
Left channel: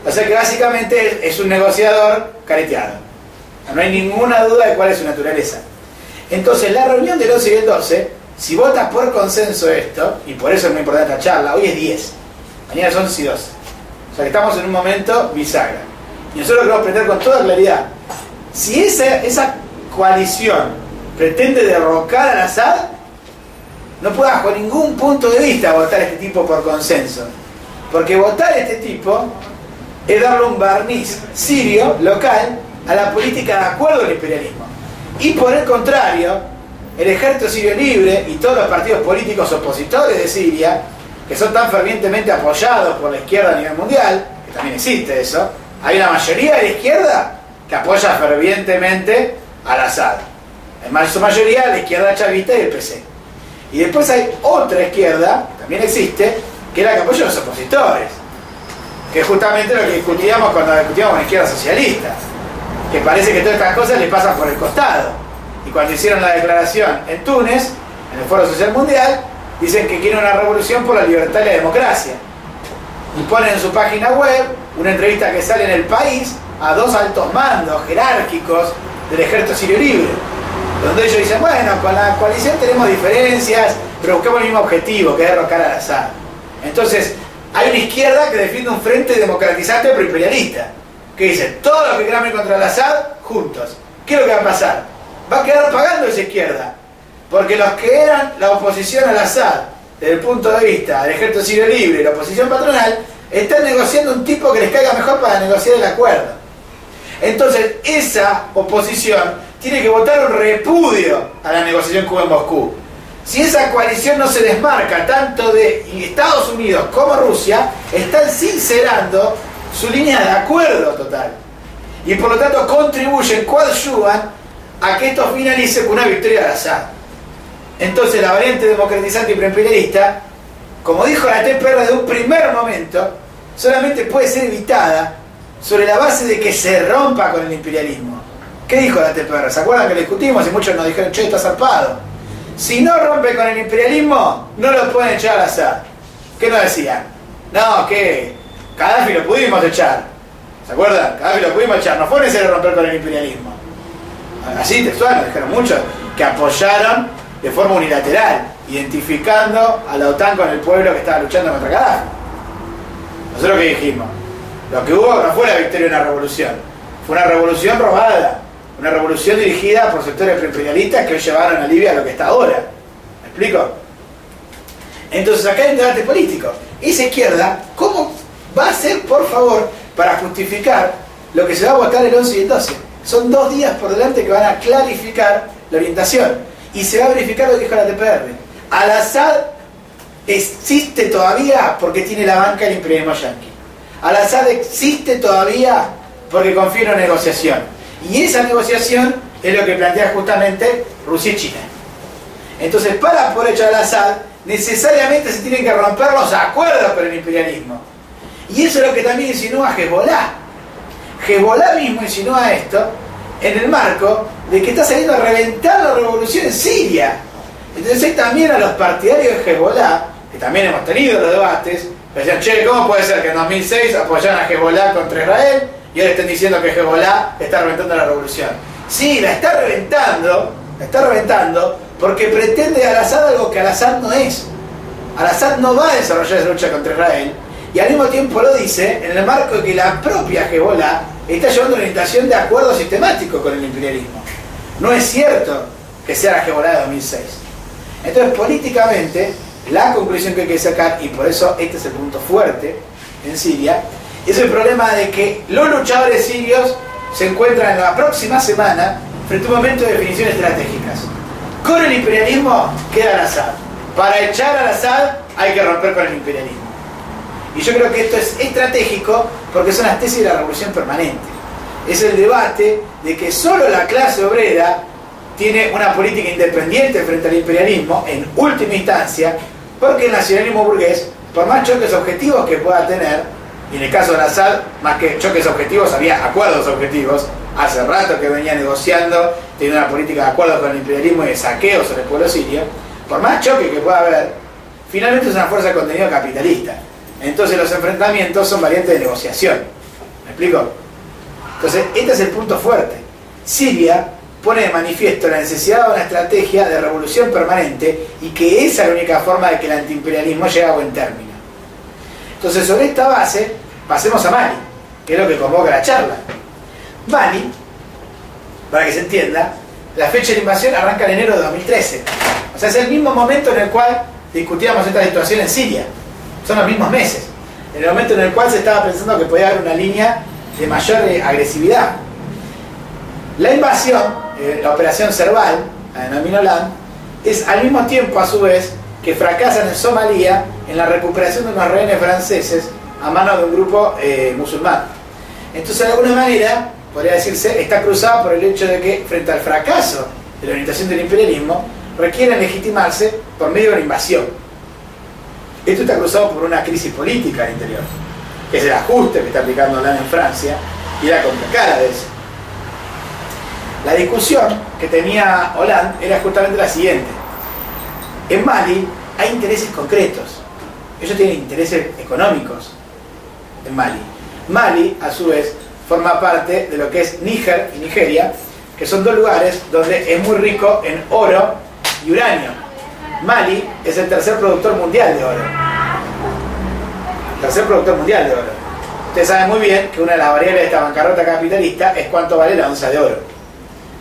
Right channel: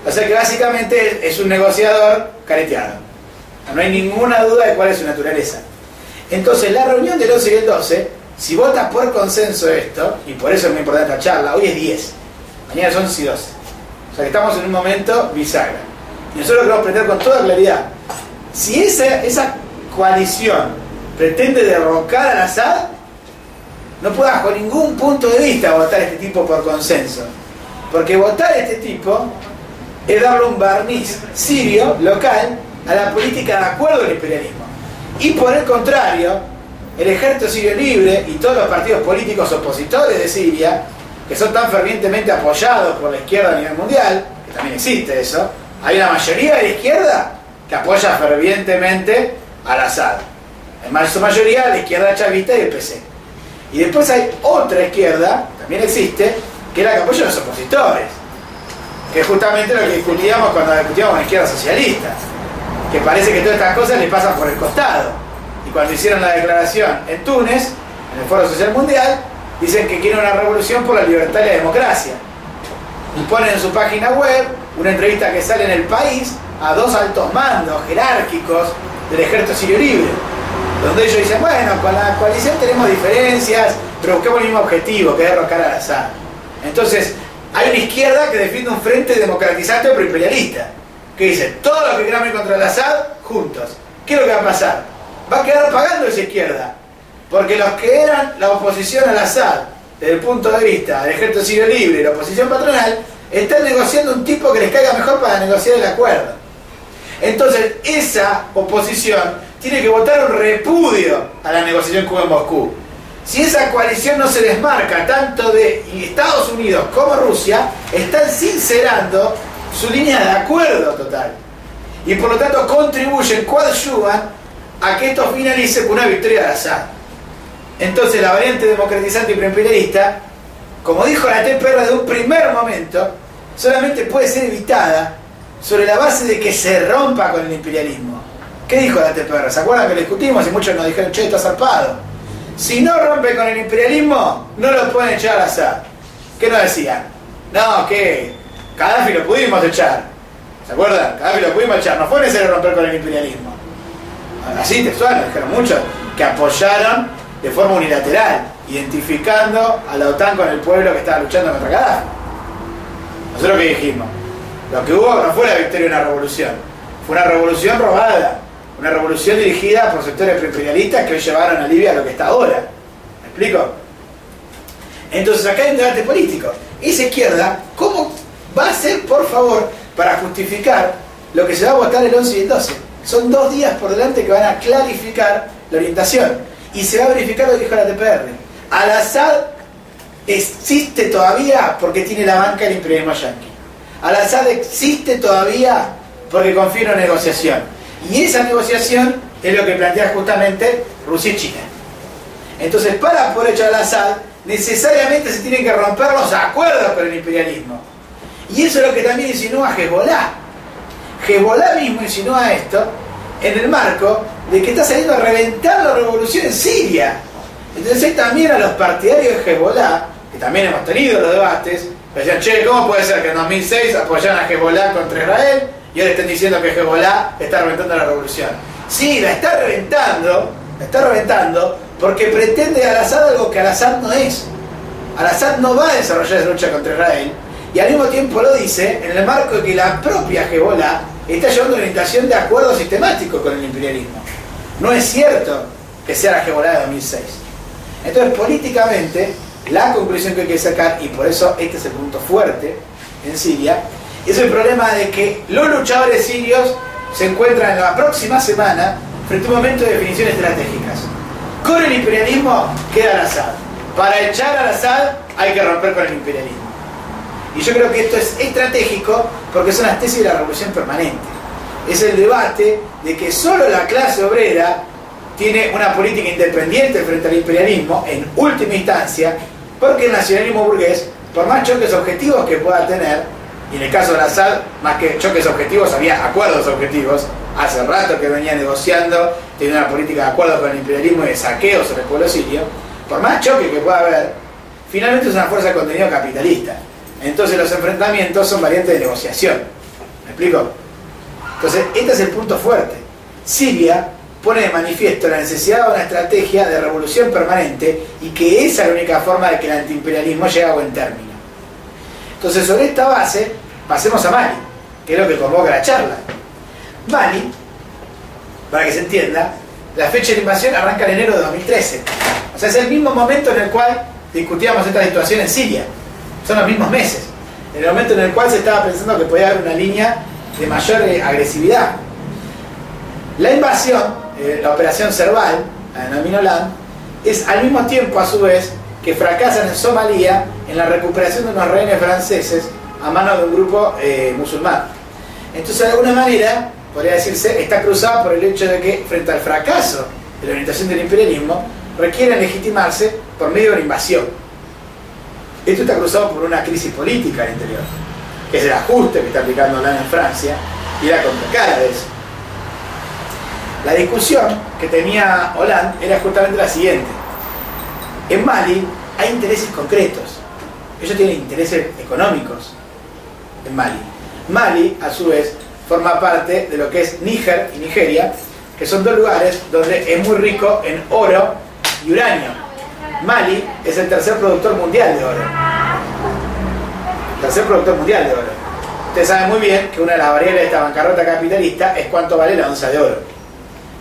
O sea que básicamente es un negociador careteado. No hay ninguna duda de cuál es su naturaleza. Entonces, la reunión del 11 y el 12, si vota por consenso esto, y por eso es muy importante la charla, hoy es 10, mañana son 11 y 12. O sea que estamos en un momento bisagra. Y nosotros queremos pretender con toda claridad, si esa coalición pretende derrocar a Al-Assad, no puede bajo ningún punto de vista votar a este tipo por consenso. Porque votar a este tipo es darle un barniz sirio, local, a la política de acuerdo al imperialismo. Y por el contrario, el ejército sirio libre y todos los partidos políticos opositores de Siria, que son tan fervientemente apoyados por la izquierda a nivel mundial, que también existe eso, hay una mayoría de la izquierda que apoya fervientemente a Al-Assad. En su mayoría la izquierda chavista y el PC. Y después hay otra izquierda, también existe, que es la que apoya a los opositores, que es justamente lo que discutíamos cuando discutíamos con la izquierda socialista, que parece que todas estas cosas les pasan por el costado. Y cuando hicieron la declaración en Túnez, en el Foro Social Mundial, dicen que quieren una revolución por la libertad y la democracia. Y ponen en su página web una entrevista que sale en El País a dos altos mandos jerárquicos del ejército sirio libre, donde ellos dicen, bueno, con la coalición tenemos diferencias, pero buscamos el mismo objetivo, que es derrocar a Al-Assad. Entonces, hay una izquierda que defiende un frente democratizante pero imperialista, que dice, todos los que quieran ir contra Al-Assad, juntos. ¿Qué es lo que va a pasar? Va a quedar pagando esa izquierda, porque los que eran la oposición a Al-Assad, desde el punto de vista del ejército sirio libre y la oposición patronal, están negociando un tipo que les caiga mejor para negociar el acuerdo. Entonces, esa oposición tiene que votar un repudio a la negociación Cuba-Moscú. Si esa coalición no se desmarca tanto de Estados Unidos como Rusia, están sincerando su línea de acuerdo total. Y por lo tanto contribuyen, coadyuvan a que esto finalice con una victoria de Al-Assad. Entonces la variante democratizante y preimperialista como dijo la TPR de un primer momento, solamente puede ser evitada sobre la base de que se rompa con el imperialismo. ¿Qué dijo la TPR? ¿Se acuerdan que lo discutimos y muchos nos dijeron, che, está zarpado? Si no rompe con el imperialismo, no lo pueden echar al Assad. ¿Qué nos decían? No, que Gaddafi lo pudimos echar. ¿Se acuerdan? Gaddafi lo pudimos echar. No fue necesario romper con el imperialismo. Así textual, nos dijeron muchos que apoyaron de forma unilateral, identificando a la OTAN con el pueblo que estaba luchando contra Gaddafi. Nosotros ¿qué dijimos? Lo que hubo no fue la victoria de una revolución, fue una revolución robada, una revolución dirigida por sectores preimperialistas que hoy llevaron a Libia a lo que está ahora. ¿Me explico? Entonces acá hay un debate político. Esa izquierda, ¿cómo va a hacer, por favor, para justificar lo que se va a votar el 11 y el 12? Son 2 días por delante que van a clarificar la orientación y se va a verificar lo que dijo la TPR. Al-Assad existe todavía porque tiene la banca del imperialismo yanqui. Al-Assad existe todavía porque confía en una negociación. Y esa negociación es lo que plantea justamente Rusia y China. Entonces, para poder echar al Assad, necesariamente se tienen que romper los acuerdos con el imperialismo. Y eso es lo que también insinúa Hezbollah. Hezbollah mismo insinúa esto en el marco de que está saliendo a reventar la revolución en Siria. Entonces hay también a los partidarios de Hezbollah, que también hemos tenido los debates, que decían, che, ¿cómo puede ser que en 2006 apoyaran a Hezbollah contra Israel y ahora estén diciendo que Hezbollah está reventando la revolución? Sí, la está reventando porque pretende al-Assad algo que al-Assad no es. Al-Assad no va a desarrollar esa lucha contra Israel y al mismo tiempo lo dice en el marco de que la propia Hezbollah está llevando una orientación de acuerdo sistemático con el imperialismo. No es cierto que sea la Hezbollah de 2006. Entonces, políticamente, la conclusión que hay que sacar, y por eso este es el punto fuerte en Siria, es el problema de que los luchadores sirios se encuentran en la próxima semana frente a un momento de definiciones estratégicas. Con el imperialismo queda al-Assad. Para echar al-Assad hay que romper con el imperialismo. Y yo creo que esto es estratégico porque son las tesis de la revolución permanente. Es el debate de que solo la clase obrera tiene una política independiente frente al imperialismo en última instancia, porque el nacionalismo burgués, por más choques objetivos que pueda tener, y en el caso de Assad, más que choques objetivos, había acuerdos objetivos, hace rato que venía negociando, tiene una política de acuerdo con el imperialismo y de saqueo sobre el pueblo sirio, por más choque que pueda haber, finalmente es una fuerza de contenido capitalista. Entonces los enfrentamientos son variantes de negociación. ¿Me explico? Entonces, este es el punto fuerte. Siria pone de manifiesto la necesidad de una estrategia de revolución permanente y que esa es la única forma de que el antiimperialismo llegue a buen término. Entonces, sobre esta base, pasemos a Mali, que es lo que convoca la charla. Mali, para que se entienda, la fecha de invasión arranca en enero de 2013. O sea, es el mismo momento en el cual discutíamos esta situación en Siria. Son los mismos meses. En el momento en el cual se estaba pensando que podía haber una línea de mayor agresividad. La invasión, la operación Serval, la denominó Hollande, es al mismo tiempo a su vez que fracasan en Somalia en la recuperación de unos rehenes franceses a manos de un grupo musulmán. Entonces, de alguna manera, podría decirse, está cruzado por el hecho de que frente al fracaso de la orientación del imperialismo, requieren legitimarse por medio de una invasión. Esto está cruzado por una crisis política al interior, que es el ajuste que está aplicando Hollande en Francia y la contracara de eso. La discusión que tenía Hollande era justamente la siguiente. En Mali hay intereses concretos. Ellos tienen intereses económicos en Mali. Mali, a su vez, forma parte de lo que es Níger y Nigeria, que son 2 lugares donde es muy rico en oro y uranio. Mali es el tercer productor mundial de oro. Tercer productor mundial de oro. Ustedes saben muy bien que una de las variables de esta bancarrota capitalista es cuánto vale la onza de oro.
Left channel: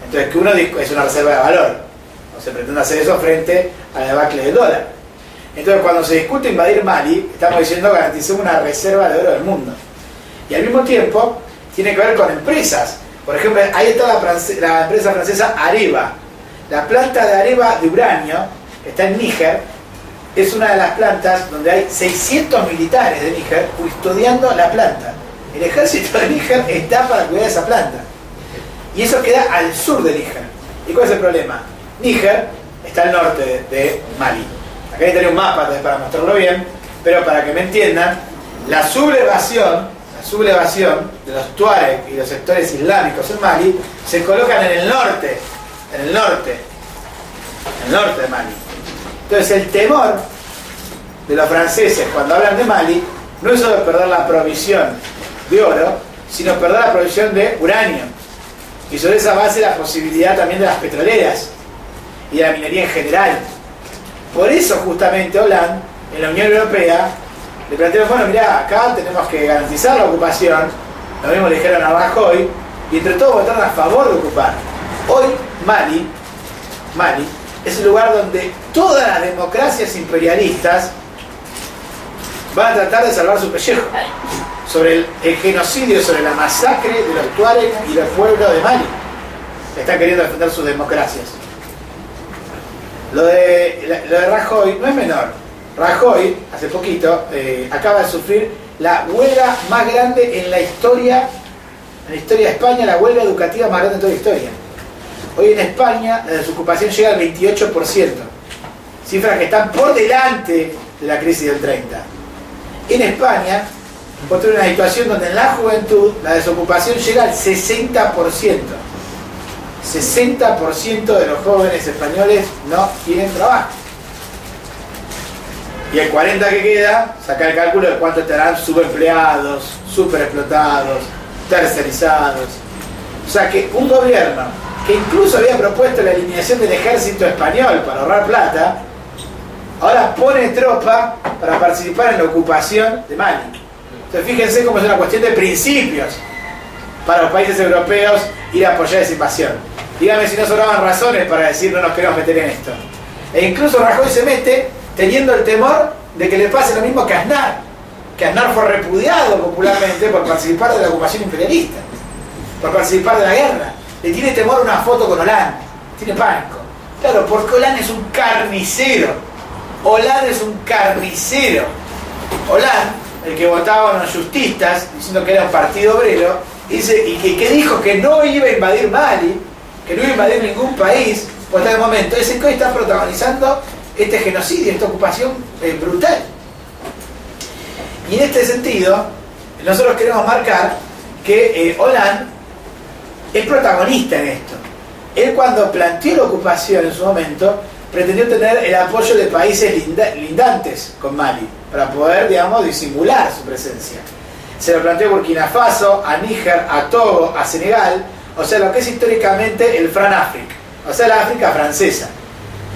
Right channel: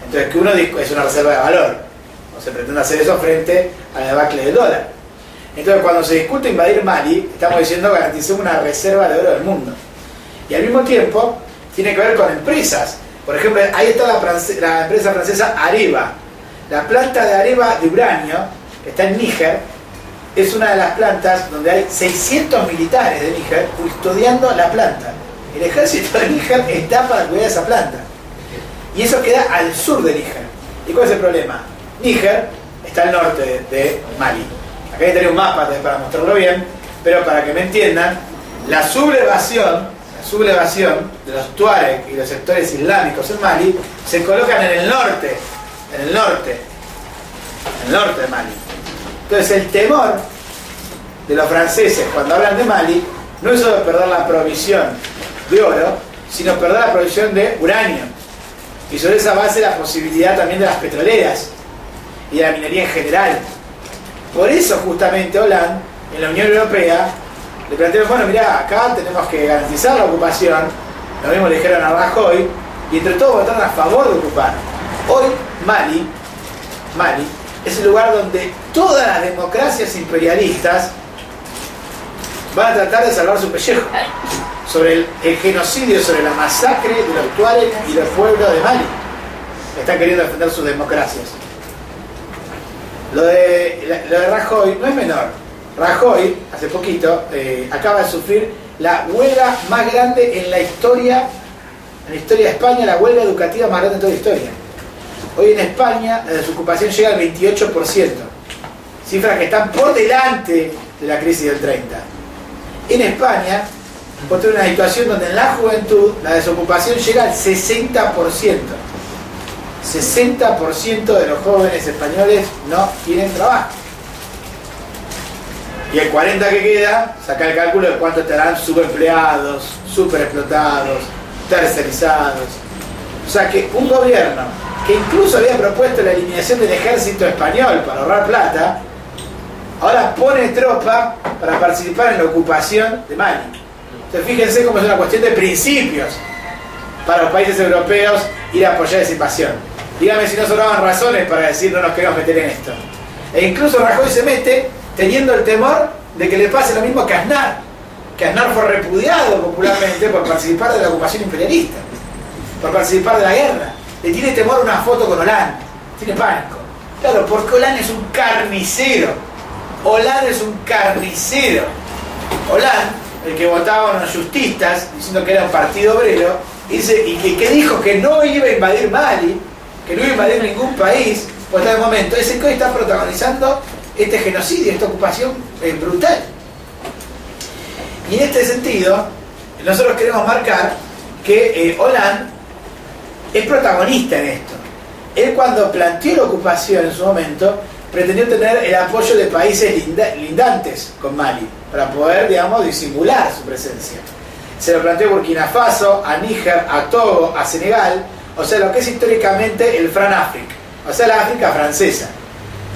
Entonces, que uno es una reserva de valor. No se pretende hacer eso frente a la debacle del dólar. Entonces, cuando se discute invadir Mali, estamos diciendo garanticemos una reserva de oro del mundo. Y al mismo tiempo, tiene que ver con empresas. Por ejemplo, ahí está la empresa francesa Areva. La planta de Areva de uranio, que está en Níger, es una de las plantas donde hay 600 militares de Níger custodiando la planta. El ejército de Níger está para cuidar esa planta. Y eso queda al sur de Níger. ¿Y cuál es el problema? Níger está al norte de Mali. Acá tenía un mapa para mostrarlo bien, pero para que me entiendan, la sublevación de los Tuareg y los sectores islámicos en Mali se colocan en el norte de Mali. Entonces el temor de los franceses cuando hablan de Mali no es solo perder la provisión de oro, sino perder la provisión de uranio. Y sobre esa base la posibilidad también de las petroleras y de la minería en general. Por eso justamente Hollande, en la Unión Europea, le planteó, bueno, mirá, acá tenemos que garantizar la ocupación, lo mismo le dijeron a Rajoy, y entre todos votaron a favor de ocupar. Hoy Mali es el lugar donde todas las democracias imperialistas van a tratar de salvar su pellejo sobre el genocidio, sobre la masacre de los Tuareg y del pueblo de Mali. Están queriendo defender sus democracias. Lo de Rajoy no es menor. Rajoy, hace poquito, acaba de sufrir la huelga más grande en la historia de España, la huelga educativa más grande de toda la historia. Hoy en España la desocupación llega al 28%, cifras que están por delante de la crisis del 30. En España, encontré una situación donde en la juventud la desocupación llega al 60%. 60% de los jóvenes españoles no tienen trabajo. Y el 40% que queda, saca el cálculo de cuánto estarán subempleados, superexplotados, tercerizados. O sea que un gobierno que incluso había propuesto la eliminación del ejército español para ahorrar plata, ahora pone tropa para participar en la ocupación de Mali. Entonces fíjense cómo es una cuestión de principios para los países europeos ir a apoyar esa invasión. Dígame si no sobraban razones para decir no nos queremos meter en esto. E incluso Rajoy se mete teniendo el temor de que le pase lo mismo que Aznar. Que Aznar fue repudiado popularmente por participar de la ocupación imperialista, por participar de la guerra. Le tiene temor a una foto con Hollande, tiene pánico. Claro, porque Hollande es un carnicero. Hollande es un carnicero. Hollande, el que votaban los justistas diciendo que era un partido obrero, dice, y que dijo que no iba a invadir Mali, que no iba a invadir ningún país, pues hasta el momento ese que hoy está protagonizando este genocidio, esta ocupación brutal. Y en este sentido, nosotros queremos marcar que Hollande es protagonista en esto. Él, cuando planteó la ocupación en su momento, pretendió tener el apoyo de países lindantes con Mali, para poder, digamos, disimular su presencia. Se lo planteó a Burkina Faso, a Níger, a Togo, a Senegal, o sea, lo que es históricamente el Fran-África, o sea, la África francesa.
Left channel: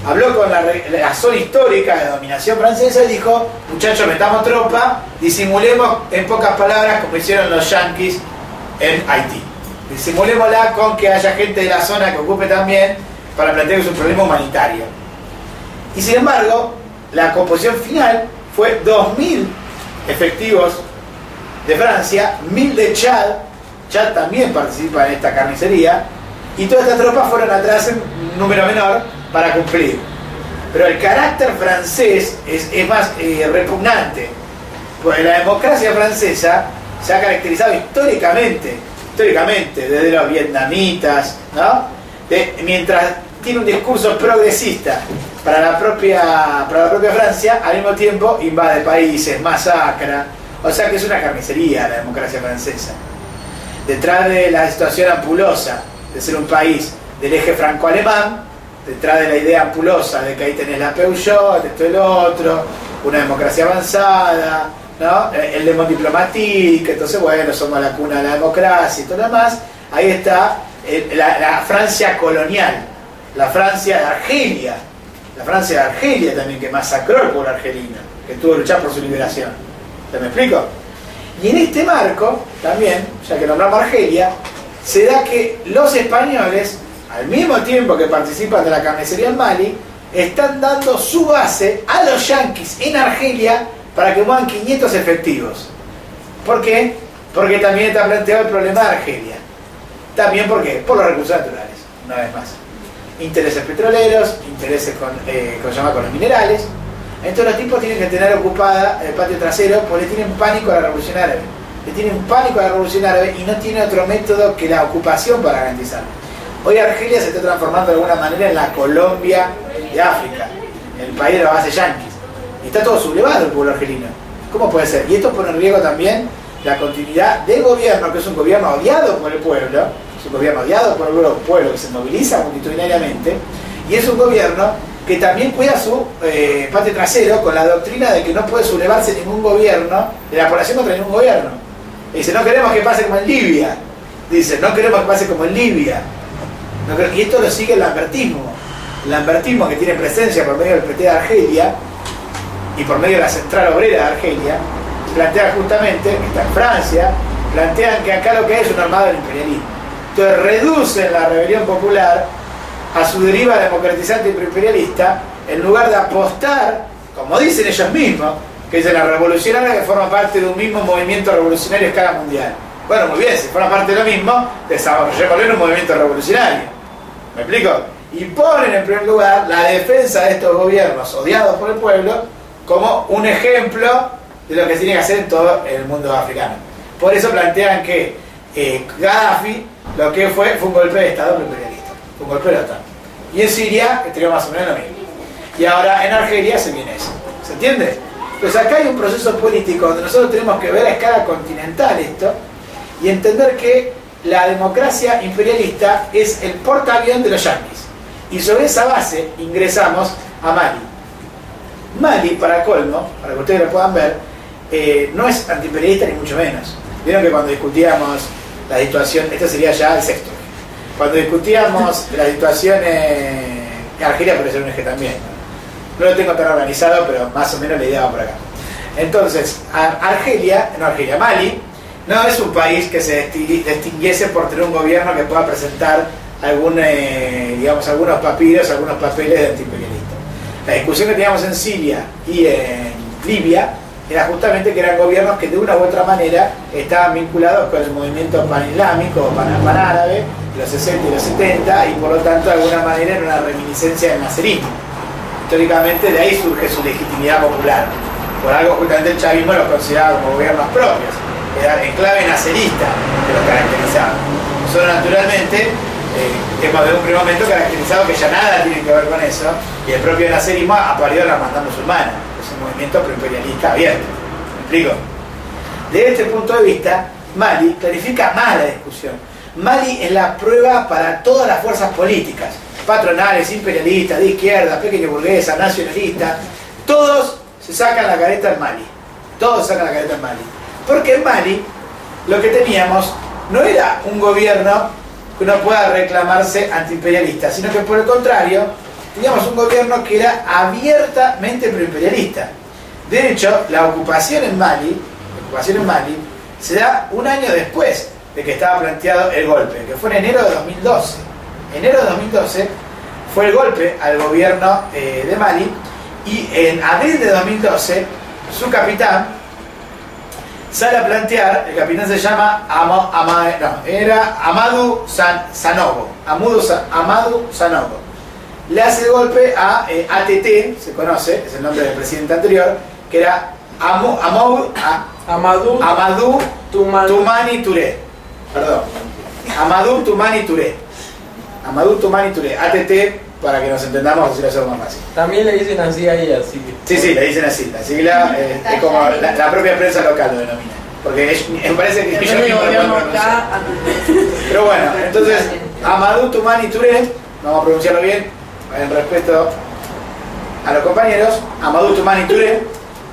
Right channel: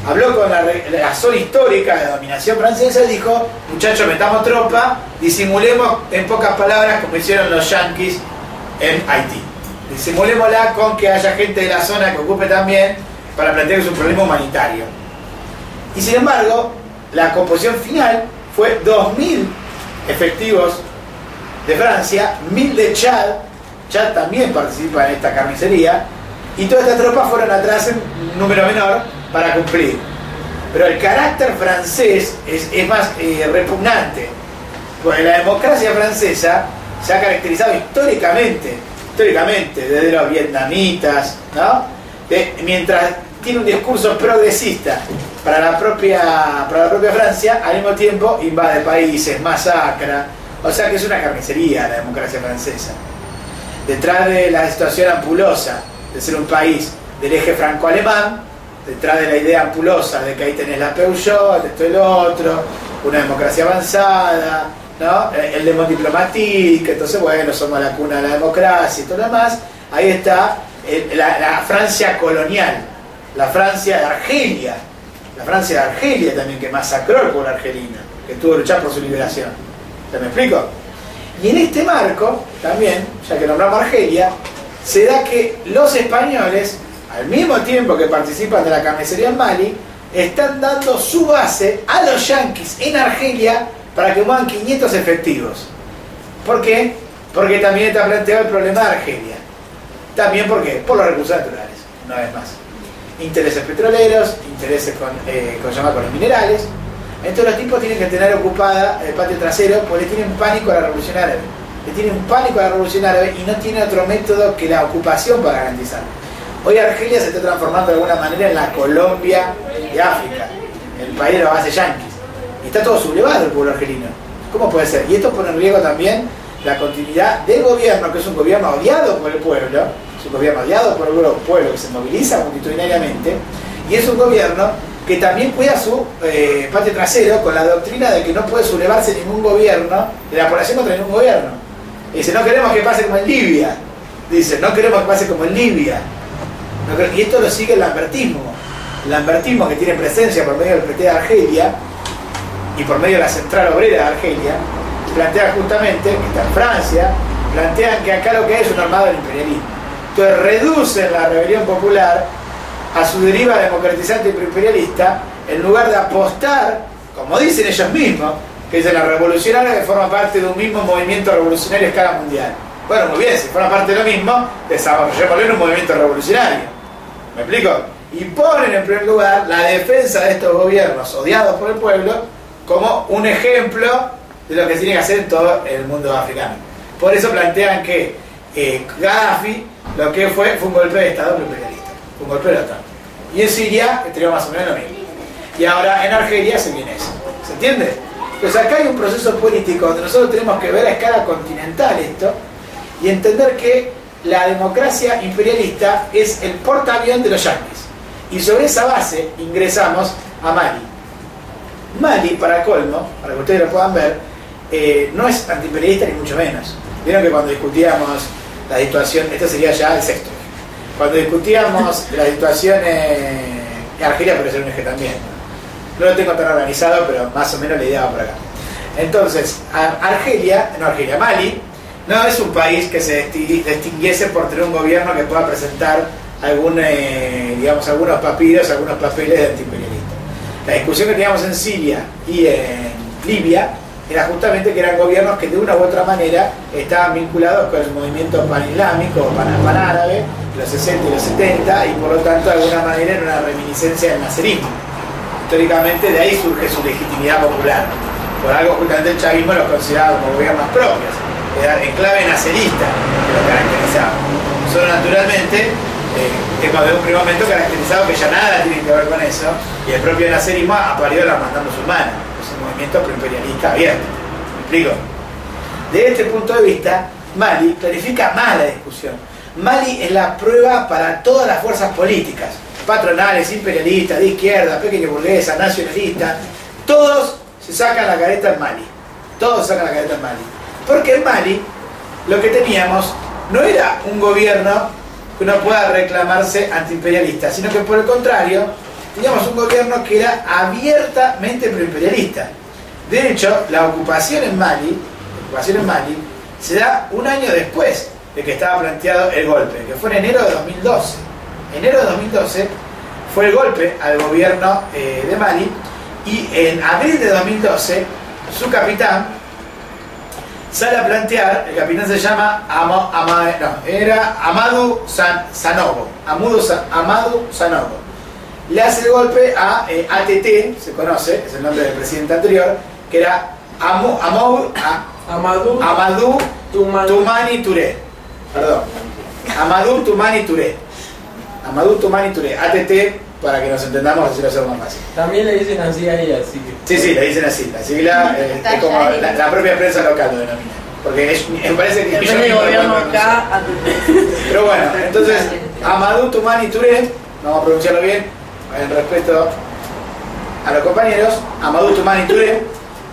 Habló con la zona histórica de dominación francesa y dijo, muchachos, metamos tropa, disimulemos, en pocas palabras, como hicieron los yanquis en Haití. Disimulémosla con que haya gente de la zona que ocupe también, para plantear que es un problema humanitario. Y sin embargo, la composición final fue 2.000 efectivos de Francia, 1.000 de Chad. Chad también participa en esta carnicería, y todas estas tropas fueron atrás en un número menor para cumplir. Pero el carácter francés es más repugnante, porque la democracia francesa se ha caracterizado históricamente, desde los vietnamitas, ¿no? Mientras tiene un discurso progresista para la propia Francia, al mismo tiempo invade países, masacra. O sea que es una carnicería la democracia francesa. Detrás de la situación ampulosa de ser un país del eje franco-alemán, detrás de la idea ampulosa de que ahí tenés la Peugeot, esto y lo otro, una democracia avanzada, ¿no? El Demon Diplomatique, entonces bueno, somos la cuna de la democracia y todo lo demás. Ahí está la Francia colonial, la Francia de Argelia, también, que masacró al pueblo argelino, que tuvo que luchar por su liberación. ¿Se me explico? Y en este marco, también, ya que nombramos Argelia, se da que los españoles, al mismo tiempo que participan de la carnicería en Mali, están dando su base a los yanquis en Argelia para que muevan 500 efectivos. ¿Por qué? Porque también está planteado el problema de Argelia. También, ¿por qué? Por los recursos naturales, una vez más. Intereses petroleros, intereses con los minerales. Entonces los tipos tienen que tener ocupada el patio trasero porque le tienen pánico a la revolución árabe. Le tienen pánico a la revolución árabe y no tiene otro método que la ocupación para garantizarlo. Hoy Argelia se está transformando de alguna manera en la Colombia de África. el país de la base yanquis. Y está todo sublevado el pueblo argelino. ¿Cómo puede ser? Y esto pone en riesgo también la continuidad del gobierno, que es un gobierno odiado por el pueblo, es un gobierno odiado por el pueblo que se moviliza multitudinariamente, y es un gobierno que también cuida su patio trasero con la doctrina de que no puede sublevarse ningún gobierno, de la población contra ningún gobierno. Dice, no queremos que pase como en Libia. Dice, no queremos que pase como en Libia. Y esto lo sigue el lambertismo que tiene presencia por medio del PT de Argelia y por medio de la Central Obrera de Argelia, plantea justamente, que está en Francia, plantean que acá lo que hay es un armado del imperialismo. Entonces reducen la rebelión popular a su deriva democratizante y imperialista, en lugar de apostar, como dicen ellos mismos, que dicen la revolucionaria que forma parte de un mismo movimiento revolucionario a escala mundial. Bueno, muy bien, si forma parte de lo mismo, desarrollémoslo en un movimiento revolucionario. ¿Me explico? Y ponen en primer lugar la defensa de estos gobiernos odiados por el pueblo como un ejemplo de lo que tiene que hacer en todo el mundo africano. Por eso plantean que Gaddafi lo que fue un golpe de Estado imperialista, fue un golpe de la OTAN. Y en Siria tenía más o menos lo mismo. Y ahora en Argelia se viene eso. ¿Se entiende? Pues acá hay un proceso político donde nosotros tenemos que ver a escala continental esto y entender que la democracia imperialista es el portaavión de los yanquis. Y sobre esa base ingresamos a Mali. Mali, para colmo, para que ustedes lo puedan ver, no es antiimperialista ni mucho menos. Vieron que cuando discutíamos la situación, esto sería ya el sexto, cuando discutíamos la situación en Argelia, por ser un eje también, no lo tengo tan organizado, pero más o menos la idea va por acá. Entonces, Mali no es un país que se distinguiese por tener un gobierno que pueda presentar algunos papiros, algunos papeles de antiimperialista. La discusión que teníamos en Siria y en Libia era justamente que eran gobiernos que de una u otra manera estaban vinculados con el movimiento panislámico o panárabe de los 60 y los 70 y por lo tanto de alguna manera era una reminiscencia del nacerismo. Históricamente de ahí surge su legitimidad popular. Por algo justamente el chavismo los consideraba como gobiernos propios, era en clave nacerista que los caracterizaba. Nosotros naturalmente hemos de un primer momento caracterizado que ya nada tiene que ver con eso, y el propio nacerismo ha parido la hermandad musulmana, es un movimiento proimperialista abierto. ¿Me explico? De este punto de vista, Mali clarifica más la discusión. Mali es la prueba para todas las fuerzas políticas, patronales, imperialistas, de izquierda, pequeño burguesa, nacionalista, todos se sacan la careta en Mali. Todos sacan la careta en Mali. Porque en Mali lo que teníamos no era un gobierno que uno pueda reclamarse antiimperialista, sino que por el contrario, teníamos un gobierno que era abiertamente proimperialista. De hecho, la ocupación en Mali se da un año después de que estaba planteado el golpe, que fue en enero de 2012. Enero de 2012 fue el golpe al gobierno de Mali, y en abril de 2012 su capitán sale a plantear, el capitán se llama Amadou Sanogo. Amadou Sanogo. Le hace el golpe a ATT, se conoce, es el nombre del presidente anterior, que era Amadou Toumani Touré. Perdón. Amadou Toumani Touré. Amadou Toumani Touré. ATT, para que nos entendamos, así lo hacemos más fácil. También le dicen así ahí, así que... Sí, le dicen así. La sigla es como la propia prensa local lo denomina. Porque me parece que yo mismo lo acá. Pero bueno, entonces, Amadou Toumani Touré, vamos a pronunciarlo bien, en respeto a los compañeros, Amadou Toumani Touré,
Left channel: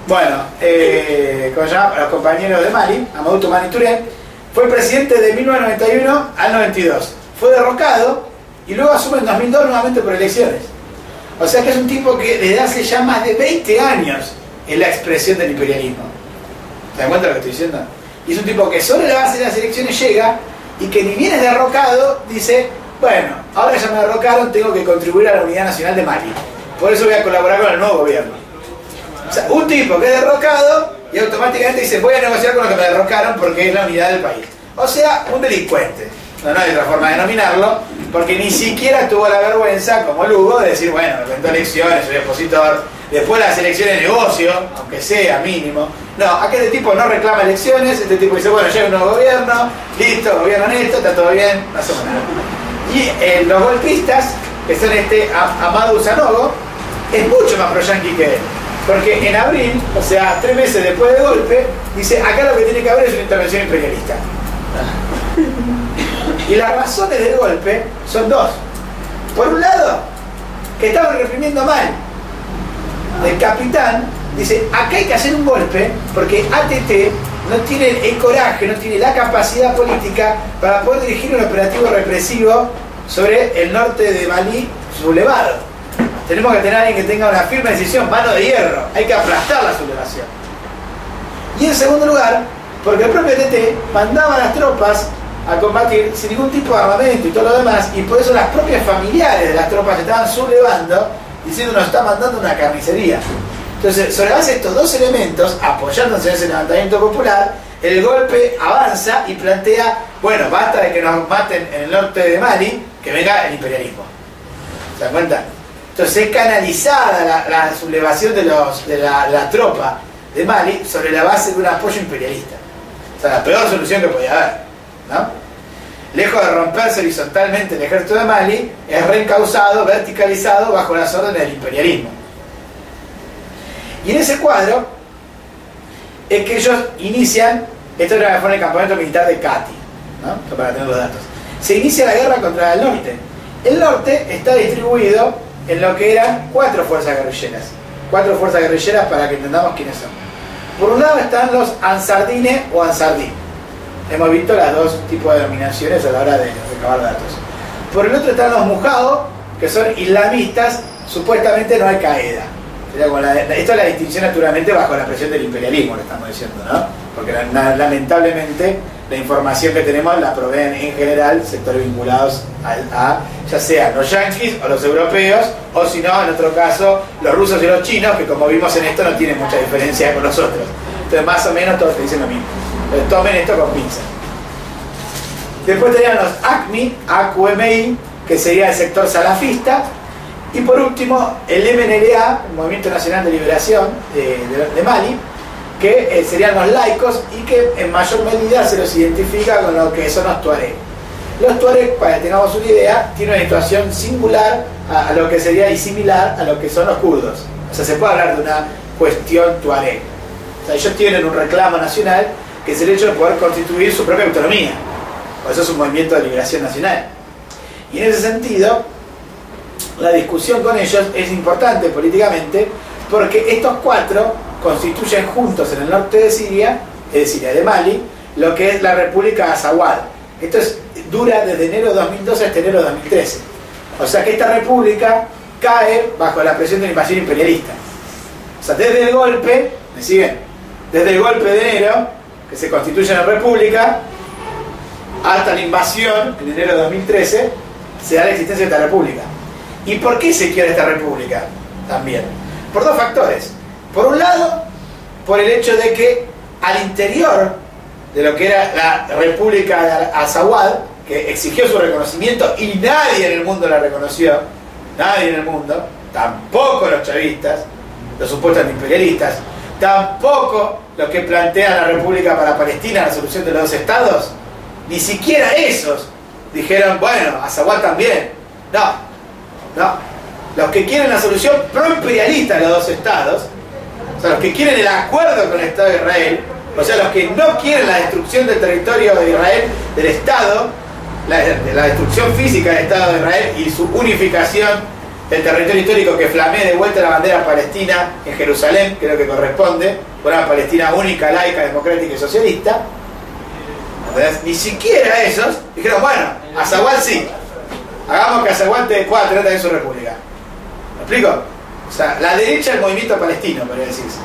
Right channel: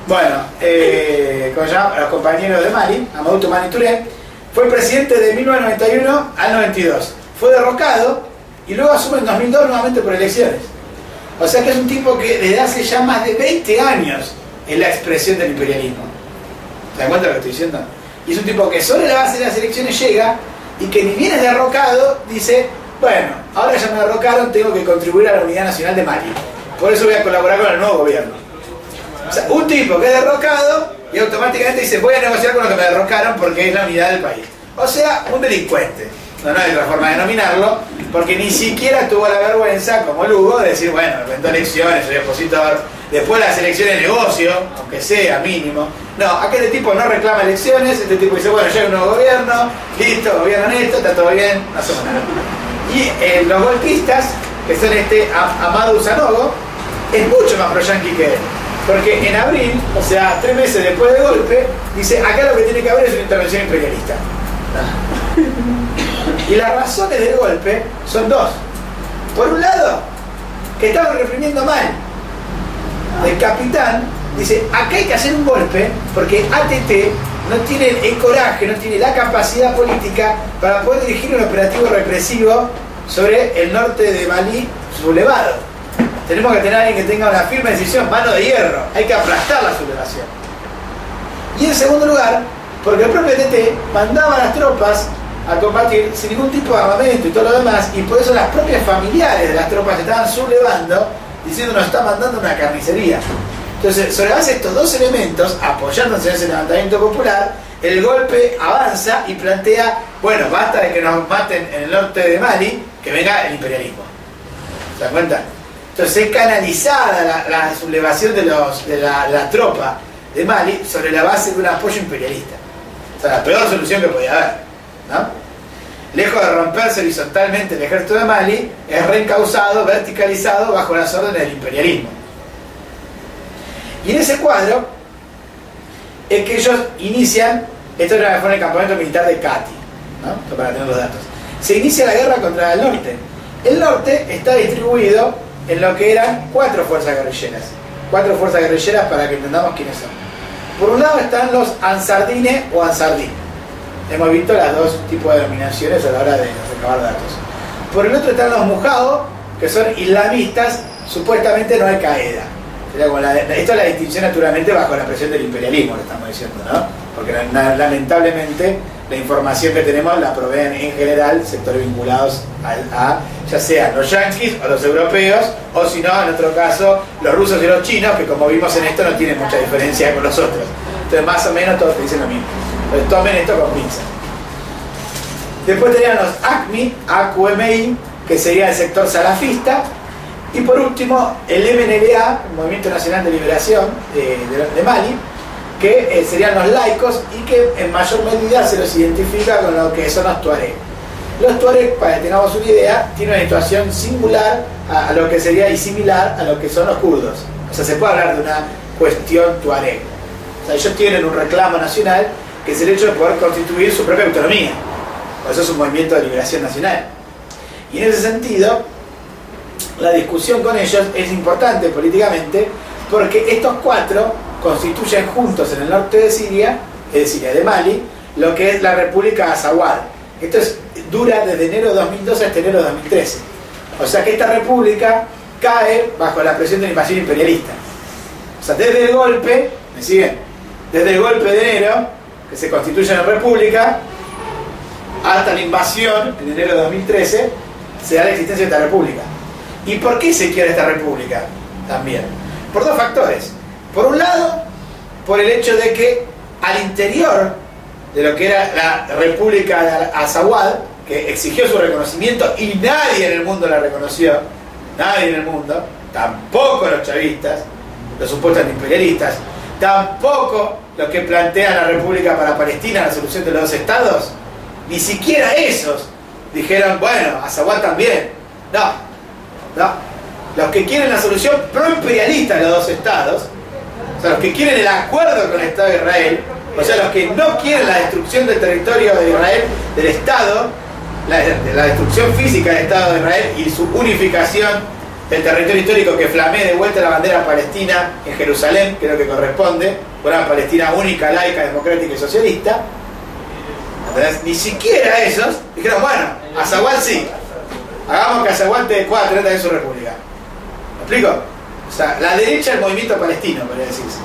bueno, ¿cómo se llama? A los compañeros de Mali, Amadou Toumani Touré, fue el presidente de 1991 al 92. Fue derrocado y luego asume en 2002 nuevamente por elecciones. O sea que es un tipo que desde hace ya más de 20 años es la expresión del imperialismo. ¿Se dan cuenta de lo que estoy diciendo? Y es un tipo que sobre la base de las elecciones llega y que ni bien es derrocado, dice, bueno, ahora ya me derrocaron, tengo que contribuir a la unidad nacional de Mali. Por eso voy a colaborar con el nuevo gobierno. O sea, un tipo que es derrocado y automáticamente dice, voy a negociar con los que me derrocaron porque es la unidad del país. O sea, un delincuente. No hay otra forma de denominarlo, porque ni siquiera tuvo la vergüenza, como Lugo, de decir, bueno, inventó elecciones, soy opositor, después las elecciones de negocio, aunque sea mínimo. No, acá este tipo no reclama elecciones, este tipo dice, bueno, llega un nuevo gobierno, listo, gobiernan esto, está todo bien, no hacemos nada. Y los golpistas, que son Amadou Sanogo, es mucho más pro-yanqui que él. Porque en abril, o sea, 3 meses después del golpe, dice, acá lo que tiene que haber es una intervención imperialista. Y las razones del golpe son 2. Por un lado, que estaban reprimiendo mal. El capitán dice, acá hay que hacer un golpe porque ATT no tiene el coraje, no tiene la capacidad política para poder dirigir un operativo represivo sobre el norte de Malí sublevado. Tenemos que tener a alguien que tenga una firme decisión, mano de hierro. Hay que aplastar la sublevación. Y en segundo lugar, porque el propio ATT mandaba a las tropas a combatir sin ningún tipo de armamento y todo lo demás, y por eso las propias familiares de las tropas estaban sublevando, diciendo nos está mandando una carnicería. Entonces, sobre la base de estos 2 elementos, apoyándose en ese levantamiento popular, el golpe avanza y plantea, bueno, basta de que nos maten en el norte de Mali, que venga el imperialismo. ¿Se dan cuenta? Entonces es canalizada la sublevación de la tropa de Mali sobre la base de un apoyo imperialista. O sea, la peor solución que podía haber, ¿no? Lejos de romperse horizontalmente el ejército de Mali, es reencauzado, verticalizado bajo las órdenes del imperialismo. Y en ese cuadro es que ellos inician, esto fue en el campamento militar de Cati, ¿no? Esto para tener los datos. Se inicia la guerra contra el norte. El norte está distribuido en lo que eran 4 fuerzas guerrilleras. 4 fuerzas guerrilleras para que entendamos quiénes son. Por un lado están los ansardines o ansardí. Hemos visto las 2 tipos de denominaciones a la hora de recabar datos. Por el otro están los mujados, que son islamistas, supuestamente no Al-Qaeda. Esto es la distinción naturalmente bajo la presión del imperialismo, lo estamos diciendo, ¿no? Porque lamentablemente la información que tenemos la proveen en general sectores vinculados a ya sean los yanquis o los europeos, o si no, en otro caso, los rusos y los chinos, que como vimos en esto no tienen mucha diferencia con los otros. Entonces más o menos todos te dicen lo mismo. Entonces tomen esto con pinzas. Después tenían los AQMI, que sería el sector salafista. Y por último, el MNLA, el Movimiento Nacional de Liberación de Mali, que serían los laicos y que en mayor medida se los identifica con lo que son los tuareg. Los tuareg, para que tengamos una idea, tienen una situación singular a lo que sería y similar a lo que son los kurdos. O sea, se puede hablar de una cuestión tuareg. O sea, ellos tienen un reclamo nacional que es el hecho de poder constituir su propia autonomía. Por eso es un movimiento de liberación nacional. Y en ese sentido, la discusión con ellos es importante políticamente porque estos 4 constituyen juntos en el norte de Siria, de Mali, lo que es la República Azawad. Esto dura desde enero de 2012 hasta enero de 2013. O sea que esta república cae bajo la presión de la invasión imperialista. O sea, desde el golpe, ¿me siguen? Desde el golpe de enero, que se constituye la república, hasta la invasión, en enero de 2013, se da la existencia de esta república. ¿Y por qué se quiere esta república? También. Por 2 factores. Por un lado, por el hecho de que al interior de lo que era la República de Azawad, que exigió su reconocimiento y nadie en el mundo la reconoció, nadie en el mundo, tampoco los chavistas, los supuestos imperialistas, tampoco los que plantean la República para Palestina, la solución de los 2 estados, ni siquiera esos dijeron, bueno, Azawad también. No. Los que quieren la solución pro-imperialista de los 2 estados, o sea, los que quieren el acuerdo con el Estado de Israel, o sea, los que no quieren la destrucción del territorio de Israel, del Estado, la destrucción física del Estado de Israel y su unificación del territorio histórico, que flamee de vuelta la bandera palestina en Jerusalén, que es lo que corresponde, una Palestina única, laica, democrática y socialista. Entonces, ni siquiera esos dijeron, bueno, Azawad sí, hagamos que Azawad pueda tener también su república. ¿Me explico? O sea, la derecha del movimiento palestino, podría decirse.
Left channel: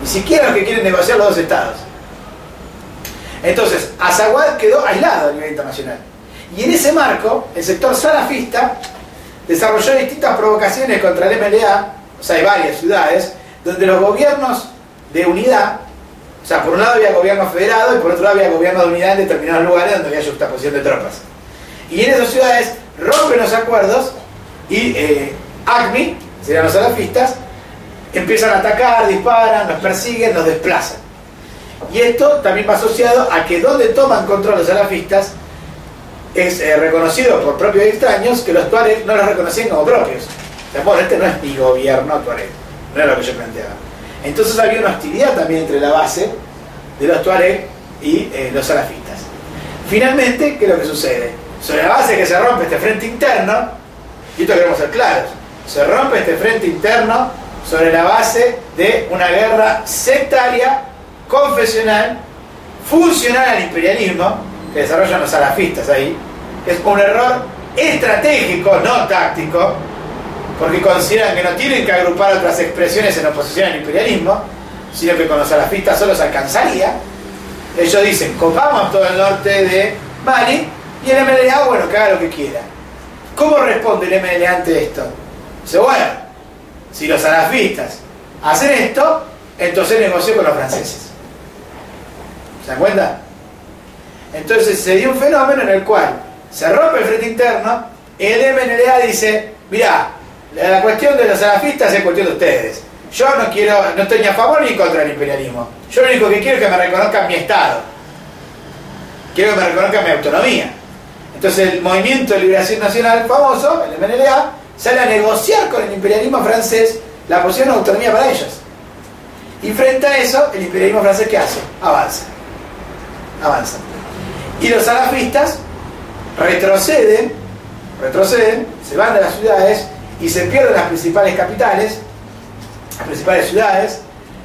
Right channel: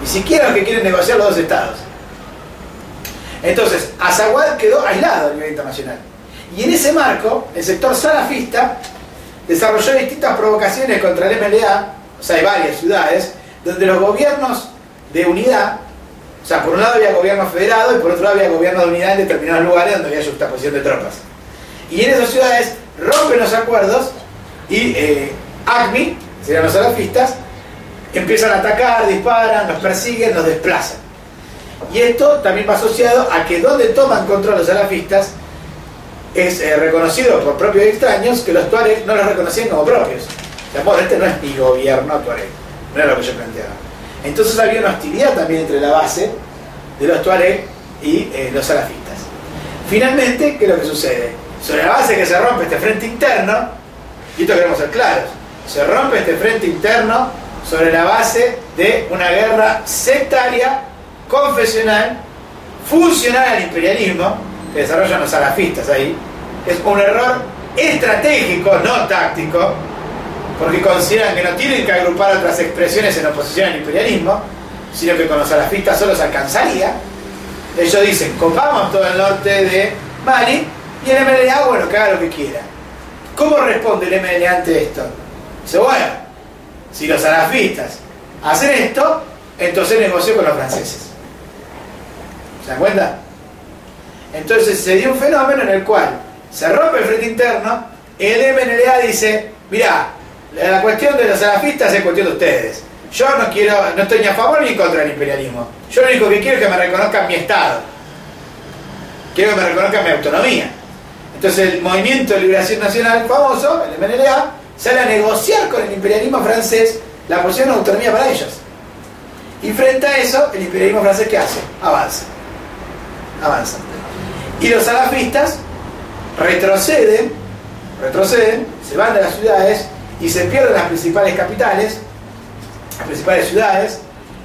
Ni siquiera los que quieren negociar los 2 estados. Entonces, Azawad quedó aislado a nivel internacional. Y en ese marco, el sector salafista desarrolló distintas provocaciones contra el MLA, o sea, hay varias ciudades, donde los gobiernos de unidad, o sea, por un lado había gobierno federado y por otro lado había gobierno de unidad en determinados lugares donde había juxtaposición de tropas. Y en esas ciudades rompen los acuerdos y AQMI, que serían los salafistas, empiezan a atacar, disparan, los persiguen, los desplazan. Y esto también va asociado a que donde toman control los salafistas es reconocido por propios extraños que los tuareg no los reconocían como propios. O sea, bueno, este no es mi gobierno tuareg, no era lo que yo planteaba. Entonces había una hostilidad también entre la base de los tuareg y los salafistas. Finalmente, ¿qué es lo que sucede? Sobre la base que se rompe este frente interno, y esto queremos ser claros, se rompe este frente interno sobre la base de una guerra sectaria, confesional, funcional al imperialismo, que desarrollan los salafistas ahí. Es un error estratégico, no táctico, porque consideran que no tienen que agrupar otras expresiones en oposición al imperialismo, sino que con los salafistas solo se alcanzaría. Ellos dicen, copamos todo el norte de Mali, y el MLA, bueno, que haga lo que quiera. ¿Cómo responde el MLA ante esto? Dice, bueno, si los salafistas hacen esto, entonces negoció con los franceses. ¿Se dan cuenta? Entonces se dio un fenómeno en el cual se rompe el frente interno, el MLA dice, mirá, la cuestión de los salafistas es cuestión de ustedes. Yo no estoy ni a favor ni en contra del imperialismo. Yo lo único que quiero es que me reconozcan mi Estado. Quiero que me reconozcan mi autonomía. Entonces el Movimiento de Liberación Nacional famoso, el MNLA, sale a negociar con el imperialismo francés la posición de autonomía para ellos. Y frente a eso, el imperialismo francés, ¿qué hace? Avanza. Y los salafistas retroceden, se van de las ciudades y se pierden las principales capitales, las principales ciudades,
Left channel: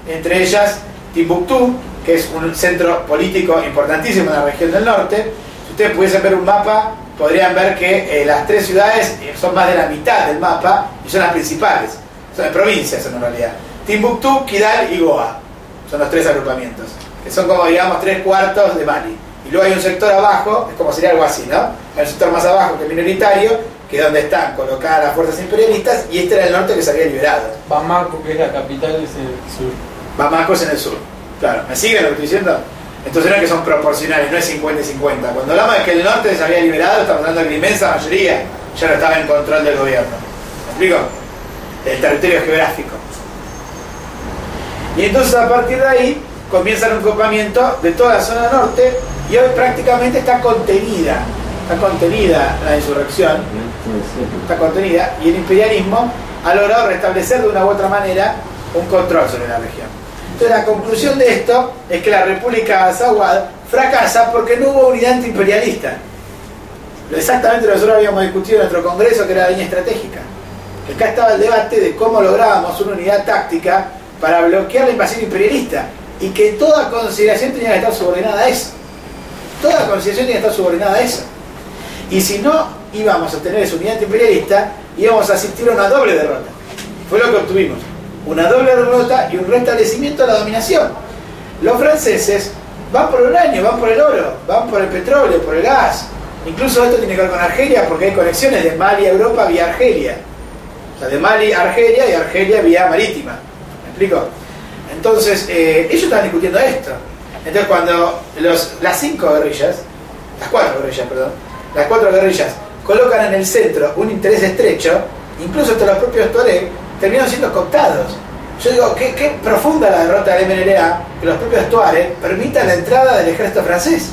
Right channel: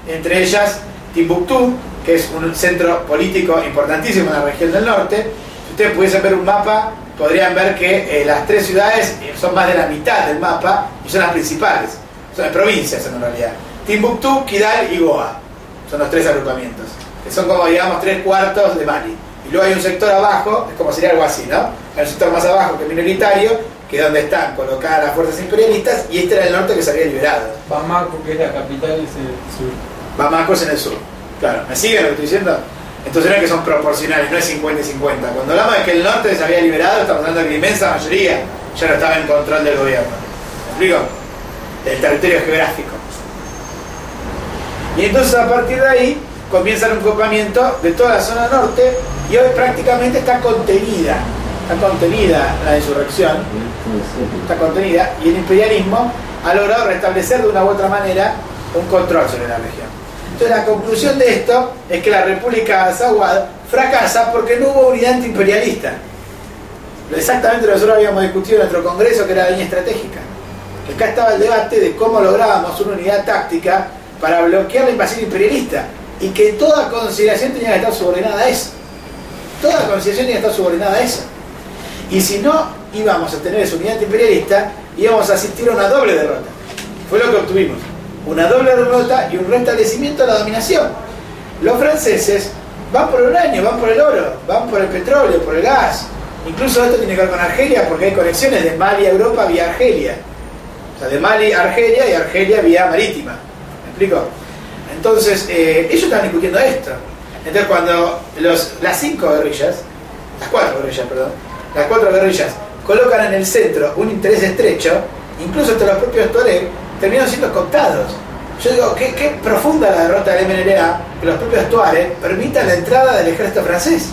entre ellas Timbuktu, que es un centro político importantísimo en la región del norte. Si ustedes pudiesen ver un mapa, podrían ver que las tres ciudades son más de la mitad del mapa y son las principales. Son provincias en realidad. Timbuktu, Kidal y Goa. Son los tres agrupamientos, que son como, digamos, 3/4 de Mali. Y luego hay un sector abajo, es como sería algo así, ¿no? Hay un sector más abajo que es minoritario, que es donde están colocadas las fuerzas imperialistas, y este era el norte que se había liberado. Bamako, que es la capital, es en el sur. Bamako es en el sur. Claro, ¿me siguen lo que estoy diciendo? Entonces no es que son proporcionales, no es 50 y 50. Cuando hablamos de que el norte se había liberado, estamos hablando de que la inmensa mayoría ya no estaba en control del gobierno. ¿Me explico? El territorio geográfico. Y entonces a partir de ahí comienza el encopamiento de toda la zona norte, y hoy prácticamente está contenida la insurrección, está contenida, y el imperialismo ha logrado restablecer de una u otra manera un control sobre la región. Entonces la conclusión de esto es que la República Azawad fracasa porque no hubo unidad antiimperialista. Exactamente lo que nosotros habíamos discutido en nuestro congreso, que era la línea estratégica. Que acá estaba el debate de cómo lográbamos una unidad táctica para bloquear la invasión imperialista, y que toda consideración tenía que estar subordinada a eso. Toda consideración tenía que estar subordinada a eso. Y si no íbamos a tener esa unidad antiimperialista, íbamos a asistir a una doble derrota. Fue lo que obtuvimos. Una doble derrota y un restablecimiento de la dominación. Los franceses van por el uranio, van por el oro, van por el petróleo, por el gas. Incluso esto tiene que ver con Argelia, porque hay conexiones de Mali a Europa vía Argelia. O sea, de Mali a Argelia y Argelia vía marítima. ¿Me explico? Entonces, ellos estaban discutiendo esto. Entonces, cuando las cuatro guerrillas colocan en el centro un interés estrecho, incluso hasta los propios tuareg terminaron siendo cooptados. Yo digo, qué profunda la derrota del MNLA, que los propios tuareg permitan la entrada del ejército francés.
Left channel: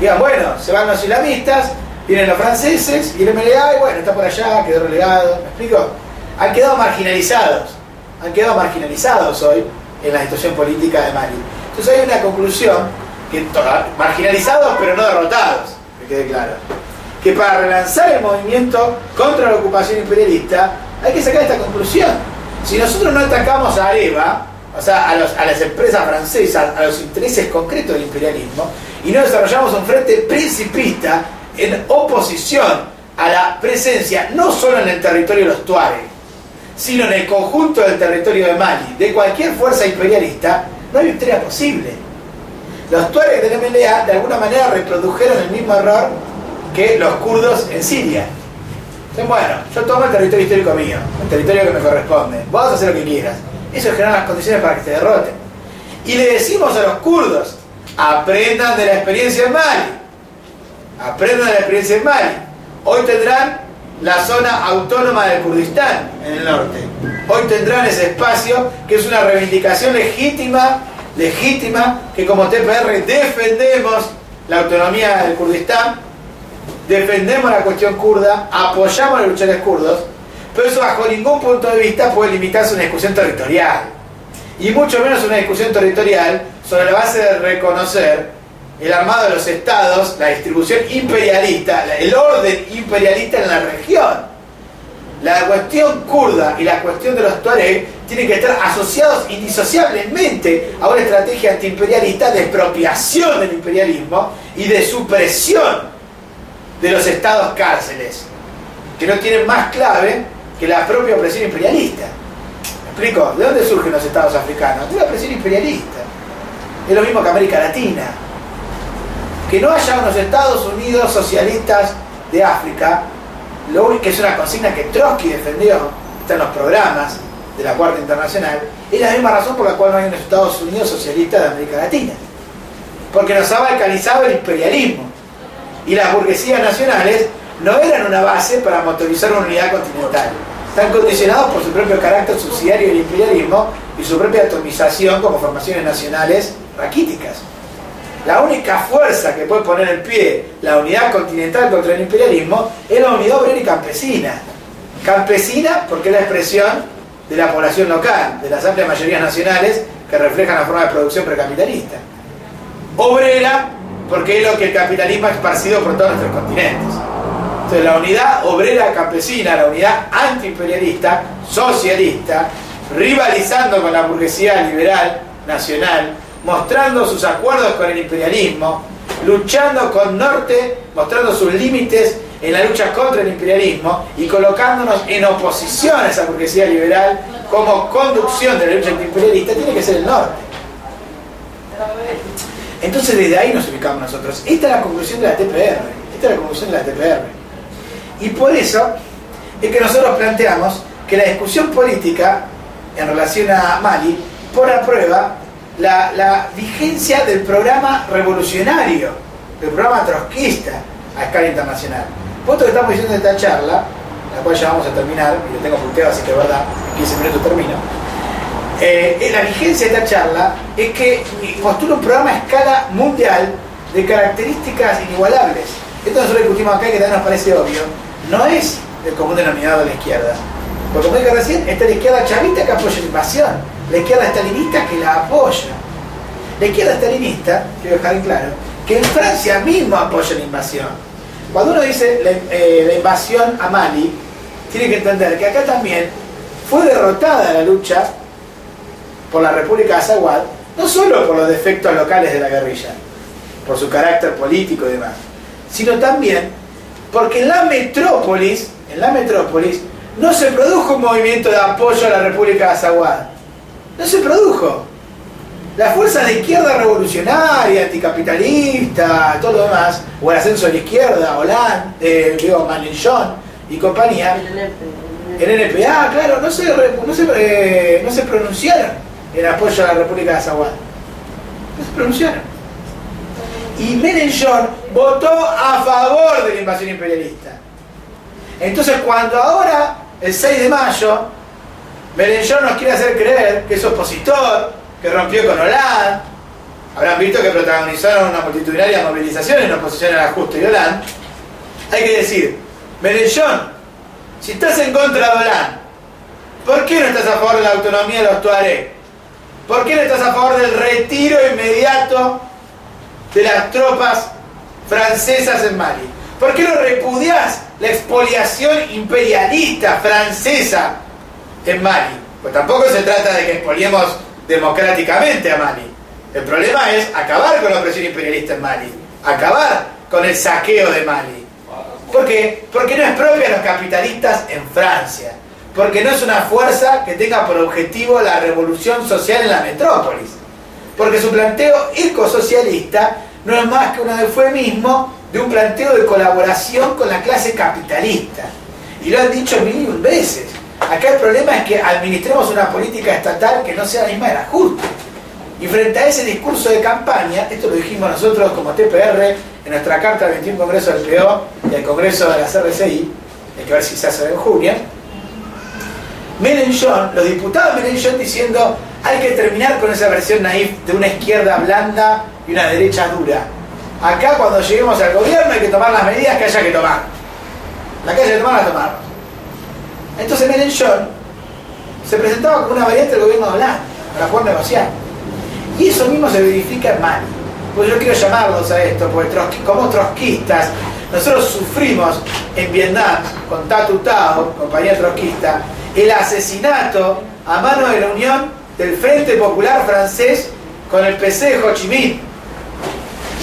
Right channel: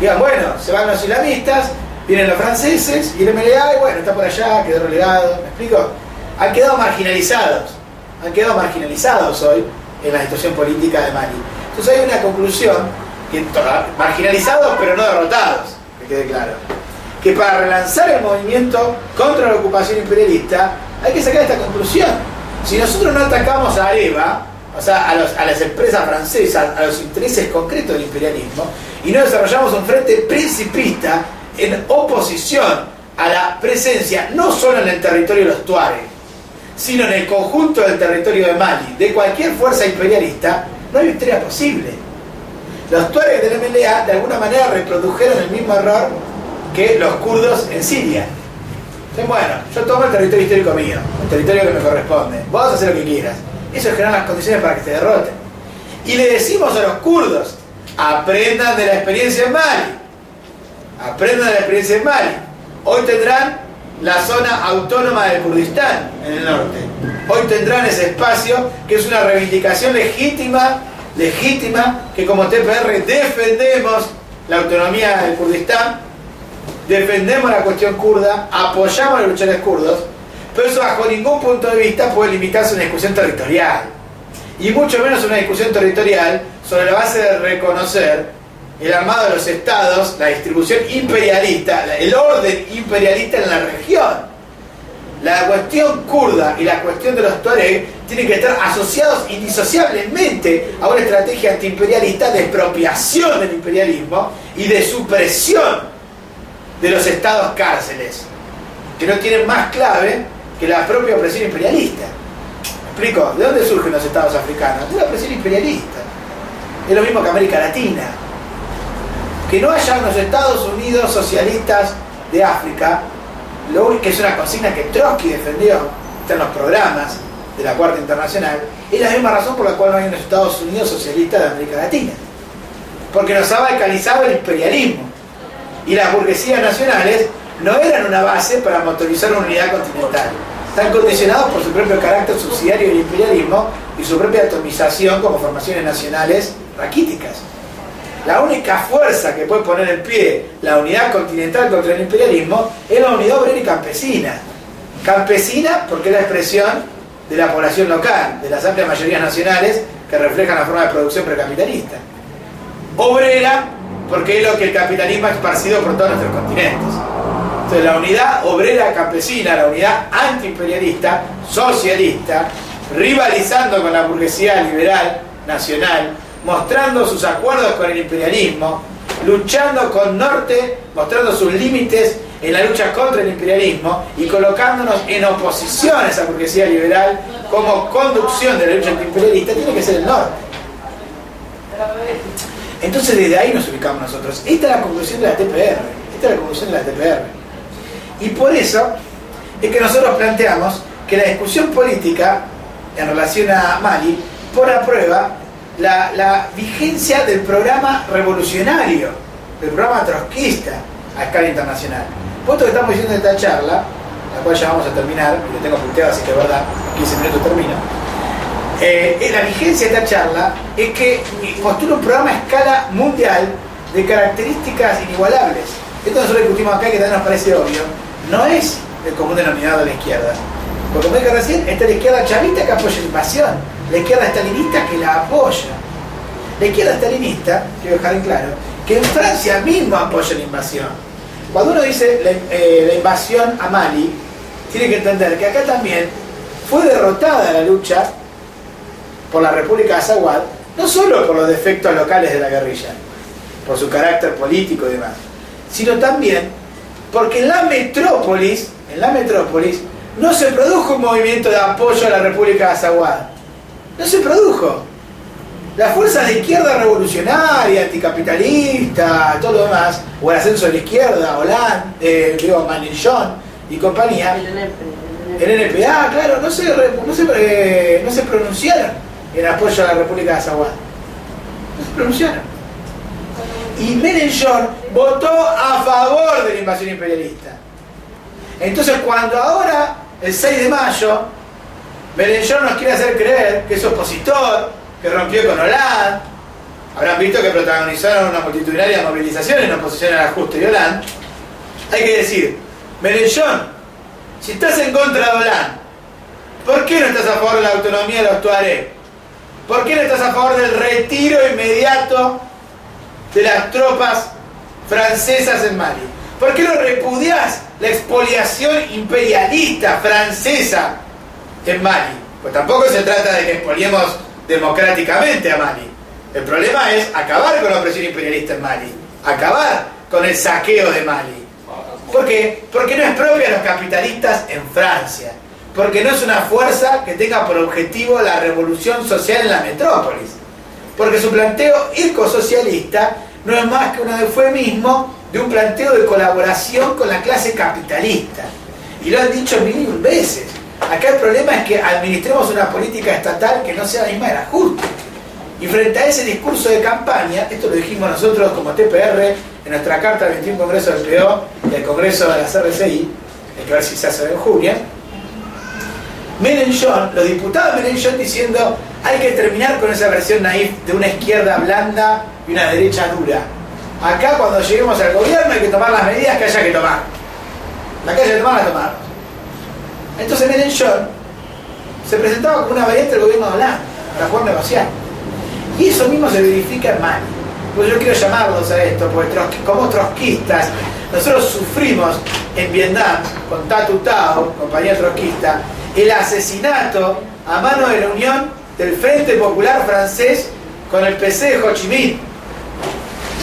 Digan, bueno, se van los islamistas, vienen los franceses, y el MNLA, y bueno, está por allá, quedó relegado. ¿Me explico? Han quedado marginalizados hoy en la situación política de Mali. Entonces hay una conclusión, que marginalizados pero no derrotados, que quede claro, que para relanzar el movimiento contra la ocupación imperialista hay que sacar esta conclusión. Si nosotros no atacamos a Areva, o sea, a las empresas francesas, a los intereses concretos del imperialismo, y no desarrollamos un frente principista en oposición a la presencia no solo en el territorio de los tuareg, sino en el conjunto del territorio de Mali, de cualquier fuerza imperialista, no hay victoria posible. Los tuareg del MLA de alguna manera reprodujeron el mismo error que los kurdos en Siria. Entonces, bueno, yo tomo el territorio histórico mío, el territorio que me corresponde, vos vas a hacer lo que quieras. Eso genera las condiciones para que se derroten. Y le decimos a los kurdos, aprendan de la experiencia en Mali. Aprendan de la experiencia en Mali. Hoy tendrán la zona autónoma del Kurdistán en el norte. Hoy tendrán ese espacio que es una reivindicación legítima, que como TPR defendemos la autonomía del Kurdistán, defendemos la cuestión kurda, apoyamos a los luchadores kurdos, Pero eso bajo ningún punto de vista puede limitarse a una discusión territorial. Y mucho menos una discusión territorial sobre la base de reconocer el armado de los estados, la distribución imperialista, el orden imperialista en la región. La cuestión kurda y la cuestión de los tuareg tienen que estar asociados indisociablemente a una estrategia antiimperialista de expropiación del imperialismo y de supresión de los estados cárceles, que no tienen más clave que la propia opresión imperialista. ¿Me explico? ¿De dónde surgen los estados africanos? De la opresión imperialista. Es lo mismo que América Latina. Que no haya unos Estados Unidos socialistas de África, lo único que es una consigna que Trotsky defendió, está en los programas de la Cuarta Internacional, es la misma razón por la cual no hay unos Estados Unidos socialistas de América Latina. Porque nos ha balcanizado el imperialismo. Y las burguesías nacionales no eran una base para motorizar una unidad continental. Están condicionados por su propio carácter subsidiario del imperialismo y su propia atomización como formaciones nacionales raquíticas. La única fuerza que puede poner en pie la unidad continental contra el imperialismo es la unidad obrera y campesina. Campesina porque es la expresión de la población local, de las amplias mayorías nacionales que reflejan la forma de producción precapitalista. Obrera porque es lo que el capitalismo ha esparcido por todos nuestros continentes. Entonces la unidad obrera campesina, la unidad antiimperialista, socialista, rivalizando con la burguesía liberal nacional, mostrando sus acuerdos con el imperialismo, luchando con Norte, mostrando sus límites en la lucha contra el imperialismo y colocándonos en oposición a esa burguesía liberal como conducción de la lucha antiimperialista, tiene que ser el Norte. Entonces desde ahí nos ubicamos nosotros. Esta es la conclusión de la TPR. Y por eso es que nosotros planteamos que la discusión política en relación a Mali pone a prueba la vigencia del programa revolucionario, del programa trotskista a escala internacional. Puesto que estamos diciendo en esta charla, la cual ya vamos a terminar, y lo tengo punteado, así que es verdad, en 15 minutos termino. La vigencia de esta charla es que postula un programa a escala mundial de características inigualables. Esto nosotros discutimos acá, que también nos parece obvio, no es el común denominador de la izquierda. Porque como dije recién, está la izquierda chavista que apoya la invasión, la izquierda stalinista que la apoya. La izquierda stalinista, quiero dejar en claro, que en Francia mismo apoya la invasión. Cuando uno dice la invasión a Mali, tiene que entender que acá también fue derrotada la lucha por la República de Azawad, no solo por los defectos locales de la guerrilla, por su carácter político y demás, sino también porque en la metrópolis no se produjo un movimiento de apoyo a la República de Azawad. No se produjo. Las fuerzas de izquierda revolucionaria, anticapitalista, todo lo demás, o el ascenso de la izquierda, Hollande, Mélenchon y compañía, el NPA, claro, no se pronunciaron en apoyo a la República de Azawad. No se pronunciaron. Y Mélenchon votó a favor de la invasión imperialista. Entonces cuando ahora, el 6 de mayo, Mélenchon nos quiere hacer creer que es opositor, que rompió con Hollande, habrán visto que protagonizaron una multitudinaria movilización en oposición al ajuste de Hollande. Hay que decir, Mélenchon, si estás en contra de Hollande, ¿por qué no estás a favor de la autonomía de los tuareg? ¿Por qué no estás a favor del retiro inmediato de las tropas francesas en Mali? ¿Por qué no repudiás la expoliación imperialista francesa en Mali? Pues tampoco se trata de que expoliemos democráticamente a Mali. El problema es acabar con la opresión imperialista en Mali, acabar con el saqueo de Mali. ¿Por qué? Porque no es propia de los capitalistas en Francia, porque no es una fuerza que tenga por objetivo la revolución social en la metrópolis, porque su planteo ecosocialista no es más que un eufemismo de un planteo de colaboración con la clase capitalista. Y lo han dicho mil y un veces. Acá el problema es que administremos una política estatal que no sea la misma del ajuste. Y frente a ese discurso de campaña, esto lo dijimos nosotros como TPR en nuestra carta al 21 Congreso del PO y al Congreso de la CRCI, hay que ver si se hace en junio, Mélenchon, los diputados de Mélenchon diciendo hay que terminar con esa versión naif de una izquierda blanda y una derecha dura. Acá cuando lleguemos al gobierno hay que tomar las medidas que haya que tomar. La que haya que tomar, la tomamos. Entonces Mélenchon se presentaba como una variante del gobierno de Hollande para poder negociar. Y eso mismo se verifica en Mali. Pues yo quiero llamarlos a esto, porque como trotskistas, nosotros sufrimos en Vietnam, con Tatu Tao, compañía trotskista, el asesinato a mano de la unión del Frente Popular francés con el PC de Ho Chi Minh.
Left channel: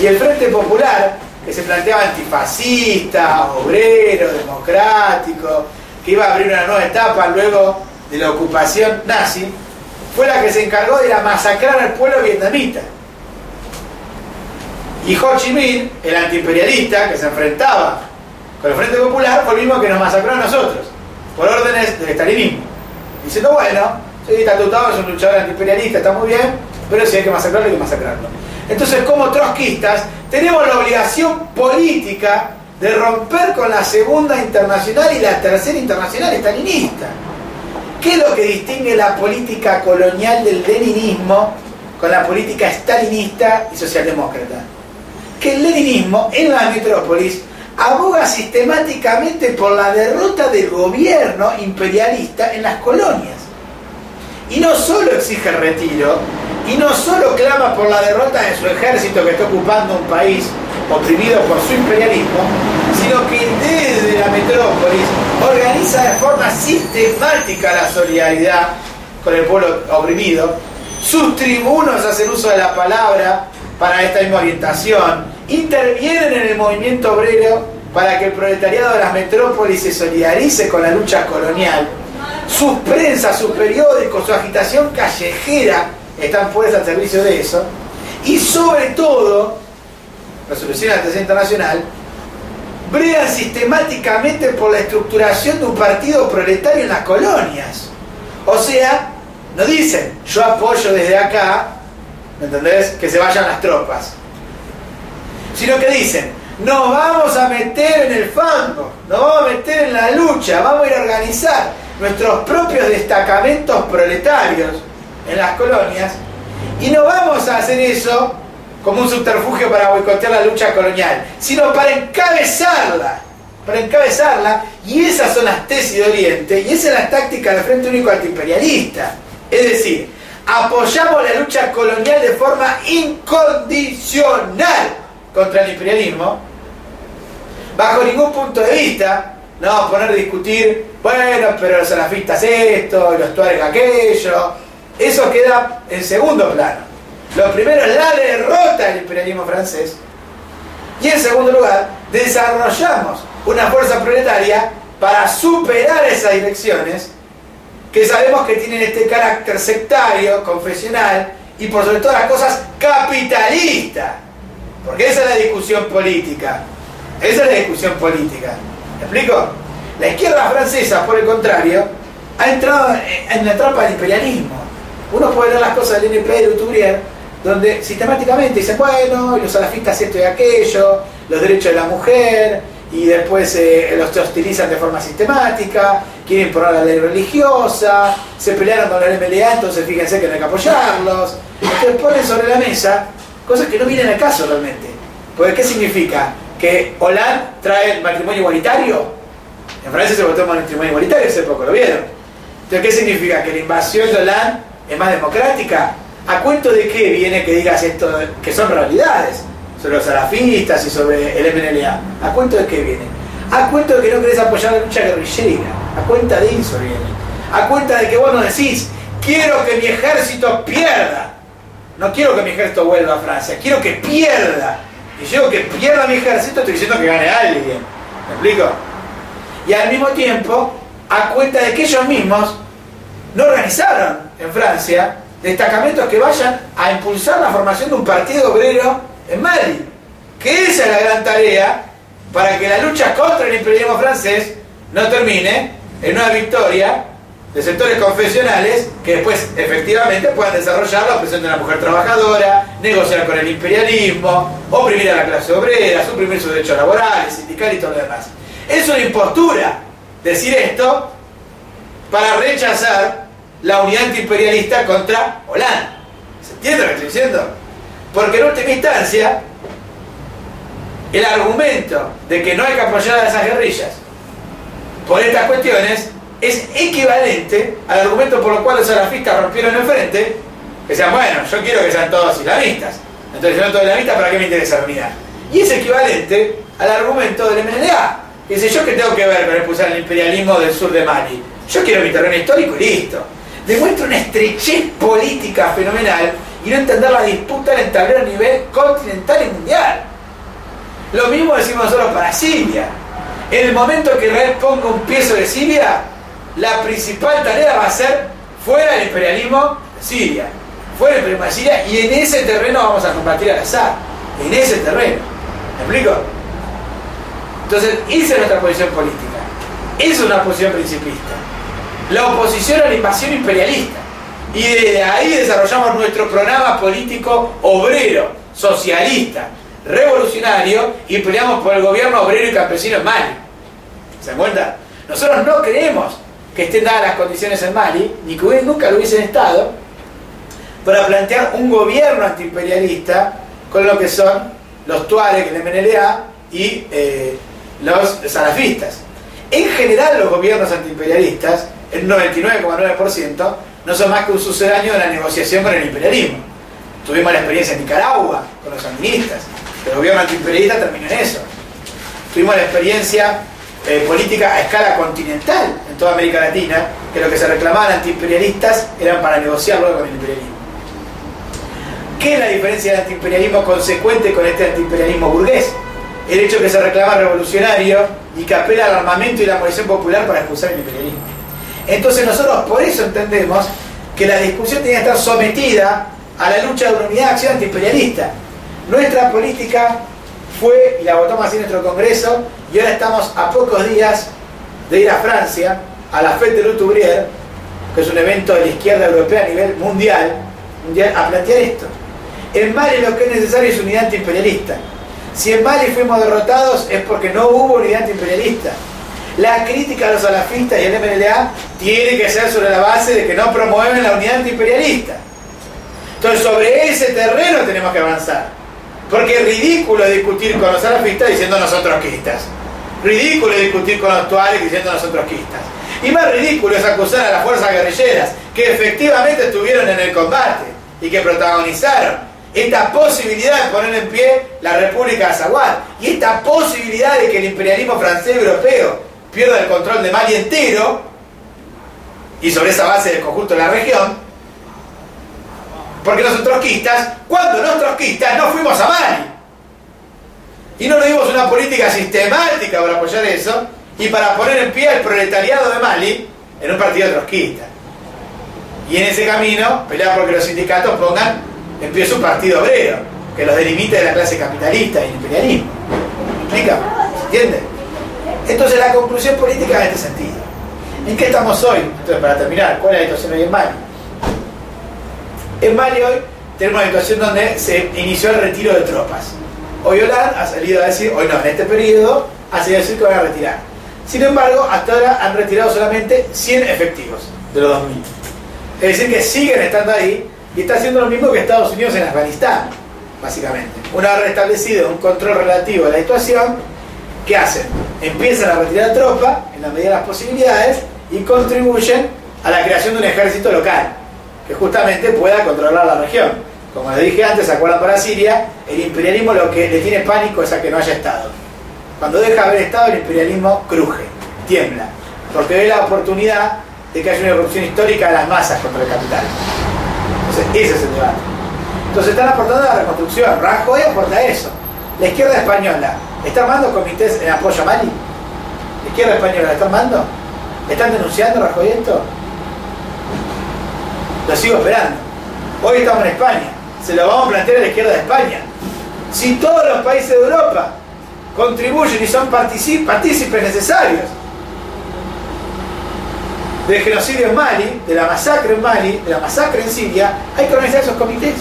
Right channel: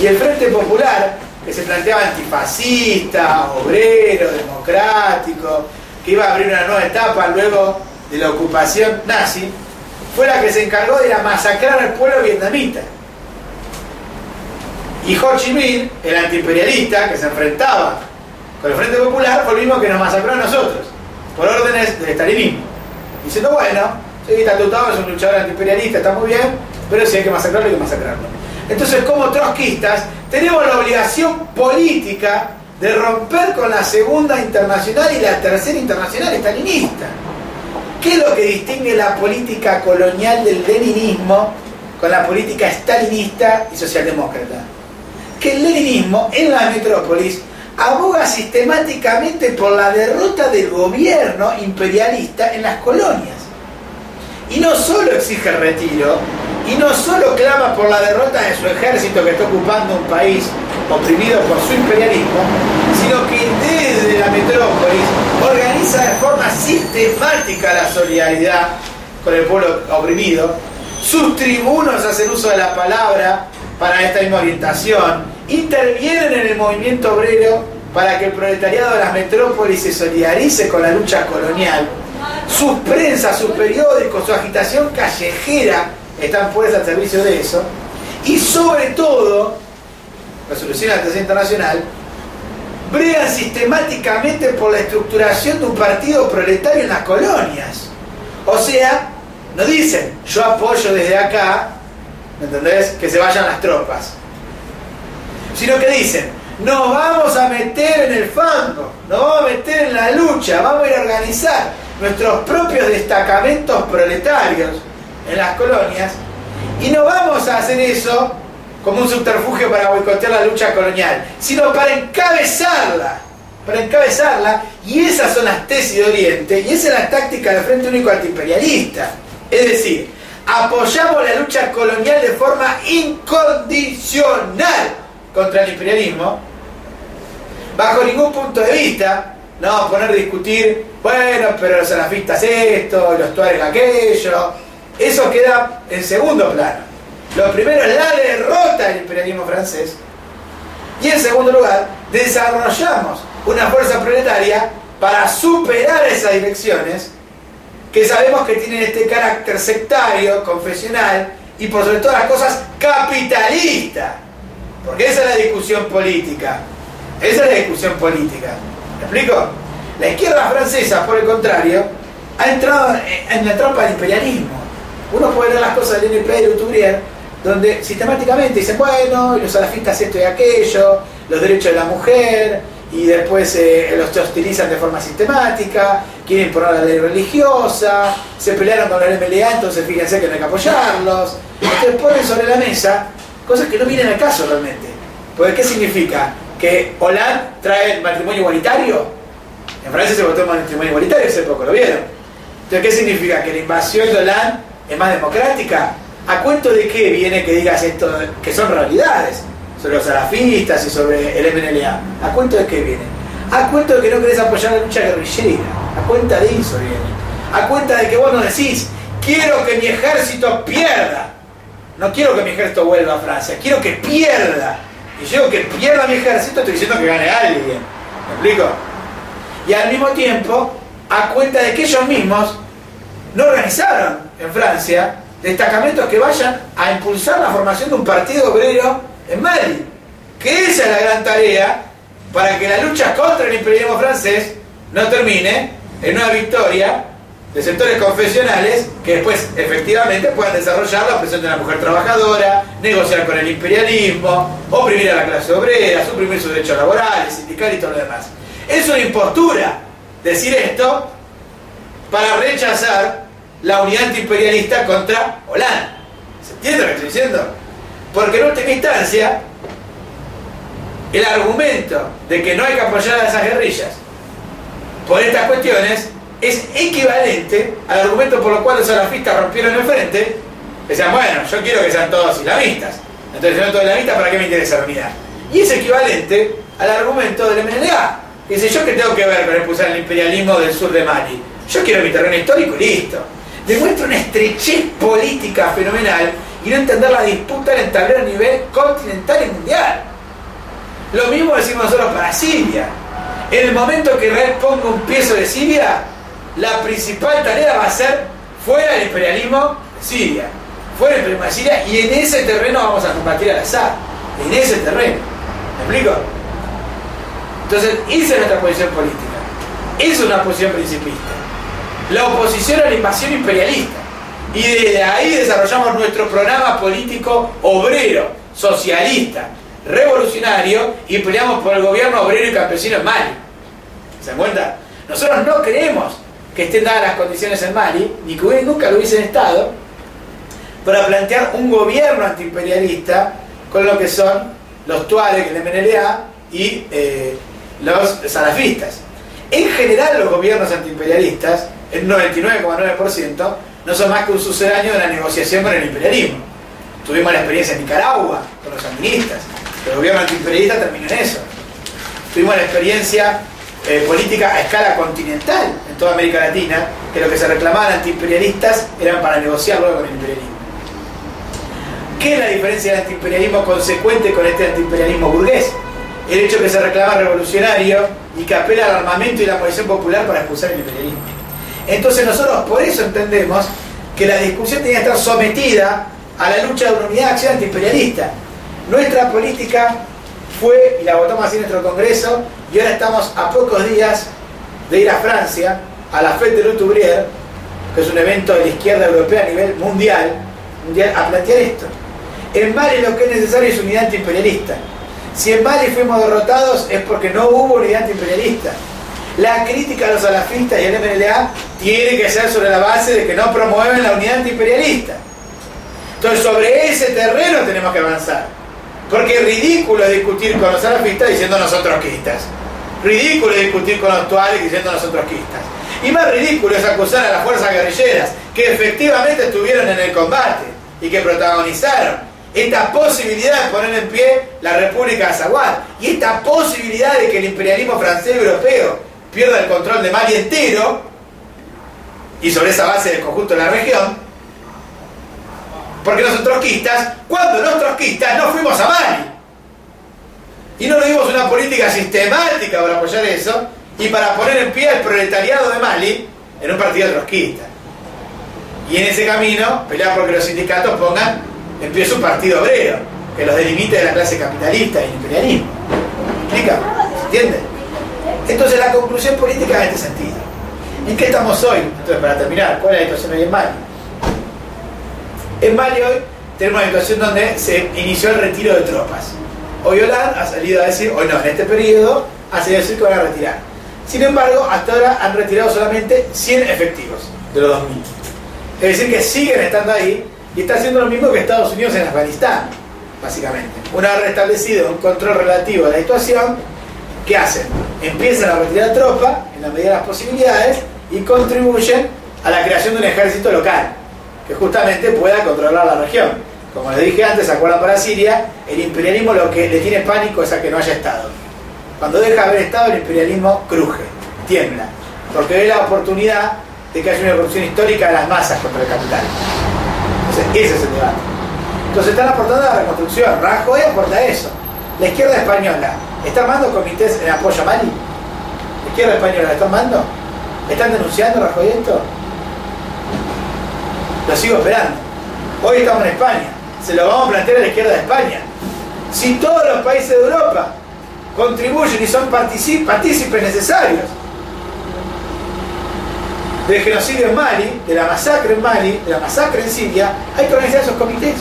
Y el Frente Popular, que se planteaba antifascista, obrero, democrático, que iba a abrir una nueva etapa luego de la ocupación nazi, fue la que se encargó de masacrar al pueblo vietnamita. Y Ho Chi Minh, el antiimperialista que se enfrentaba con el Frente Popular, fue el mismo que nos masacró a nosotros, por órdenes del estalinismo. Diciendo, bueno, sí, Tatu Tao es un luchador antiimperialista, está muy bien, pero si hay que masacrarlo, hay que masacrarlo. Entonces, como trotskistas, tenemos la obligación política de romper con la segunda internacional y la tercera internacional estalinista. ¿Qué es lo que distingue la política colonial del leninismo con la política stalinista y socialdemócrata? Que el leninismo en la metrópolis aboga sistemáticamente por la derrota del gobierno imperialista en las colonias. Y no solo exige el retiro, y no solo clama por la derrota de su ejército que está ocupando un país oprimido por su imperialismo, sino que desde la metrópolis organiza de forma sistemática la solidaridad con el pueblo oprimido. Sus tribunos hacen uso de la palabra para esta misma orientación, intervienen en el movimiento obrero para que el proletariado de las metrópolis se solidarice con la lucha colonial. Sus prensas, sus periódicos, su agitación callejera están puestas al servicio de eso. Y sobre todo, resolución de la tercera internacional, bregan sistemáticamente por la estructuración de un partido proletario en las colonias. O sea, no dicen, yo apoyo desde acá, ¿me entendés?, que se vayan las tropas, sino que dicen, nos vamos a meter en el fango, nos vamos a meter en la lucha, vamos a ir a organizar nuestros propios destacamentos proletarios en las colonias, y no vamos a hacer eso como un subterfugio para boicotear la lucha colonial, sino para encabezarla, y esas son las tesis de Oriente, y esa es la táctica del Frente Único Antiimperialista. Es decir, apoyamos la lucha colonial de forma incondicional contra el imperialismo, bajo ningún punto de vista. No poner a discutir, bueno, pero los salafistas esto, los tuaregs aquello. Eso queda en segundo plano. Lo primero es la derrota del imperialismo francés. Y en segundo lugar, desarrollamos una fuerza proletaria para superar esas direcciones que sabemos que tienen este carácter sectario, confesional y por sobre todas las cosas capitalista. Porque esa es la discusión política. ¿Me explico? La izquierda francesa, por el contrario, ha entrado en la trampa del imperialismo. Uno puede leer las cosas del NP de Uturier, donde sistemáticamente dicen, bueno, los salafistas esto y aquello, los derechos de la mujer, y después los hostilizan de forma sistemática, quieren imponer la ley religiosa, se pelearon con la MLA, entonces fíjense que no hay que apoyarlos. Entonces ponen sobre la mesa cosas que no vienen al caso realmente. Porque ¿qué significa? ¿Que Hollande trae el matrimonio igualitario? En Francia se votó el matrimonio igualitario, hace poco lo vieron. Entonces, ¿qué significa? ¿Que la invasión de Hollande es más democrática? ¿A cuento de qué viene que digas esto, que son realidades, sobre los salafistas y sobre el MNLA? ¿A cuento de qué viene? A cuento de que no querés apoyar la lucha guerrillera. A cuenta de eso viene. A cuenta de que vos no decís, quiero que mi ejército pierda. No quiero que mi ejército vuelva a Francia, quiero que pierda. Y yo que pierda mi ejército, estoy diciendo que gane alguien. ¿Me explico? Y al mismo tiempo, a cuenta de que ellos mismos no organizaron en Francia destacamentos que vayan a impulsar la formación de un partido obrero en Mali. Que esa es la gran tarea para que la lucha contra el imperialismo francés no termine en una victoria de sectores confesionales que después efectivamente puedan desarrollar la opresión de la mujer trabajadora, negociar con el imperialismo, oprimir a la clase obrera, suprimir sus derechos laborales, sindicales y todo lo demás. Es una impostura decir esto para rechazar la unidad antiimperialista contra Hollande. ¿Se entiende lo que estoy diciendo? Porque en última instancia, el argumento de que no hay que apoyar a esas guerrillas por estas cuestiones es equivalente al argumento por lo cual los salafistas rompieron el frente. Decían, bueno, yo quiero que sean todos islamistas, entonces si no todos islamistas, ¿para qué me interesa la unidad? Y es equivalente al argumento del MNLA. Dice, ¿yo qué tengo que ver con expulsar el imperialismo del sur de Mali? Yo quiero mi terreno histórico y listo. Demuestra una estrechez política fenomenal y no entender la disputa en el tablero a nivel continental y mundial. Lo mismo decimos nosotros para Siria. En el momento que Israel ponga un pie sobre Siria, la principal tarea va a ser fuera del imperialismo de Siria. Fuera del imperialismo de Siria, y en ese terreno vamos a combatir al Assad. En ese terreno. ¿Me explico? Entonces, esa es nuestra posición política. Esa es una posición principista. La oposición a la invasión imperialista. Y desde ahí desarrollamos nuestro programa político obrero, socialista, revolucionario, y peleamos por el gobierno obrero y campesino en Mali. ¿Se dan cuenta? Nosotros no creemos que estén dadas las condiciones en Mali, ni que nunca lo hubiesen estado, para plantear un gobierno antiimperialista con lo que son los Tuareg, el MNLA y los salafistas. En general, los gobiernos antiimperialistas, el 99,9%, no son más que un sucedáneo de la negociación con el imperialismo. Tuvimos la experiencia en Nicaragua con los sandinistas. El gobierno antiimperialista terminó en eso. Tuvimos la experiencia política a escala continental en toda América Latina, que lo que se reclamaban antiimperialistas eran para negociar luego con el imperialismo. ¿Qué es la diferencia del antiimperialismo consecuente con este antiimperialismo burgués? El hecho que se reclama revolucionario y que apela al armamento y la movilización popular para expulsar el imperialismo. Entonces nosotros por eso entendemos que la discusión tenía que estar sometida a la lucha de una unidad de acción antiimperialista. Nuestra política fue, y la votamos así en nuestro Congreso, y ahora estamos a pocos días de ir a Francia, a la Fête de l'Ouvrier, que es un evento de la izquierda europea a nivel mundial, a plantear esto. En Mali lo que es necesario es unidad antiimperialista. Si en Mali fuimos derrotados es porque no hubo unidad antiimperialista. La crítica a los salafistas y al MNLA tiene que ser sobre la base de que no promueven la unidad antiimperialista. Entonces sobre ese terreno tenemos que avanzar. Porque es ridículo discutir con los salafistas diciendo nosotros trotskistas. Ridículo discutir con los Tuareg diciendo nosotros trotskistas. Y más ridículo es acusar a las fuerzas guerrilleras que efectivamente estuvieron en el combate y que protagonizaron esta posibilidad de poner en pie la República de Azawad y esta posibilidad de que el imperialismo francés y europeo pierda el control de Mali entero, y sobre esa base del conjunto de la región, porque no son trotskistas, cuando los trotskistas no fuimos a Mali y no le dimos una política sistemática para apoyar eso y para poner en pie al proletariado de Mali en un partido trotskista, y en ese camino pelear porque los sindicatos pongan en pie su partido obrero que los delimite de la clase capitalista y el imperialismo. ¿Me explica? ¿Se entiende? Entonces la conclusión política en este sentido. ¿En qué estamos hoy? Entonces, para terminar, ¿cuál es la situación hoy en Mali? En Mali hoy tenemos una situación donde se inició el retiro de tropas. Hoy Hollande ha salido a decir, hoy no, en este periodo ha salido a decir que van a retirar. Sin embargo, hasta ahora han retirado solamente 100 efectivos de los 2000. Es decir, que siguen estando ahí y está haciendo lo mismo que Estados Unidos en Afganistán, básicamente. Una vez restablecido un control relativo de la situación, ¿qué hacen? Empiezan a retirar tropas en la medida de las posibilidades y contribuyen a la creación de un ejército local que justamente pueda controlar la región. Como les dije antes, ¿se acuerdan para Siria? El imperialismo lo que le tiene pánico es a que no haya Estado. Cuando deja de haber Estado, el imperialismo cruje, tiembla, porque ve la oportunidad de que haya una erupción histórica de las masas contra el capital. Entonces, ese es el debate. Entonces están aportando a la reconstrucción. Rajoy aporta eso. La izquierda española ¿está armando comités en apoyo a Mali? ¿La izquierda española la está armando? ¿Están denunciando a Rajoy esto? Lo sigo esperando. Hoy estamos en España. Se lo vamos a plantear a la izquierda de España. Si todos los países de Europa contribuyen y son partícipes necesarios del genocidio en Mali, de la masacre en Mali, de la masacre en Siria, hay que organizar esos comités.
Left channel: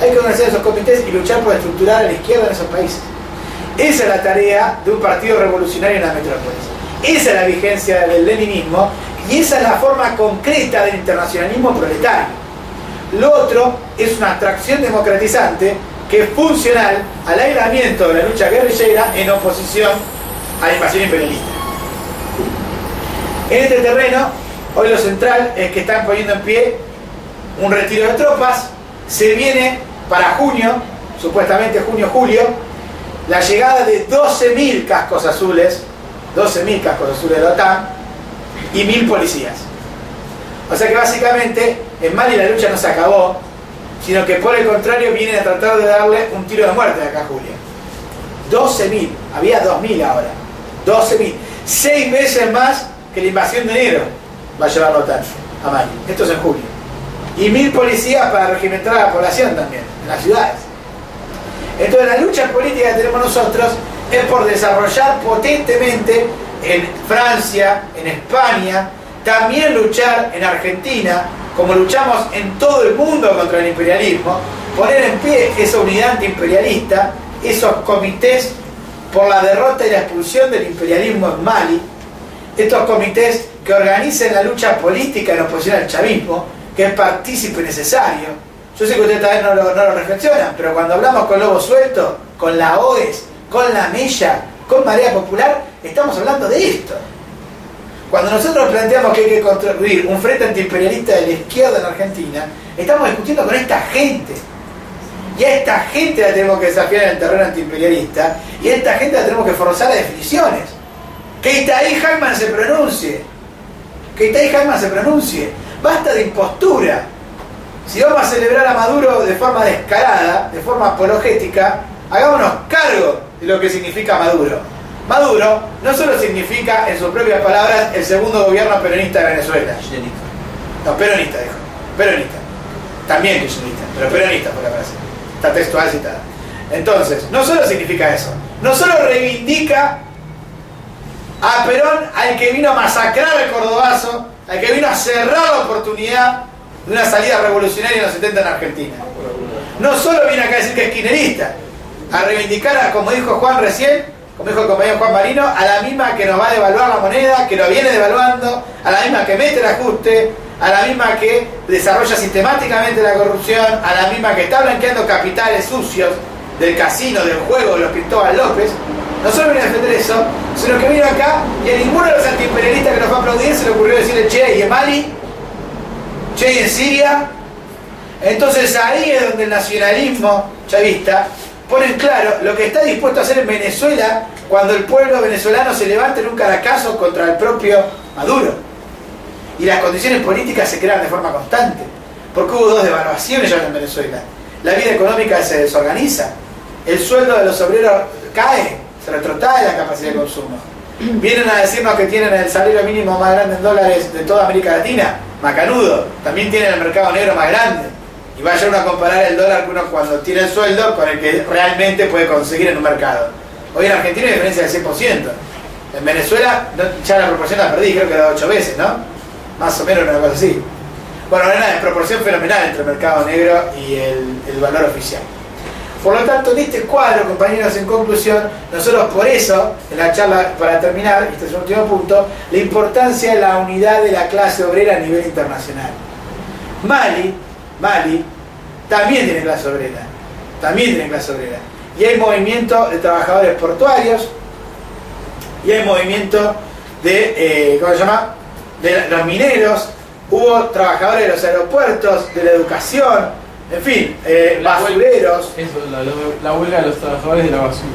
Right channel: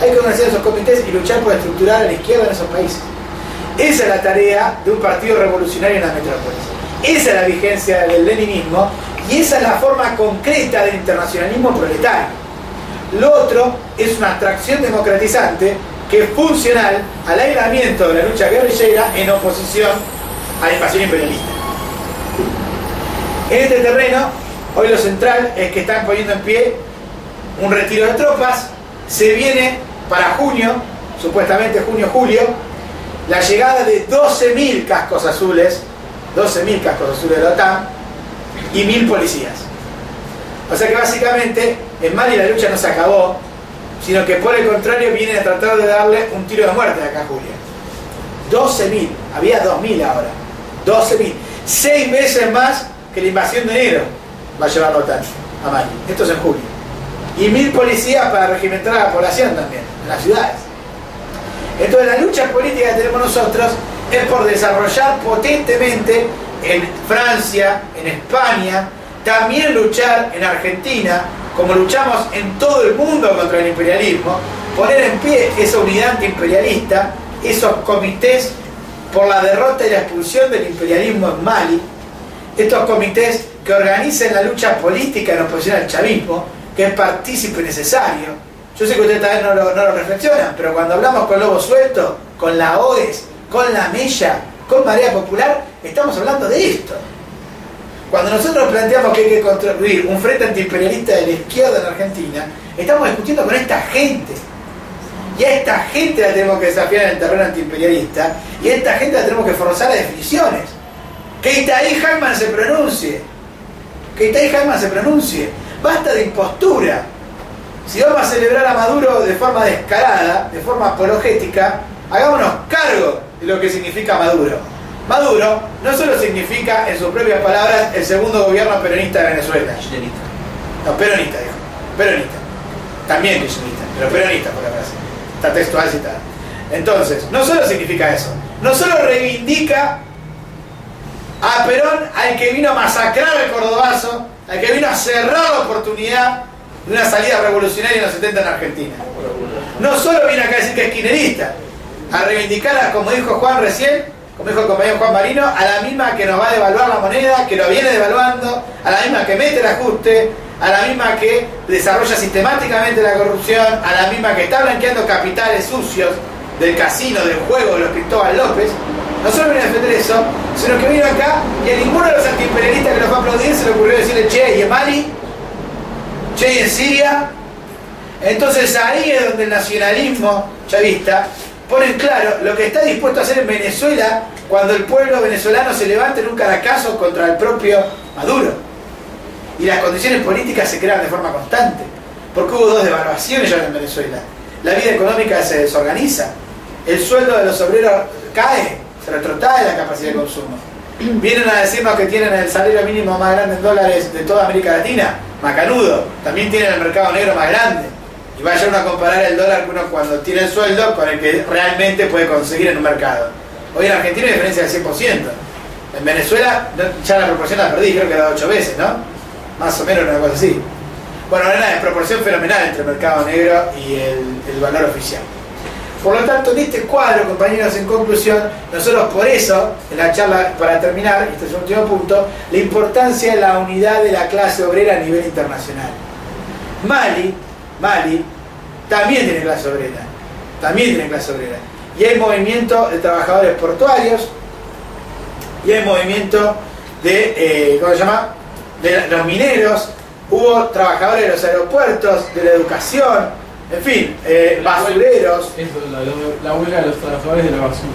Hay que organizar esos comités y luchar por estructurar a la izquierda en esos países. Esa es la tarea de un partido revolucionario en las metrópolis. Esa es la vigencia del leninismo y esa es la forma concreta del internacionalismo proletario. Lo otro es una abstracción democratizante que es funcional al aislamiento de la lucha guerrillera en oposición a la invasión imperialista. En este terreno, hoy lo central es que están poniendo en pie un retiro de tropas. Se viene para junio, supuestamente junio-julio, la llegada de 12.000 cascos azules, 12.000 cascos azules de la OTAN y 1.000 policías. O sea que básicamente en Mali la lucha no se acabó, sino que por el contrario vienen a tratar de darle un tiro de muerte de acá a Julia. 12.000, había 2.000 ahora, 12.000, 6 veces más que la invasión de enero va a llevar la OTAN a Mali. Esto es en julio. Y 1.000 policías para regimentar a la población también, en las ciudades. Entonces la lucha política que tenemos nosotros es por desarrollar potentemente en Francia, en España, también luchar en Argentina, como luchamos en todo el mundo contra el imperialismo, poner en pie esa unidad antiimperialista, esos comités por la derrota y la expulsión del imperialismo en Mali, estos comités que organizan la lucha política en oposición al chavismo, que es partícipe necesario. Yo sé que ustedes también no lo reflexionan, pero cuando hablamos con Lobo Suelto, con la OES, con la Mella, con Marea Popular, estamos hablando de esto. Cuando nosotros planteamos que hay que construir un frente antiimperialista de la izquierda en Argentina, estamos discutiendo con esta gente. Y a esta gente la tenemos que desafiar en el terreno antiimperialista, y a esta gente la tenemos que forzar a definiciones. Que Itaí Hagman se pronuncie. Que Itaí Hagman se pronuncie. Basta de impostura. Si vamos a celebrar a Maduro de forma descarada, de forma apologética, hagámonos cargo de lo que significa Maduro. Maduro no solo significa, en sus propias palabras, el segundo gobierno peronista de Venezuela. No, peronista, dijo. Peronista. También kirchnerista, pero peronista por la frase. Está textual citada. Entonces, no solo significa eso. No solo reivindica a Perón, al que vino a masacrar al cordobazo, al que vino a cerrar la oportunidad de una salida revolucionaria en los 70 en Argentina. No solo viene acá a decir que es kirchnerista, a reivindicar, como dijo Juan recién, como dijo el compañero Juan Marino, a la misma que nos va a devaluar la moneda, que lo viene devaluando, a la misma que mete el ajuste, a la misma que desarrolla sistemáticamente la corrupción, a la misma que está blanqueando capitales sucios del casino, del juego de los Cristóbal López. No solo viene a defender eso, sino que vino acá y a ninguno de los antiimperialistas que nos va a aplaudir se le ocurrió decirle: che, ¿y en Mali? Che, ¿y en Siria? Entonces ahí es donde el nacionalismo chavista pone en claro lo que está dispuesto a hacer en Venezuela cuando el pueblo venezolano se levanta en un caracazo contra el propio Maduro. Y las condiciones políticas se crean de forma constante, porque hubo 2 devaluaciones ya en Venezuela. La vida económica se desorganiza, el sueldo de los obreros cae, se retrotrae la capacidad de consumo. Vienen a decirnos que tienen el salario mínimo más grande en dólares de toda América Latina. Macanudo, también tienen el mercado negro más grande. Y vaya uno a comparar el dólar que uno cuando tiene el sueldo con el que realmente puede conseguir en un mercado. Hoy en Argentina hay diferencia del 100%. En Venezuela ya la proporción la perdí, creo que era 8 veces, ¿no? Más o menos una cosa así. Bueno, era una desproporción fenomenal entre el mercado negro y el valor oficial. Por lo tanto, en este cuadro, compañeros, en conclusión, nosotros por eso, en la charla, para terminar, este es el último punto, la importancia de la unidad de la clase obrera a nivel internacional. Mali también tiene clase obrera, y hay movimiento de trabajadores portuarios, y hay movimiento de, ¿cómo se llama?, de los mineros, hubo trabajadores de los aeropuertos, de la educación, en fin, basureros. Eso, la huelga de los trabajadores de la basura.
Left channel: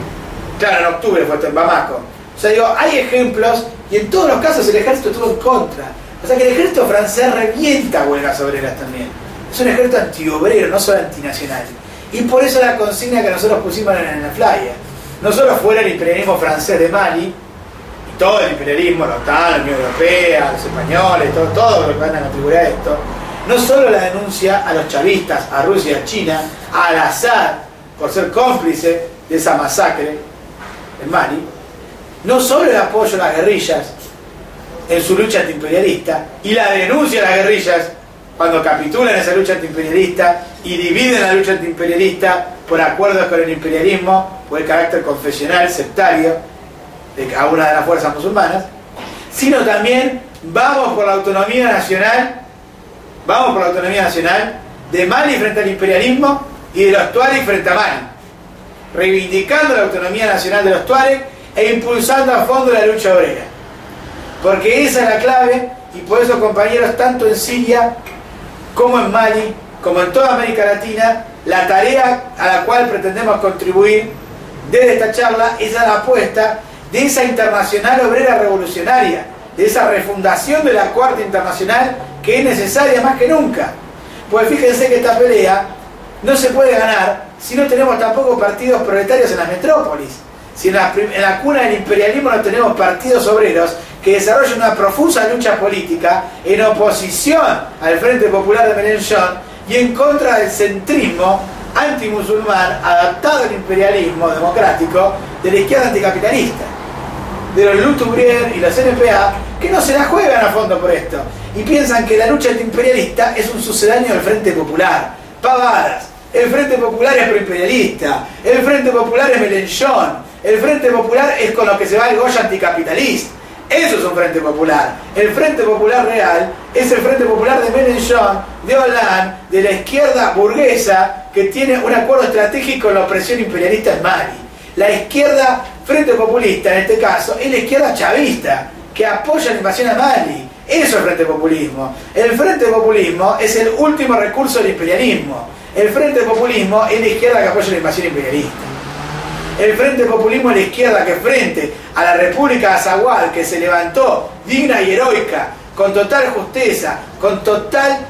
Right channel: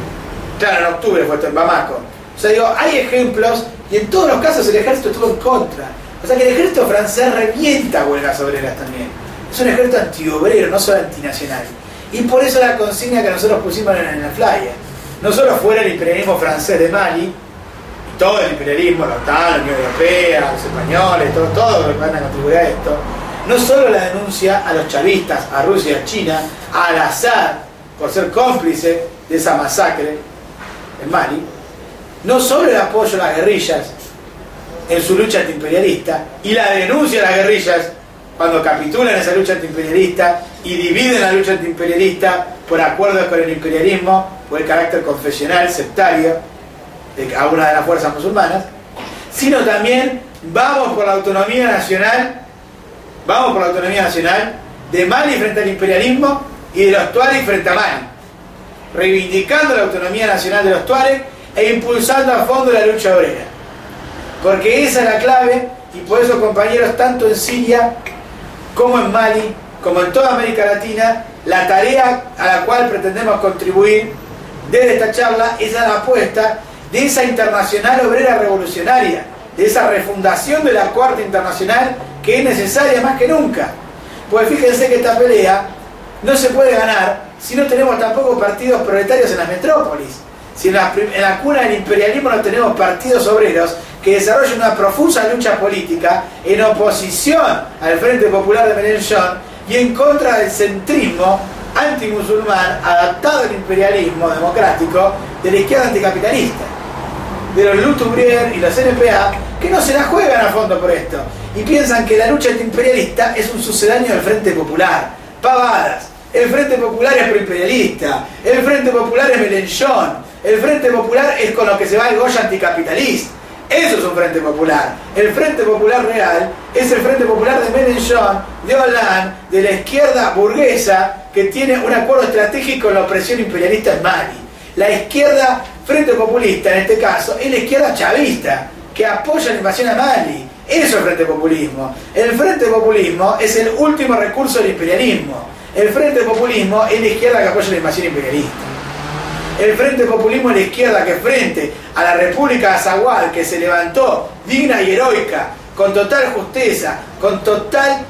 Claro, en octubre fue esto en Bamako. O sea, digo, hay ejemplos, y en todos los casos el ejército estuvo en contra. O sea que el ejército francés revienta huelgas obreras también. Es un ejército antiobrero, no solo antinacional. Y por eso la consigna que nosotros pusimos en la flyer. No solo fuera el imperialismo francés de Mali, y todo el imperialismo, la OTAN, la Unión Europea, los españoles, todo lo que van a contribuir a esto. No solo la denuncia a los chavistas, a Rusia, a China, a Al-Assad, por ser cómplice de esa masacre en Mali. No solo el apoyo a las guerrillas en su lucha antiimperialista, y la denuncia a las guerrillas cuando capitulan esa lucha antiimperialista y dividen la lucha antiimperialista por acuerdos con el imperialismo o el carácter confesional, sectario de cada una de las fuerzas musulmanas, sino también vamos por la autonomía nacional de Mali frente al imperialismo y de los Tuareg frente a Mali, reivindicando la autonomía nacional de los Tuareg e impulsando a fondo la lucha obrera. porque esa es la clave, y por eso, compañeros, tanto en Siria como en Mali, como en toda América Latina, la tarea a la cual pretendemos contribuir desde esta charla es a la apuesta de esa internacional obrera revolucionaria, de esa refundación de la Cuarta Internacional que es necesaria más que nunca. Pues fíjense que esta pelea no se puede ganar si no tenemos tampoco partidos proletarios en las metrópolis. Si en la cuna del imperialismo no tenemos partidos obreros que desarrollen una profusa lucha política en oposición al Frente Popular de Mélenchon y en contra del centrismo antimusulmán adaptado al imperialismo democrático de la izquierda anticapitalista, de los Lutubrier y los NPA, que no se la juegan a fondo por esto y piensan que la lucha antiimperialista es un sucedáneo del Frente Popular. Pavadas. El Frente Popular es proimperialista, el Frente Popular es Mélenchon, el Frente Popular es con lo que se va el Goya anticapitalista. Eso es un Frente Popular. El Frente Popular real es el Frente Popular de Mélenchon, de Hollande, de la izquierda burguesa que tiene un acuerdo estratégico con la opresión imperialista en Mali. La izquierda Frente Populista, en este caso, es la izquierda chavista que apoya la invasión a Mali. Eso es el Frente Populismo. El Frente Populismo es el último recurso del imperialismo. El Frente Populismo es la izquierda que apoya la invasión imperialista. El Frente Populismo es la izquierda que, frente a la República de Azahual, que se levantó digna y heroica, con total justeza, con total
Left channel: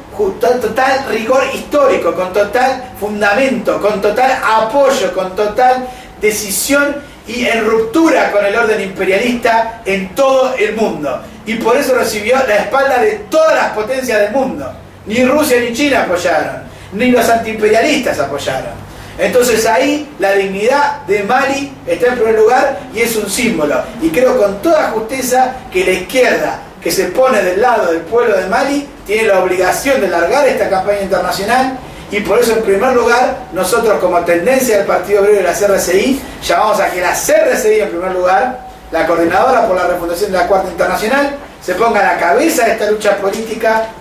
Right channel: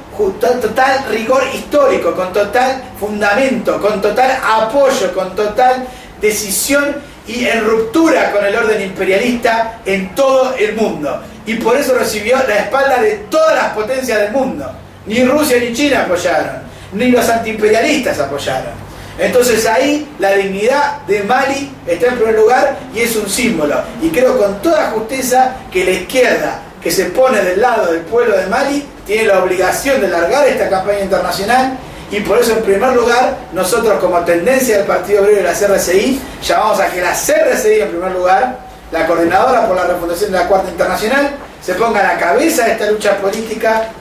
rigor histórico, con total fundamento, con total apoyo, con total decisión y en ruptura con el orden imperialista en todo el mundo. Y por eso recibió la espalda de todas las potencias del mundo. Ni Rusia ni China apoyaron, ni los antiimperialistas apoyaron. Entonces ahí la dignidad de Mali está en primer lugar y es un símbolo. Y creo con toda justeza que la izquierda que se pone del lado del pueblo de Mali tiene la obligación de largar esta campaña internacional. Y por eso, en primer lugar, nosotros como tendencia del Partido Obrero y la CRCI, llamamos a que la CRCI, en primer lugar, la Coordinadora por la Refundación de la Cuarta Internacional, se ponga a la cabeza de esta lucha política,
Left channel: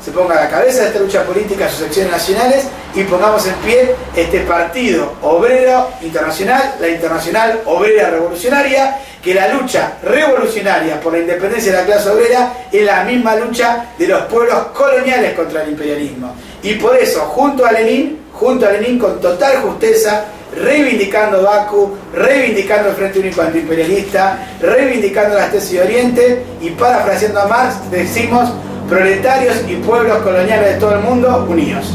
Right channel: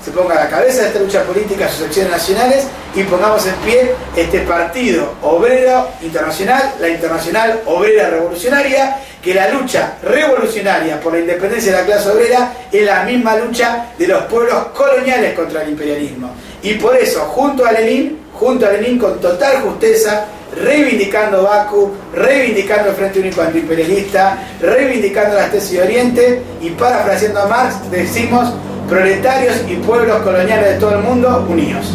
sus acciones nacionales, y pongamos en pie este Partido Obrero Internacional, la Internacional Obrera Revolucionaria, que la lucha revolucionaria por la independencia de la clase obrera es la misma lucha de los pueblos coloniales contra el imperialismo. Y por eso, junto a Lenin, con total justeza, reivindicando Bakú, reivindicando el Frente Único Antiimperialista, reivindicando las tesis de Oriente, y parafraseando a Marx, decimos: proletarios y pueblos coloniales de todo el mundo, unidos.